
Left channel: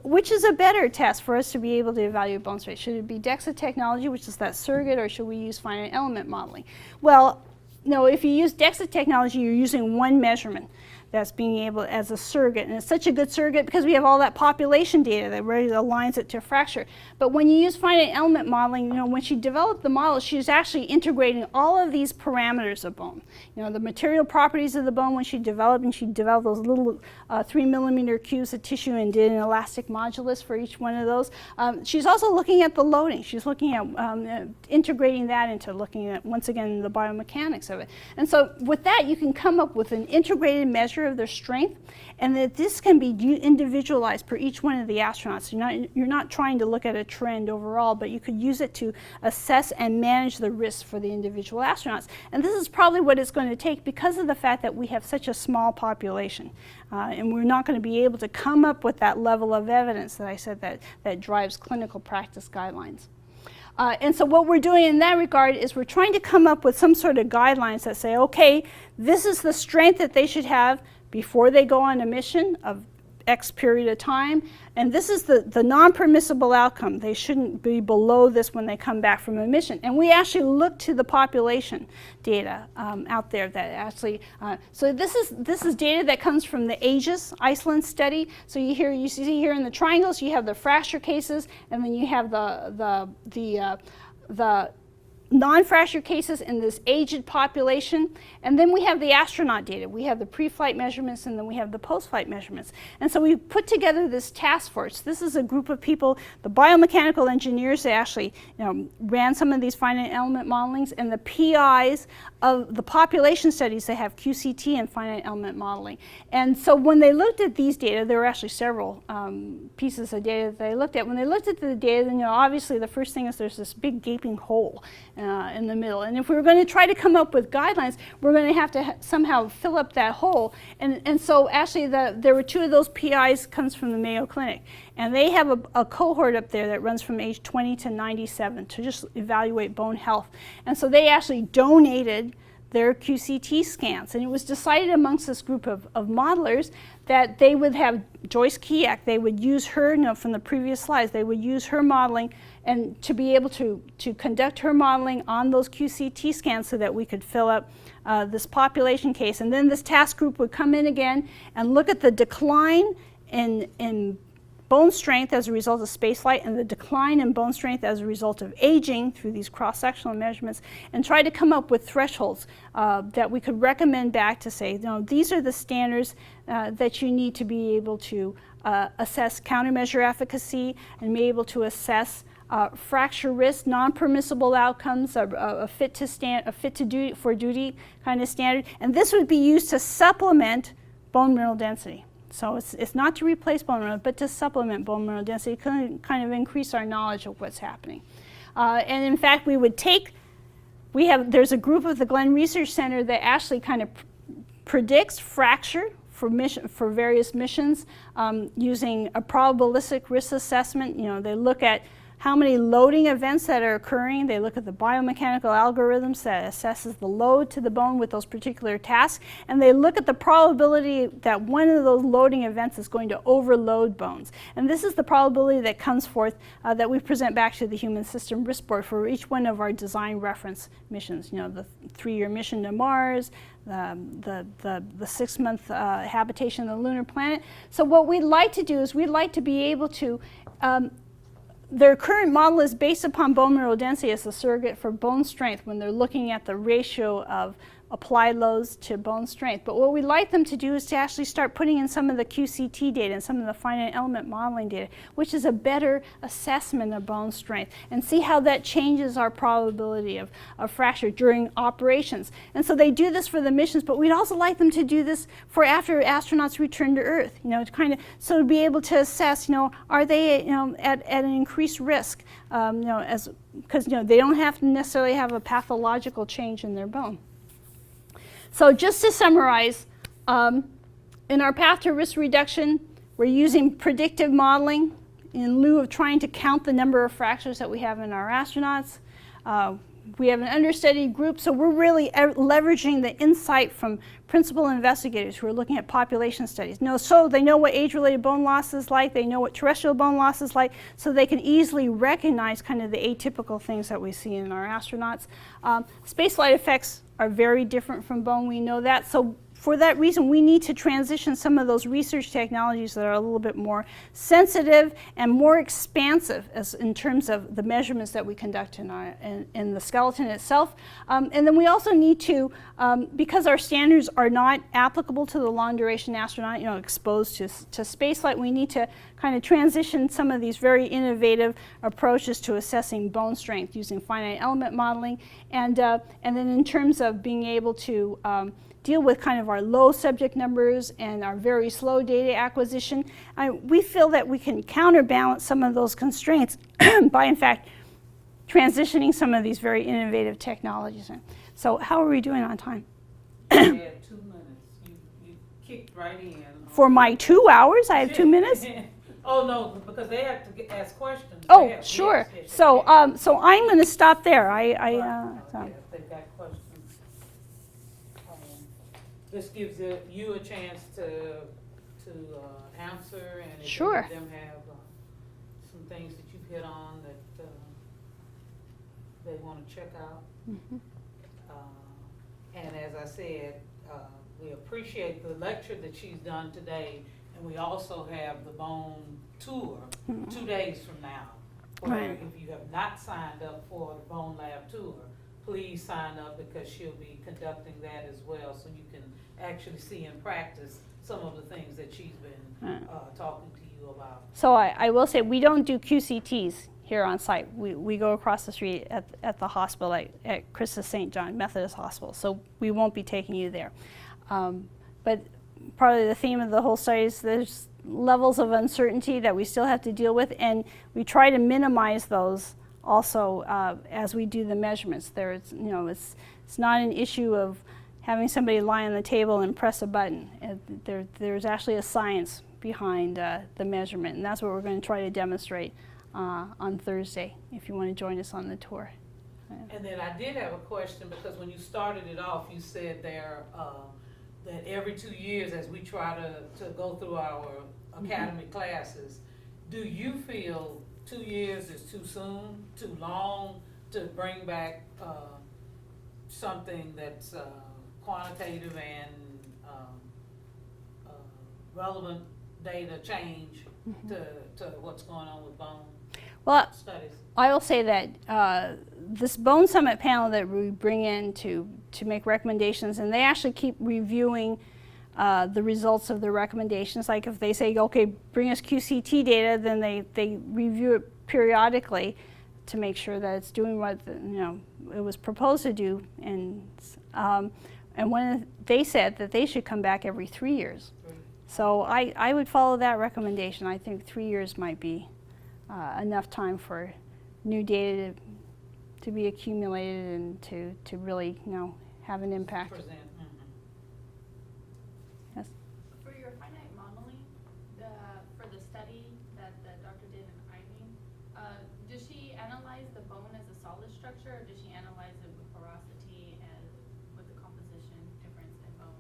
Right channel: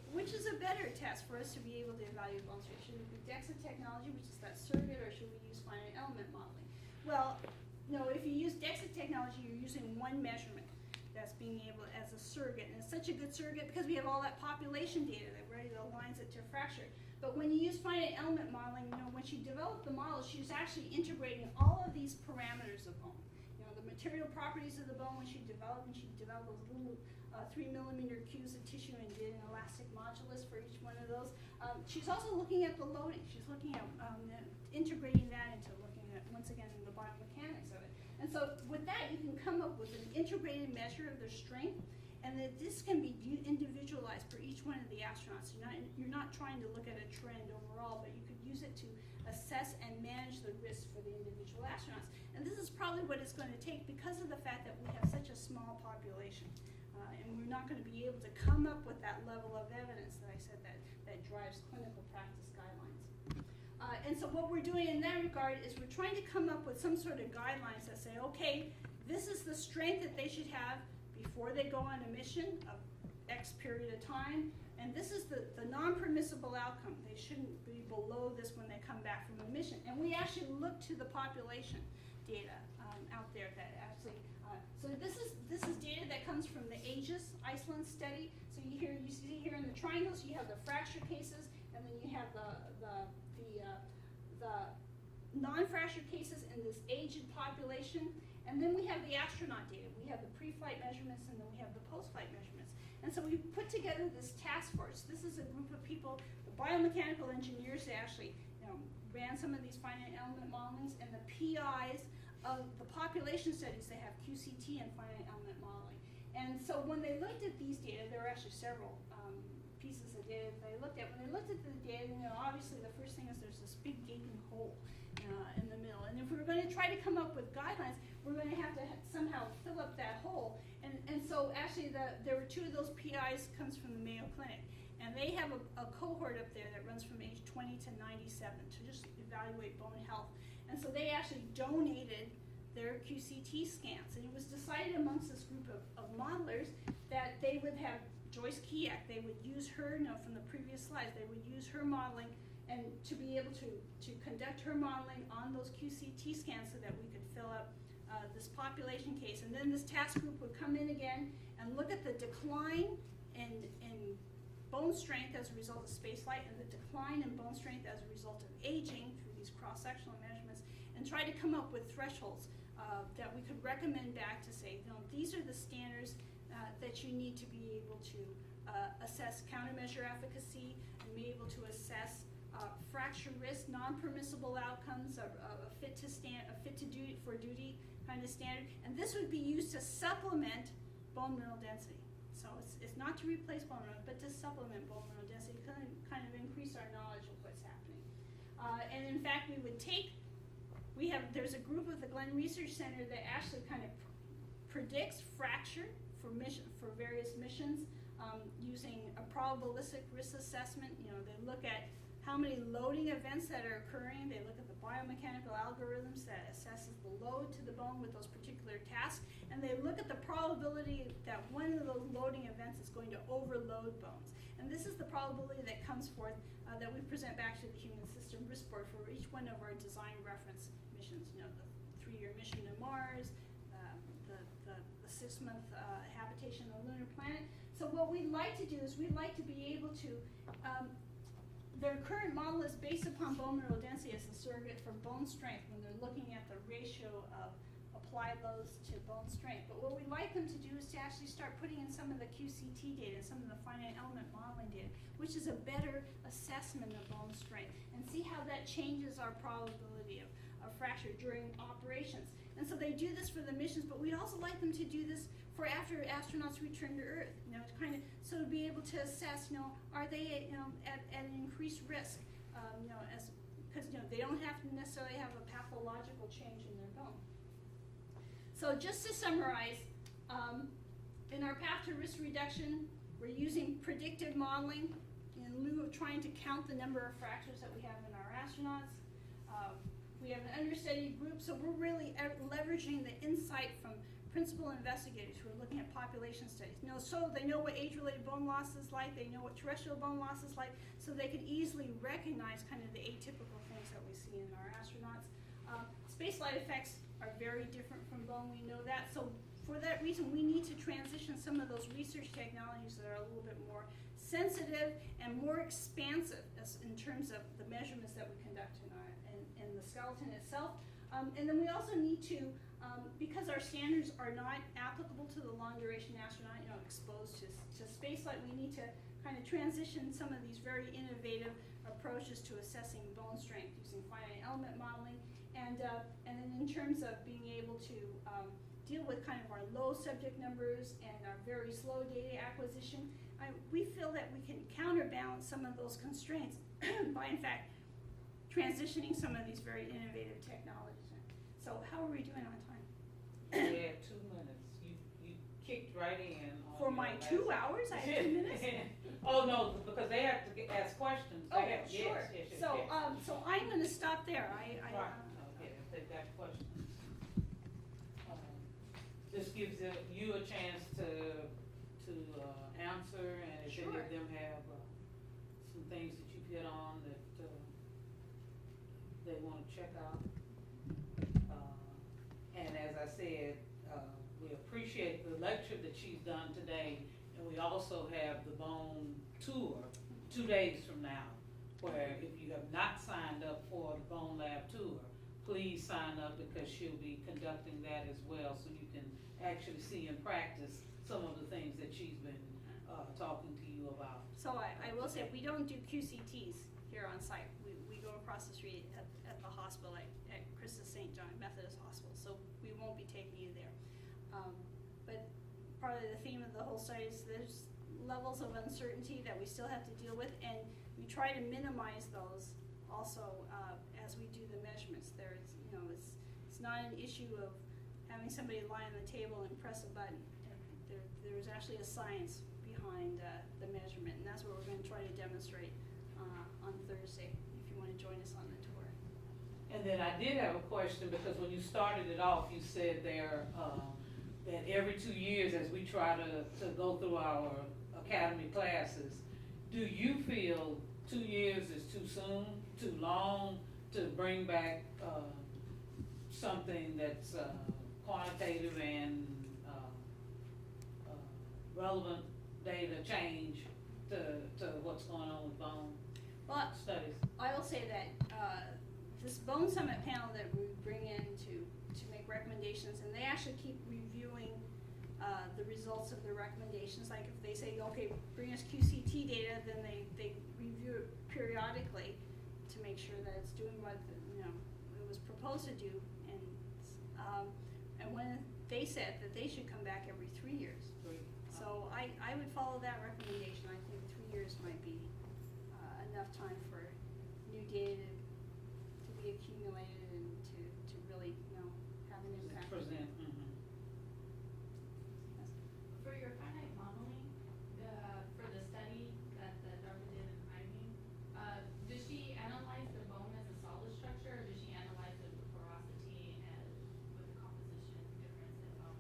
which is a better test for us to be able to evaluate bone strength? Should it be DEXA technology, which is that surrogate, or should we use finite element modeling? Well, if you use DEXA technology, you're using one measurement that's being able as a surrogate, and it's such a good surrogate because we have all that population data that really aligns it to fracture. But when you use finite element modeling, when she developed the model, she's actually integrating all of these parameters of bone. The material properties of the bone when she developed those little 3mm cubes of tissue and did an elastic modulus for each one of those. She's also looking at the loading. She's looking at integrating that into looking at, once again, the biomechanics of it. And so with that, you can come up with an integrated measure of their strength, and that this can be individualized for each one of the astronauts. You're not trying to look at a trend overall, but you could use it to assess and manage the risks for the individual astronauts. And this is probably what it's going to take because of the fact that we have such a small population. And we're not going to be able to come up with that level of evidence that I said that drives clinical practice guidelines. And so what we're doing in that regard is we're trying to come up with some sort of guidelines that say, okay, this is the strength that they should have before they go on a mission of X period of time, and this is the non-permissible outcome. They shouldn't be below this when they come back from a mission. And we actually look to the population data out there that actually, so this is data that comes from the Aegis Iceland study. So you see here in the triangles, you have the fracture cases, and then you have the non-fracture cases in this aged population, and then we have the astronaut data. We have the pre-flight measurements, and then we have the post-flight measurements. And so we put together this task force. This is a group of people, the biomechanical engineers that actually ran some of these finite element modelings, and the PIs of the population studies that have QCT and finite element modeling. And so when they looked at these data, there were actually several pieces of data that they looked at. When they looked at the data, then obviously the first thing is there's this big gaping hole in the middle. And if we were going to try to come up with guidelines, we're going to have to somehow fill up that hole. And so actually there were two of those PIs comes from the Mayo Clinic. And they have a cohort up there that runs from age 20 to 97 to just evaluate bone health. And so they actually donated their QCT scans. And it was decided amongst this group of modelers that they would have Joyce Kiak, they would use her, from the previous slides, they would use her modeling and to be able to conduct her modeling on those QCT scans so that we could fill up this population case. And then this task group would come in again and look at the decline in bone strength as a result of spaceflight and the decline in bone strength as a result of aging through these cross-sectional measurements, and try to come up with thresholds that we could recommend back to say, these are the standards that you need to be able to assess countermeasure efficacy and be able to assess fracture risk, non-permissible outcomes, a fit to duty for duty kind of standard, and this would be used to supplement bone mineral density. So it's not to replace bone mineral, but to supplement bone mineral density, kind of increase our knowledge of what's happening. And in fact, there's a group of the Glenn Research Center that actually kind of predicts fracture for various missions using a probabilistic risk assessment. They look at how many loading events that are occurring. They look at the biomechanical algorithms that assesses the load to the bone with those particular tasks, and they look at the probability that one of those loading events is going to overload bones. And this is the probability that comes forth that we present back to the Human System Risk Board for each one of our design reference missions. The 3-year mission to Mars, the 6-month habitation of the lunar planet. So what we'd like to do is we'd like to be able to their current model is based upon bone mineral density as a surrogate for bone strength when they're looking at the ratio of applied loads to bone strength. But what we'd like them to do is to actually start putting in some of the QCT data and some of the finite element modeling data, which is a better assessment of bone strength, and see how that changes our probability of fracture during operations. And so they do this for the missions, but we'd also like them to do this for after astronauts return to Earth, to be able to assess, are they, at an increased risk, because they don't have to necessarily have a pathological change in their bone. So just to summarize, in our path to risk reduction, we're using predictive modeling in lieu of trying to count the number of fractures that we have in our astronauts. We have an understudied group, so we're really leveraging the insight from principal investigators who are looking at population studies. So they know what age-related bone loss is like, they know what terrestrial bone loss is like, so they can easily recognize kind of the atypical things that we see in our astronauts. Spaceflight effects are very different from bone, we know that. So for that reason, we need to transition some of those research technologies that are a little bit more sensitive and more expansive in terms of the measurements that we conduct in the skeleton itself. And then we also need to, because our standards are not applicable to the long-duration astronaut, exposed to spaceflight, we need to kind of transition some of these very innovative approaches to assessing bone strength using finite element modeling. And then in terms of being able to deal with kind of our low subject numbers and our very slow data acquisition, we feel that we can counterbalance some of those constraints by, in fact, transitioning some of these very innovative technologies. So how are we doing on time? You had 2 minutes. You kicked right in. For my 2 hours, I have 2 minutes? Oh, no, because they have to ask questions. Oh, sure. So I'm going to stop there. They've got questions. This gives you a chance to answer, and if sure. any of them have some things that you've hit on that they want to check out. Mm-hmm. And as I said, we appreciate the lecture that she's done today, and we also have the bone tour 2 days from now. Where if you have not signed up for the Bone Lab tour, please sign up, because she'll be conducting that as well, so you can actually see in practice some of the things that she's been talking to you about. So I will say we don't do QCTs here on site. We go across the street at the hospital at Christus St. John Methodist Hospital, so we won't be taking you there. But probably the theme of the whole study is there's levels of uncertainty that we still have to deal with, and we try to minimize those also as we do the measurements. It's not an issue of having somebody lie on the table and press a button. There's actually a science behind the measurement, and that's what we're going to try to demonstrate on Thursday, if you want to join us on the tour. And then I did have a question, because when you started it off, you said there, that every 2 years, as we try to go through our academy classes, do you feel 2 years is too soon, too long to bring back, something that's, quantitative and, relevant data change to what's going on with bone Well, studies? I will say that this Bone Summit panel that we bring in to make recommendations, and they actually keep reviewing the results of the recommendations. Like if they say, okay, bring us QCT data, then they review it periodically to make sure that it's doing what it was proposed to do. And when they said that they should come back every 3 years. So I would follow that recommendation. I think 3 years might be enough time for new data to be accumulated and to really have an impact. Present. Yes. For your finite modeling, for the study that the doctor did in Ivy, does she analyze the bone as a solid structure, or does she analyze it with porosity and with the composition difference in bone?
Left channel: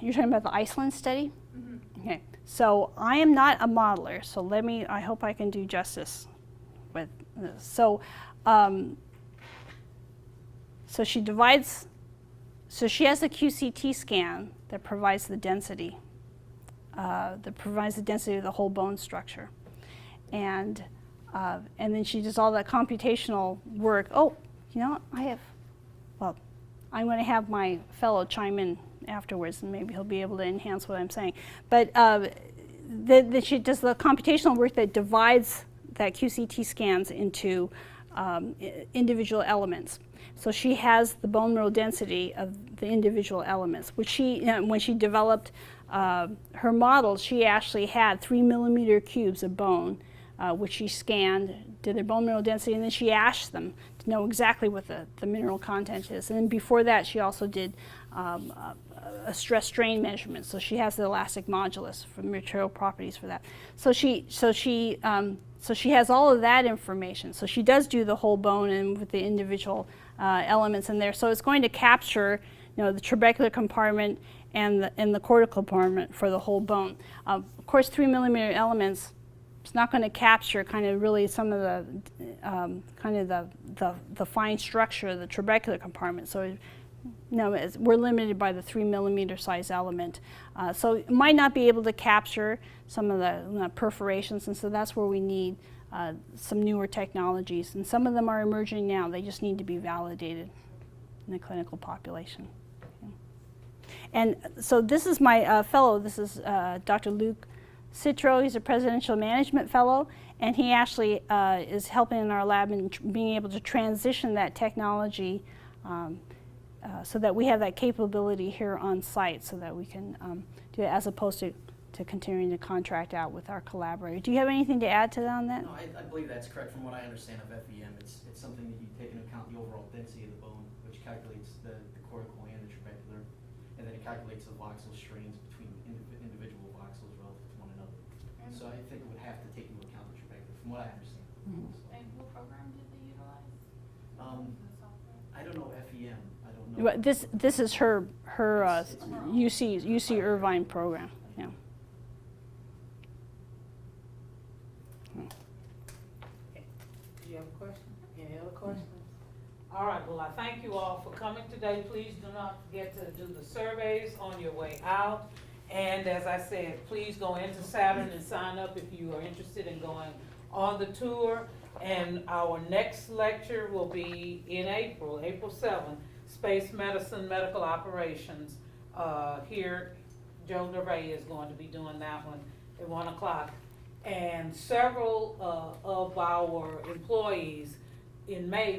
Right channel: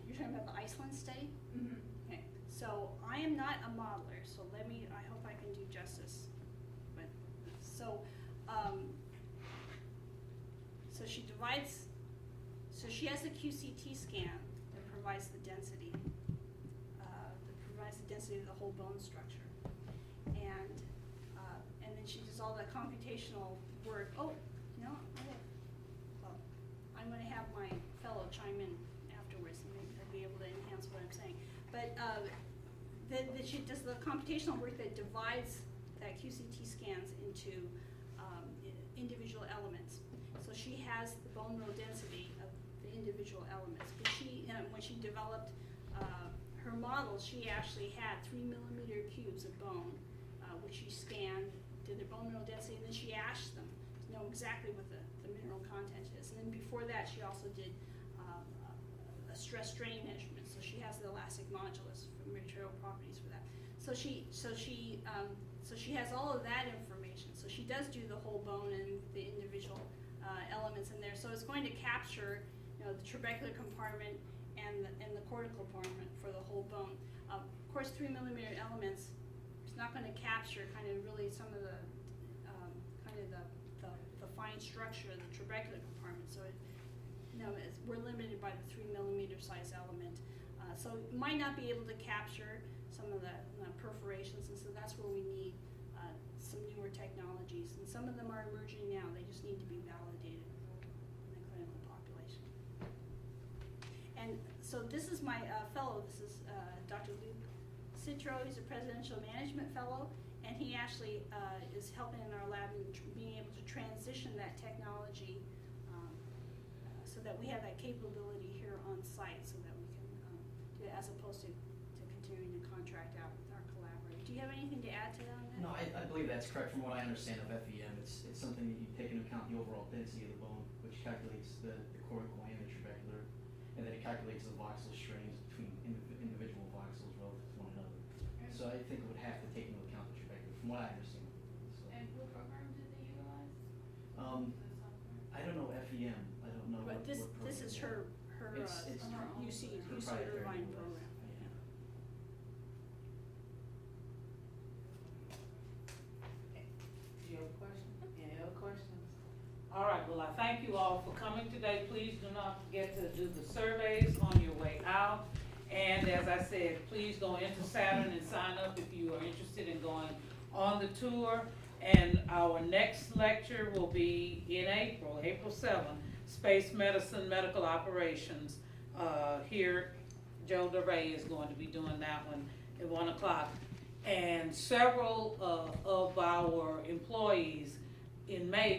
You're talking about the Iceland study? Mm-hmm. Okay. So I am not a modeler, so I hope I can do justice with this. So she divides, so she has a QCT scan that provides the density, of the whole bone structure. And then she does all that computational work. Oh, I'm going to have my fellow chime in afterwards, and maybe he'll be able to enhance what I'm saying. But she does the computational work that divides that QCT scans into individual elements. So she has the bone mineral density of the individual elements, which when she developed her model, she actually had 3 millimeter cubes of bone, which she scanned, did their bone mineral density, and then she ashed them to know exactly what the mineral content is. And then before that, she also did a stress strain measurement. So she has the elastic modulus for material properties for that. So she has all of that information. So she does do the whole bone and with the individual elements in there. So it's going to capture, the trabecular compartment and the cortical compartment for the whole bone. Of course, 3 millimeter elements, it's not going to capture kind of really some of the fine structure of the trabecular compartment. So we're limited by the 3 millimeter size element. So it might not be able to capture some of the perforations, and so that's where we need some newer technologies. And some of them are emerging now. They just need to be validated in the clinical population. And so this is my fellow. This is Dr. Luke Citro. He's a presidential management fellow, and he actually is helping in our lab in being able to transition that technology so that we have that capability here on site, so that we can do it, as opposed to continuing to contract out with our collaborator. Do you have anything to add to that on that? No, I believe that's correct. From what I understand of FEM, it's something that you take into account the overall density of the bone, which calculates the cortical and the trabecular, and then it calculates the voxel strains between individual voxels relative to one another. So I think it would have to take into account the trabecular, from what I understand. Mm-hmm. So, And what program did they utilize? The software? I don't know FEM. I don't know. Well, this is her It's UC Irvine program. Yeah. Do you have a question? Any other questions? All right, well, I thank you all for coming today. Please do not forget to do the surveys on your way out. And as I said, please go into Saturn and sign up if you are interested in going on the tour. And our next lecture will be in April 7th, Space Medicine Medical Operations. Here, Joe DeRay is going to be doing that one at 1 o'clock. And several of our employees in May